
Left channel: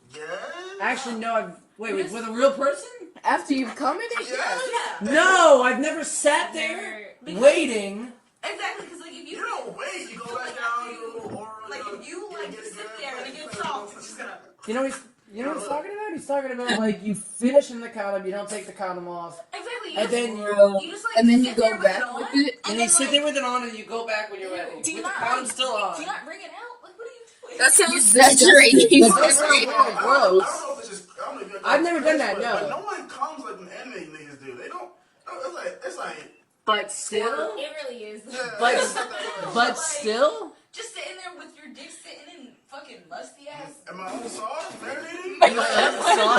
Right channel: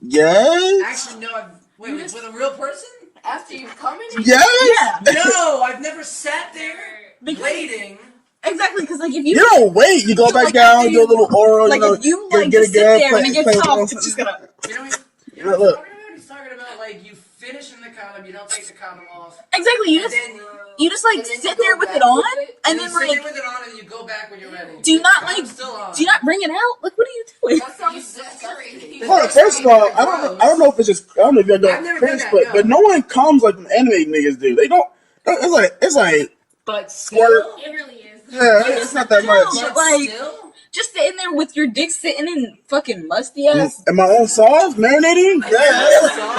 Yes. Actually, no. Wait, with a real person? After you've come in? Yes. Yeah, No, I've never sat there waiting. exactly. Because like if You you don't wait. You go back like, down, after do a little oral. like you know, if you get like it just sit good, there and it play gets it soft, off. it's just gonna. You know what he's talking about? He's talking about like you finish in the condom, you don't take the condom off, Exactly. You and just then you just like And then you sit go there with back it on, with it, and then sit there like with it on, and you go back when you're ready. do you not The condom's like still on. do you not bring it out? Like what are you doing? That sounds exaggerating. First of all, I don't know if it's just. I don't know if you're I've never done that, but no one comes like the anime niggas do. They don't. It's like. But still, It really is. Yeah, it's not that much. but like- still, Just sitting there with your dick sitting in fucking musty ass. And my own sauce marinating. Yeah.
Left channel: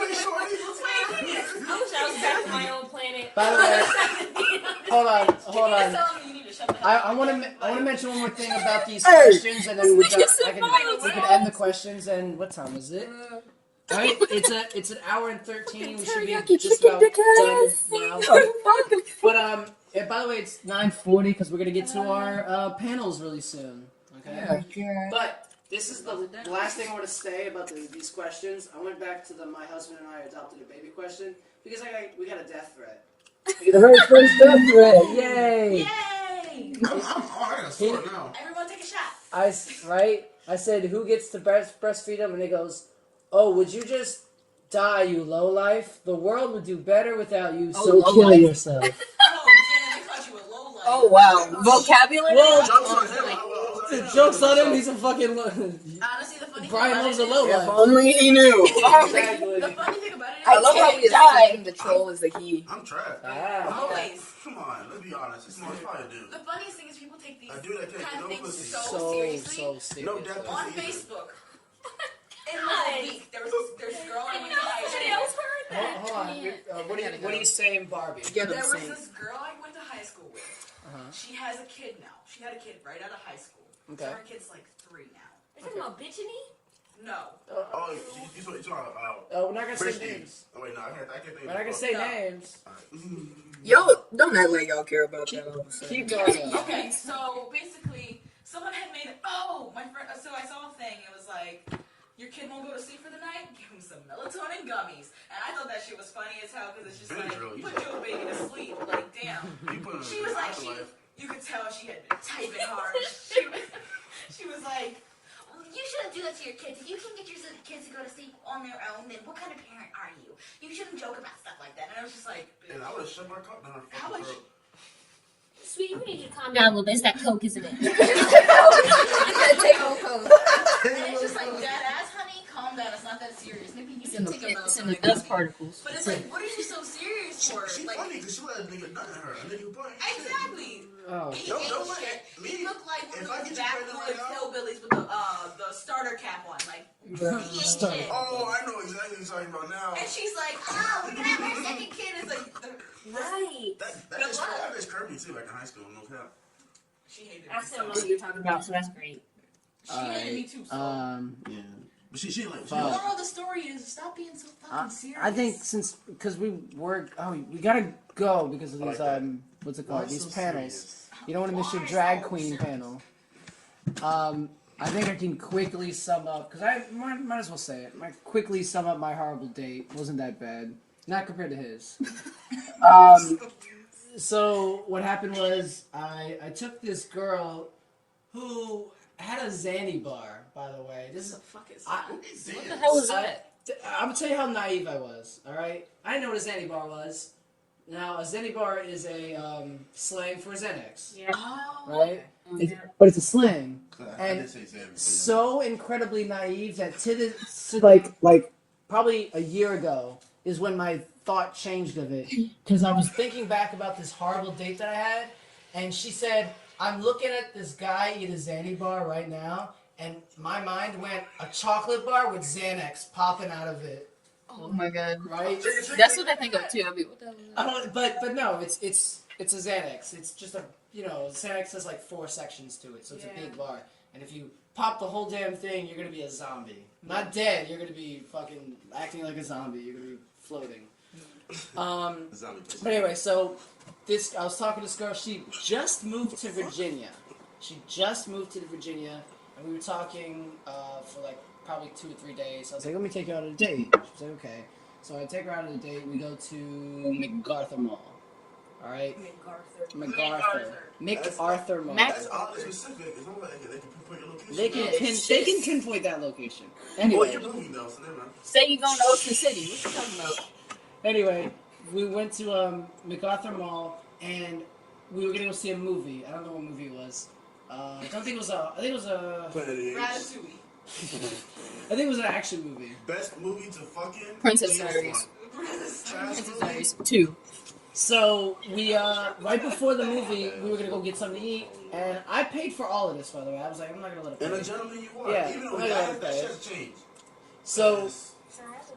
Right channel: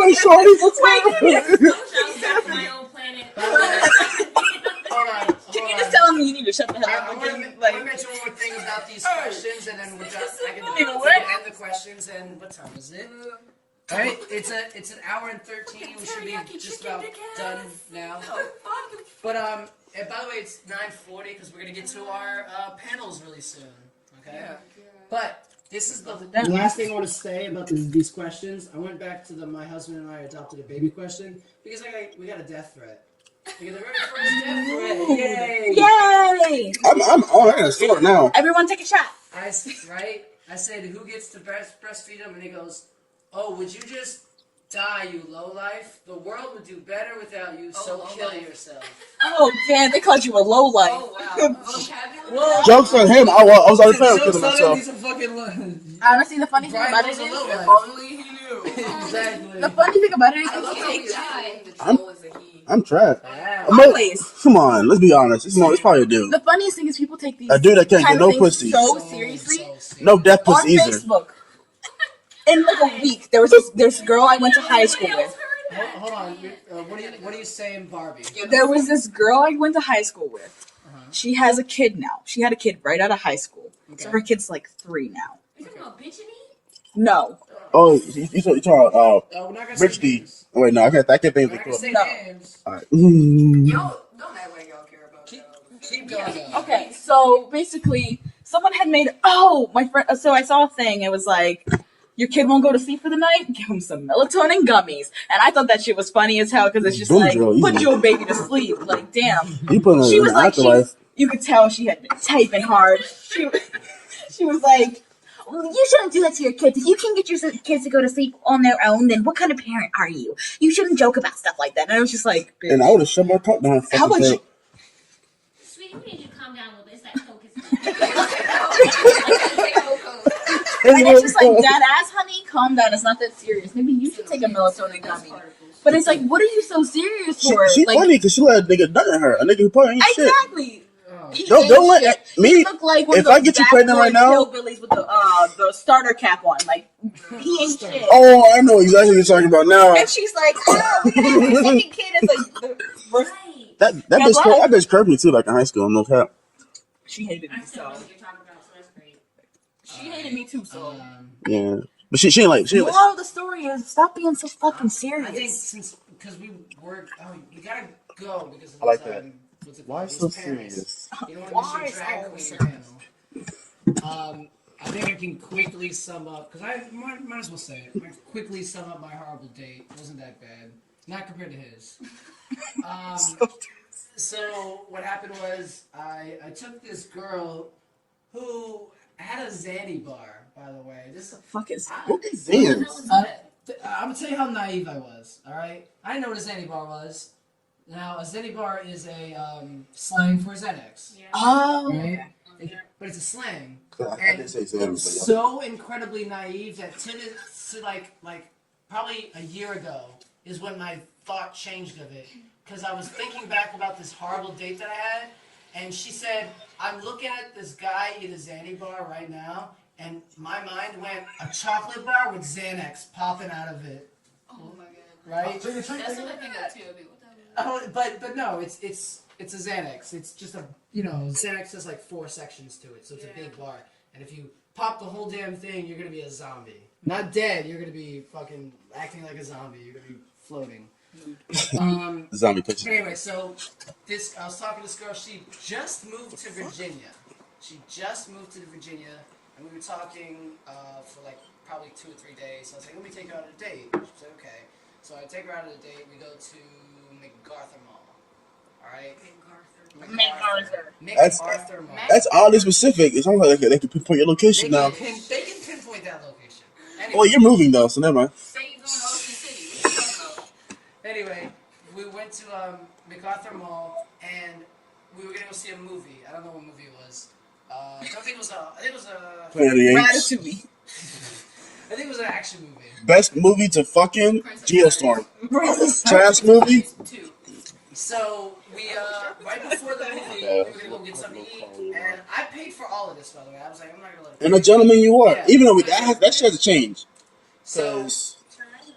Wait, shorty. What's I wish I was back on my own planet. by the way, hold on. You just telling me you need to shut the hell up. I want to mention one more thing about these questions, and then we can end the questions. And what time is it? All right, it's an hour and 13. We should be Teriyaki just chicken, about done dickheads. now. But and by the way, it's 9:40 because we're gonna get to our panels really soon. Okay. But this is the last thing I want to say about these questions. I went back to my husband and I adopted a baby question because we got a death threat. The very first death threat. Yay! Yay! I'm I gotta start now. Everyone take a shot. I said, who gets to breastfeed them? And he goes, oh, would you just die, you lowlife? The world would do better without you, so kill yourself. Oh, damn, they called you a low life. Oh wow. Vocabulary. Well, Jokes on him. I was already playing jokes with on him, him. he's a fucking... Honestly, the funny thing Brian about Love's it a is, lowlife. Only he knew. Exactly. the funny thing about it is, I love how he's saying the troll is the he. I'm trapped. Ah. always. Come on, let's be honest. It's probably a dude. The funniest thing is people take these A dude that can't kind get of no things pussy. so seriously. serious. No death On pussy either. Facebook, in like a week, there was this girl I went to high school with. Hold on. What are you saying, Barbie? There was this girl I went to high school with. She has a kid now. She had a kid right out of high school. Okay. So her kid's like 3 now. Are you talking about bitching me? No. Oh, you talking Oh, we're not gonna say Rich D. names. Oh, wait, no, I can't think. We're not gonna say No. names. Alright. Yo, don't act like y'all care about that. Keep going on. Okay, so basically, someone had made. Oh, my friend. So I saw a thing. It was like, your kid won't go to sleep for the night. Give him some melatonin gummies. And I thought that shit was funny as hell because it's just like, Benadryl, put easy. your baby to sleep. Like, damn. He put She in was the like, afterlife. you could tell she had been typing hard. She was like, You shouldn't do that to your kids. If you can get your kids to go to sleep on their own, then what kind of parent are you? You shouldn't joke about stuff like that. and I was just like, bitch. And I would have shut my talk down. How about you? Sweetie, we need you to calm down a little bit. It's that coke, isn't it? And it's just like, dead ass, honey, calm down. It's not that serious. Maybe you should take a melatonin gummy. But it's like, what are you so serious for? She Like, funny because she let a nigga nut in her. A nigga who probably ain't shit. exactly. Oh. Don't let me. He looked like one If of those I get you pregnant right now, hillbillies with the starter cap on, like he ain't shit. Oh, I know exactly what you're talking about now. And she's like, "Oh, we gotta have a second kid." It's like, Right. That bitch curved me too, like in high school. No cap. she hated me. I still know what you're talking about, so that's great. She hated me too. So. Yeah, but she ain't like. The moral of the story is stop being so fucking serious. I think because we were you gotta go because of I these like that. what's it called? Why These so panels. serious? You don't want to miss your drag queen panel. I think I can quickly sum up because I might as well say it. I quickly sum up my horrible date. Wasn't that bad, not compared to his. So what happened was I took this girl who had a Zanny bar. By the way, this is fuck is. Damn. I'm gonna tell you how naive I was. All right, I didn't know what a Zanny bar was. Now, a Zenny bar is a slang for Xanax, Yeah. Oh, right? But it's a slang. I And didn't say it so. was so incredibly naive that to like probably a year ago is when my thought changed of it. Because I was thinking back about this horrible date that I had, and she said, I'm looking at this guy eat a Zanny bar right now, and my mind went, a chocolate bar with Xanax popping out of it. Oh my god. Right? That's what I think of too. I mean, what the hell? But no, it's a Xanax. It's just Xanax has like 4 sections to it, so it's a big bar. And if you pop the whole damn thing, you're gonna be a zombie. Not dead. You're gonna be fucking acting like a zombie. You're gonna be floating. Zombie But picture. anyway, so I was talking to this girl. She just moved to Virginia. And we were talking for like probably 2 or 3 days. I was like, let me take her out on a date. She's like, okay. So I take her out on a date. We go to MacArthur Mall. All right? MacArthur Mall. That's oddly specific. It's almost like they can pinpoint your location now. They can pinpoint that location. Anyway. Well, you're moving though, so never mind. say you going to Ocean City. What you talking about? Anyway, we went to MacArthur Mall, and we were gonna go see a movie. I don't know what movie it was. I think it was a. Ratatouille. I think it was an action movie. Best movie to fucking Princess Geostorm. Diaries. Trash movie. 2. So we right before the movie, we were gonna go get something to eat, and I paid for all of this. By the way, I was like, I'm not gonna let it. And a gentleman you are. Yeah. Even though Yeah. that shit has to change. So 'Cause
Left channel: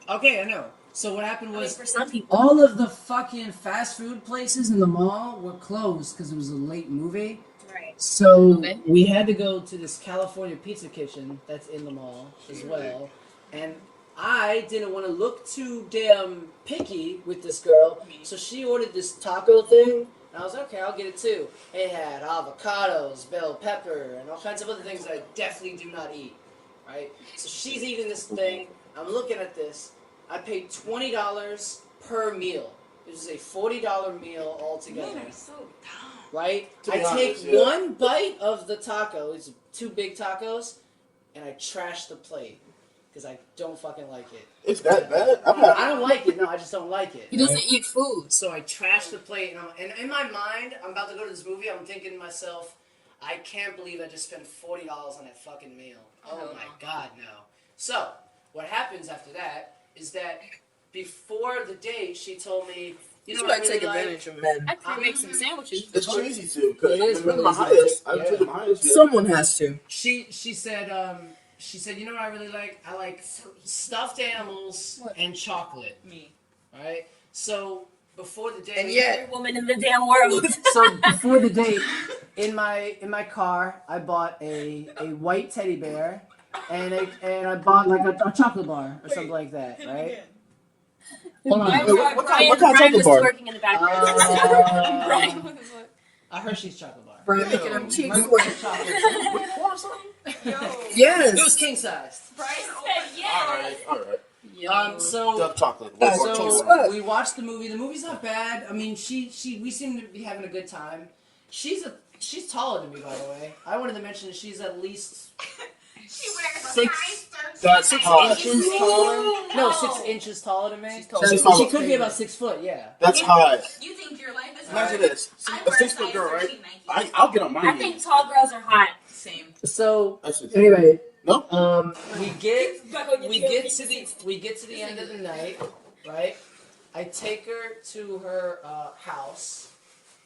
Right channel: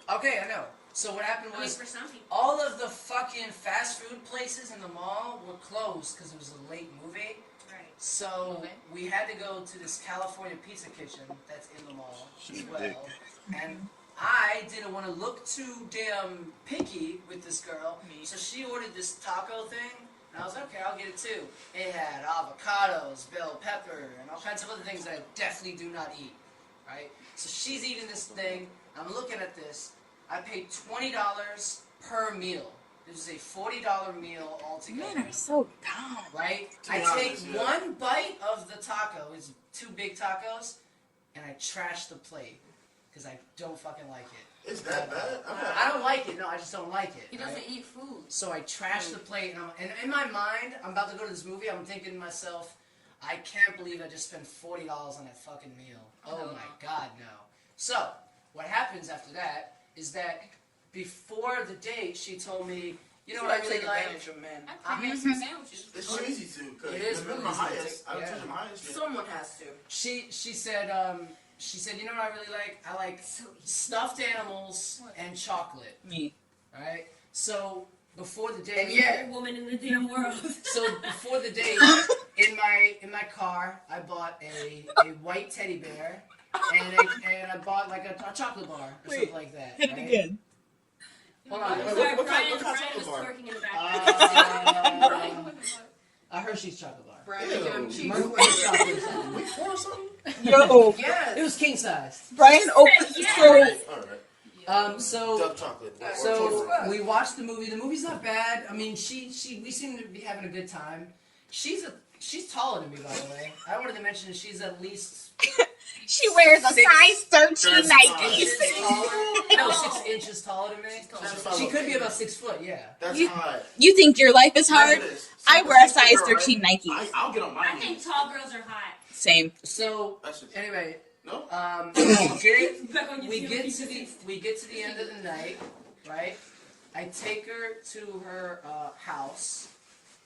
okay, I know. So what happened was For some people. all of the fucking fast food places in the mall were closed because it was a late movie. Right. So Okay. we had to go to this California pizza kitchen that's in the mall as well. And I didn't want to look too damn picky with this girl, so she ordered this taco thing, and I was like, okay, I'll get it too. It had avocados, bell pepper, and all kinds of other things that I definitely do not eat, right? So she's eating this thing, I'm looking at this, I paid $20 per meal. This is a $40 meal altogether. Man, I'm so dumb. Right? I take one bite of the taco, it's 2 big tacos, and I trash the plate. Because I don't fucking like it. It's that bad? I don't like it. No, I just don't like it. He doesn't eat food. So I trash the plate, and in my mind, I'm about to go to this movie, I'm thinking to myself, I can't believe I just spent $40 on that fucking meal. Oh my god, no. So, what happens after that is that before the date, she told me, you know what I really take like? advantage of men. I could make some sandwiches. It's too easy to. It is really my easy to highest. take, I took my highest. Yeah. Someone has to. She said, you know what I really like? I like stuffed animals and chocolate. Alright? So, before the date... Every woman in the damn world. So, before the date, in my car, I bought a white teddy bear, and I bought like a chocolate bar, or something like that, right? Hold on. What kind of chocolate bar? Working in the background. A Hershey's chocolate bar. Brian making them cheeks. Chocolate. Yo, yes. It was king size. Brian opened Alright. So Dark chocolate. So we watched the movie. The movie's not bad. I mean, we seem to be having a good time. She's taller than me, by the way. I wanted to mention that she's at least She wears a size 13 Nike. No, 6 inches taller than me. She could be about 6 foot. Yeah. That's high. You think your life is hard? Imagine this. I wear a size 13 Nike. I'll get on my I think tall girls are hot. Same. So That's just- anyway, Nope. we get to the end of the night, right? I take her to her house,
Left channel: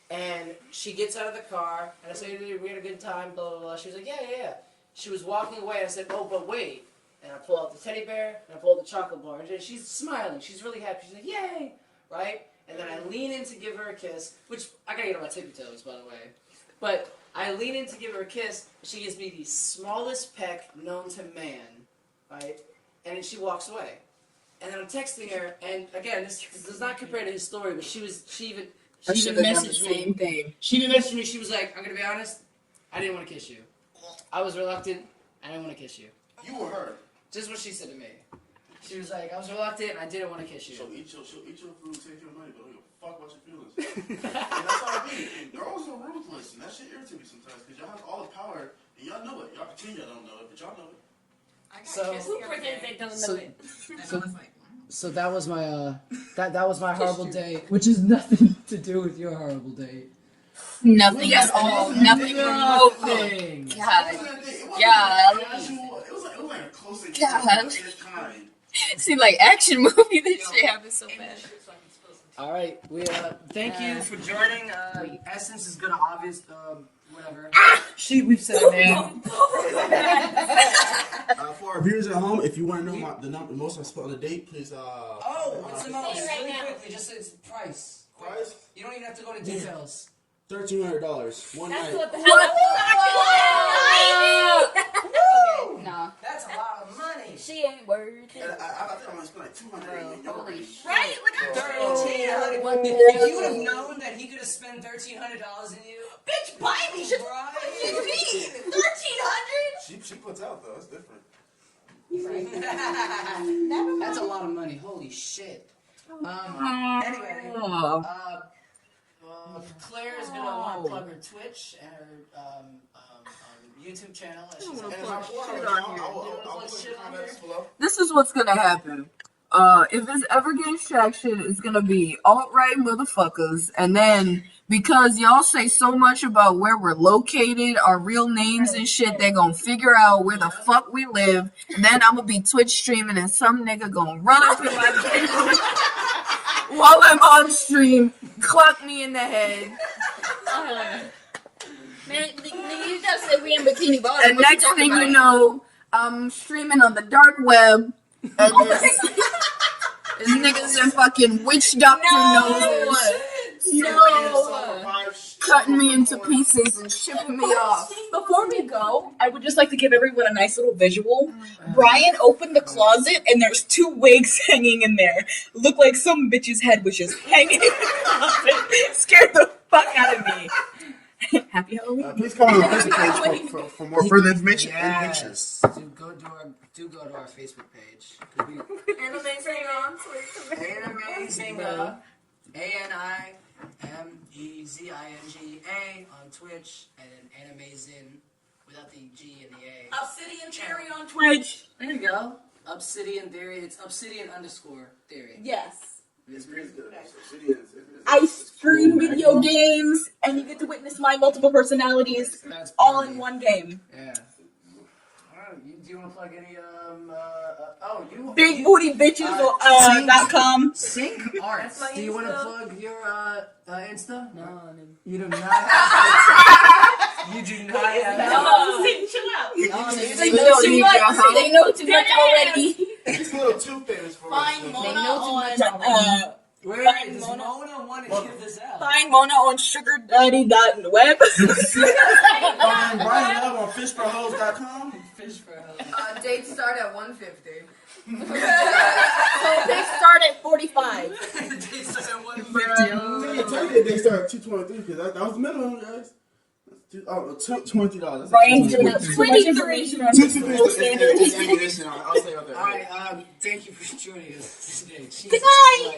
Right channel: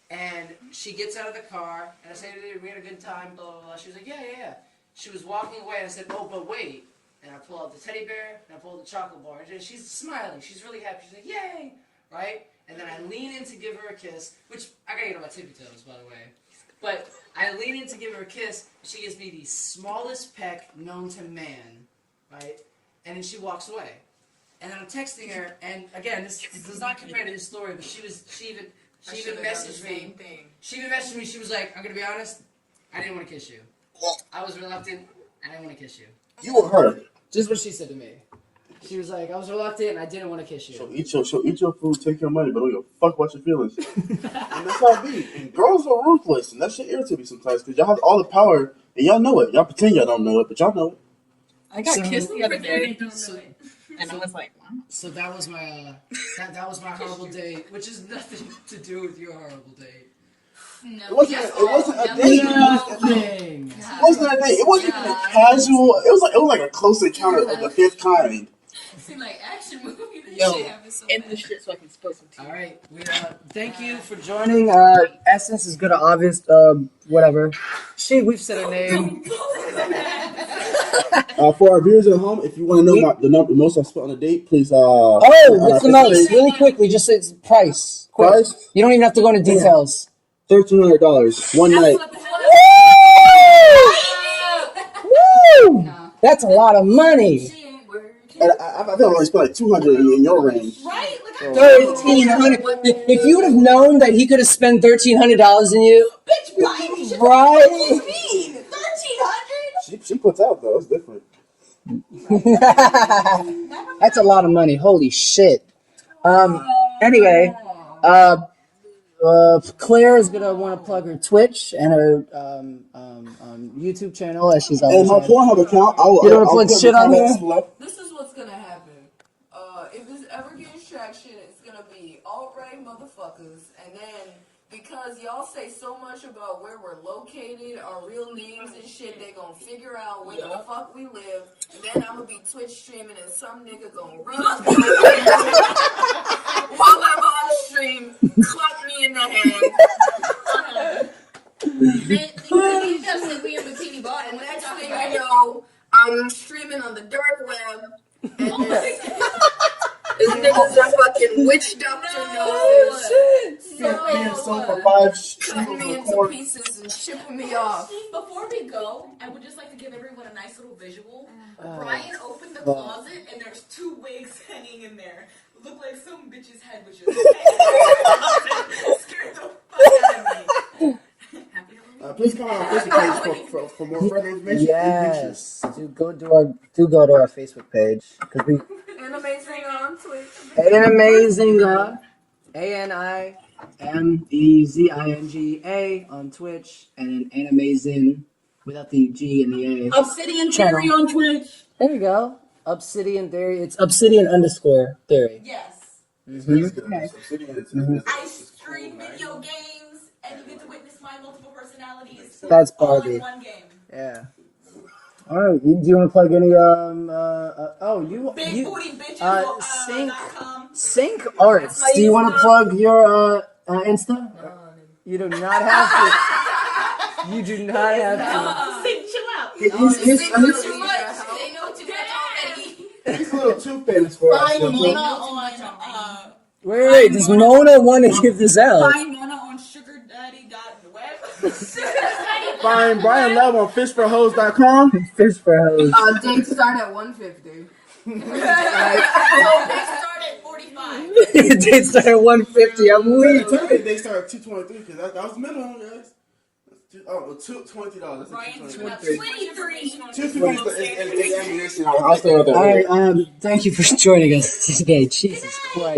and she gets out of the car, and I say, we had a good time, blah, blah, blah. She's like, yeah. She was walking away, and I said, oh, but wait. And I pull out the teddy bear, and I pull out the chocolate bar, and she's smiling. She's really happy. She's like, yay, right? And then I lean in to give her a kiss, which I gotta get on my tippy toes, by the way. But I lean in to give her a kiss, and she gives me the smallest peck known to man, right? And then she walks away. And then I'm texting her, and again, this does not compare to his story, but she even messaged me. She even messaged me. She was like, "I'm gonna be honest, I didn't want to kiss you. I was reluctant. I didn't want to kiss you." You were her. Just what she said to me. She was like, "I was reluctant, and I didn't want to kiss you." She'll eat your food, take your money, but don't give a fuck about your feelings. That's how it be. And girls are ruthless, and that shit irritates me sometimes because y'all have all the power, and y'all know it. Y'all pretend y'all don't know it, but y'all know it. I got kissed the other They day, don't know it. And I was like, wow. So that was my that was my horrible date, which is nothing to do with your horrible date. Nothing at all. Nothing. It wasn't a date. It wasn't casual. It was like a close encounter of the fifth kind. it seemed like action movie. This shit happened so And bad. the shit's fucking supposed to. All right, we thank you for joining. Essence is good at obvious, whatever. We've said her name. For our viewers at home, if you want to know the most I spent on a date, please. What's the most? Really quickly, just say price. Quick. Price? You don't even have to go into details. $1,300 one night. What the hell? Woo! That's a lot of money. She ain't worried. And I think I only spent like $200 in your range. Right? Like, I'm $1,300. If you would have known that he could have spent $1,300 in you, bitch, buy me. right? What do you mean? 1,300? She puts out though. It's different. That's a lot of money. Holy shit. Anyway, Claire is gonna want to plug her Twitch and her YouTube channel as she's And always my on. Pornhub account, You wanna put put shit the on there? comments below. This is what's gonna happen. If it's ever gains traction, it's gonna be alt-right motherfuckers, and then because y'all say so much about where we're located, our real names and shit, they're gonna figure out where the fuck we live, and then I'm gonna be Twitch streaming, and some nigga gonna run up in my face while I'm on stream, clap me in the head, You just said we in bikini bottom. and next thing you know, I'm streaming on the dark web, and this niggas in fucking witch doctor knows Cutting me into pieces and shipping me off. Before we go, I would just like to give everyone a nice little visual. Brian opened the closet and there's 2 wigs hanging in there. Look like some bitch's head was just hanging in the closet. Scared the fuck out of me. Happy Halloween. Please come on the Facebook page for more further information. Yes. Do go to our Facebook page. Because we Animezin on Twitter. Animezinga, ANIMEZINGA on Twitch, and Animezin without the G and the A. Obsidian Theory on Twitch. There you go. Obsidian Theory. It's Obsidian_Theory. Yes. Mm-hmm. I stream video games, and you get to witness my multiple personalities. That's all Barbie. in one game. Yeah. All right. Do you want to plug any BigBootyBitches.com. Sync Arts. Do you want to plug your Insta? No. You do not have to. You do not have to. Chill out. They know too much already. He's a little too famous for us. Find Mona on. Wait. Does Mona want to give this out? Find Mona on sugardaddy.web. Find Bryan Love on fishforhoes.com. Fish for hoes. Dates start at 150. They start at 45. They start at 150. I'm weak. Technically, they start at $223 because that was the minimum, guys. $20. Brian's doing it. 23. I'll stay with that. All right. Thank you for joining us today. Jesus Christ.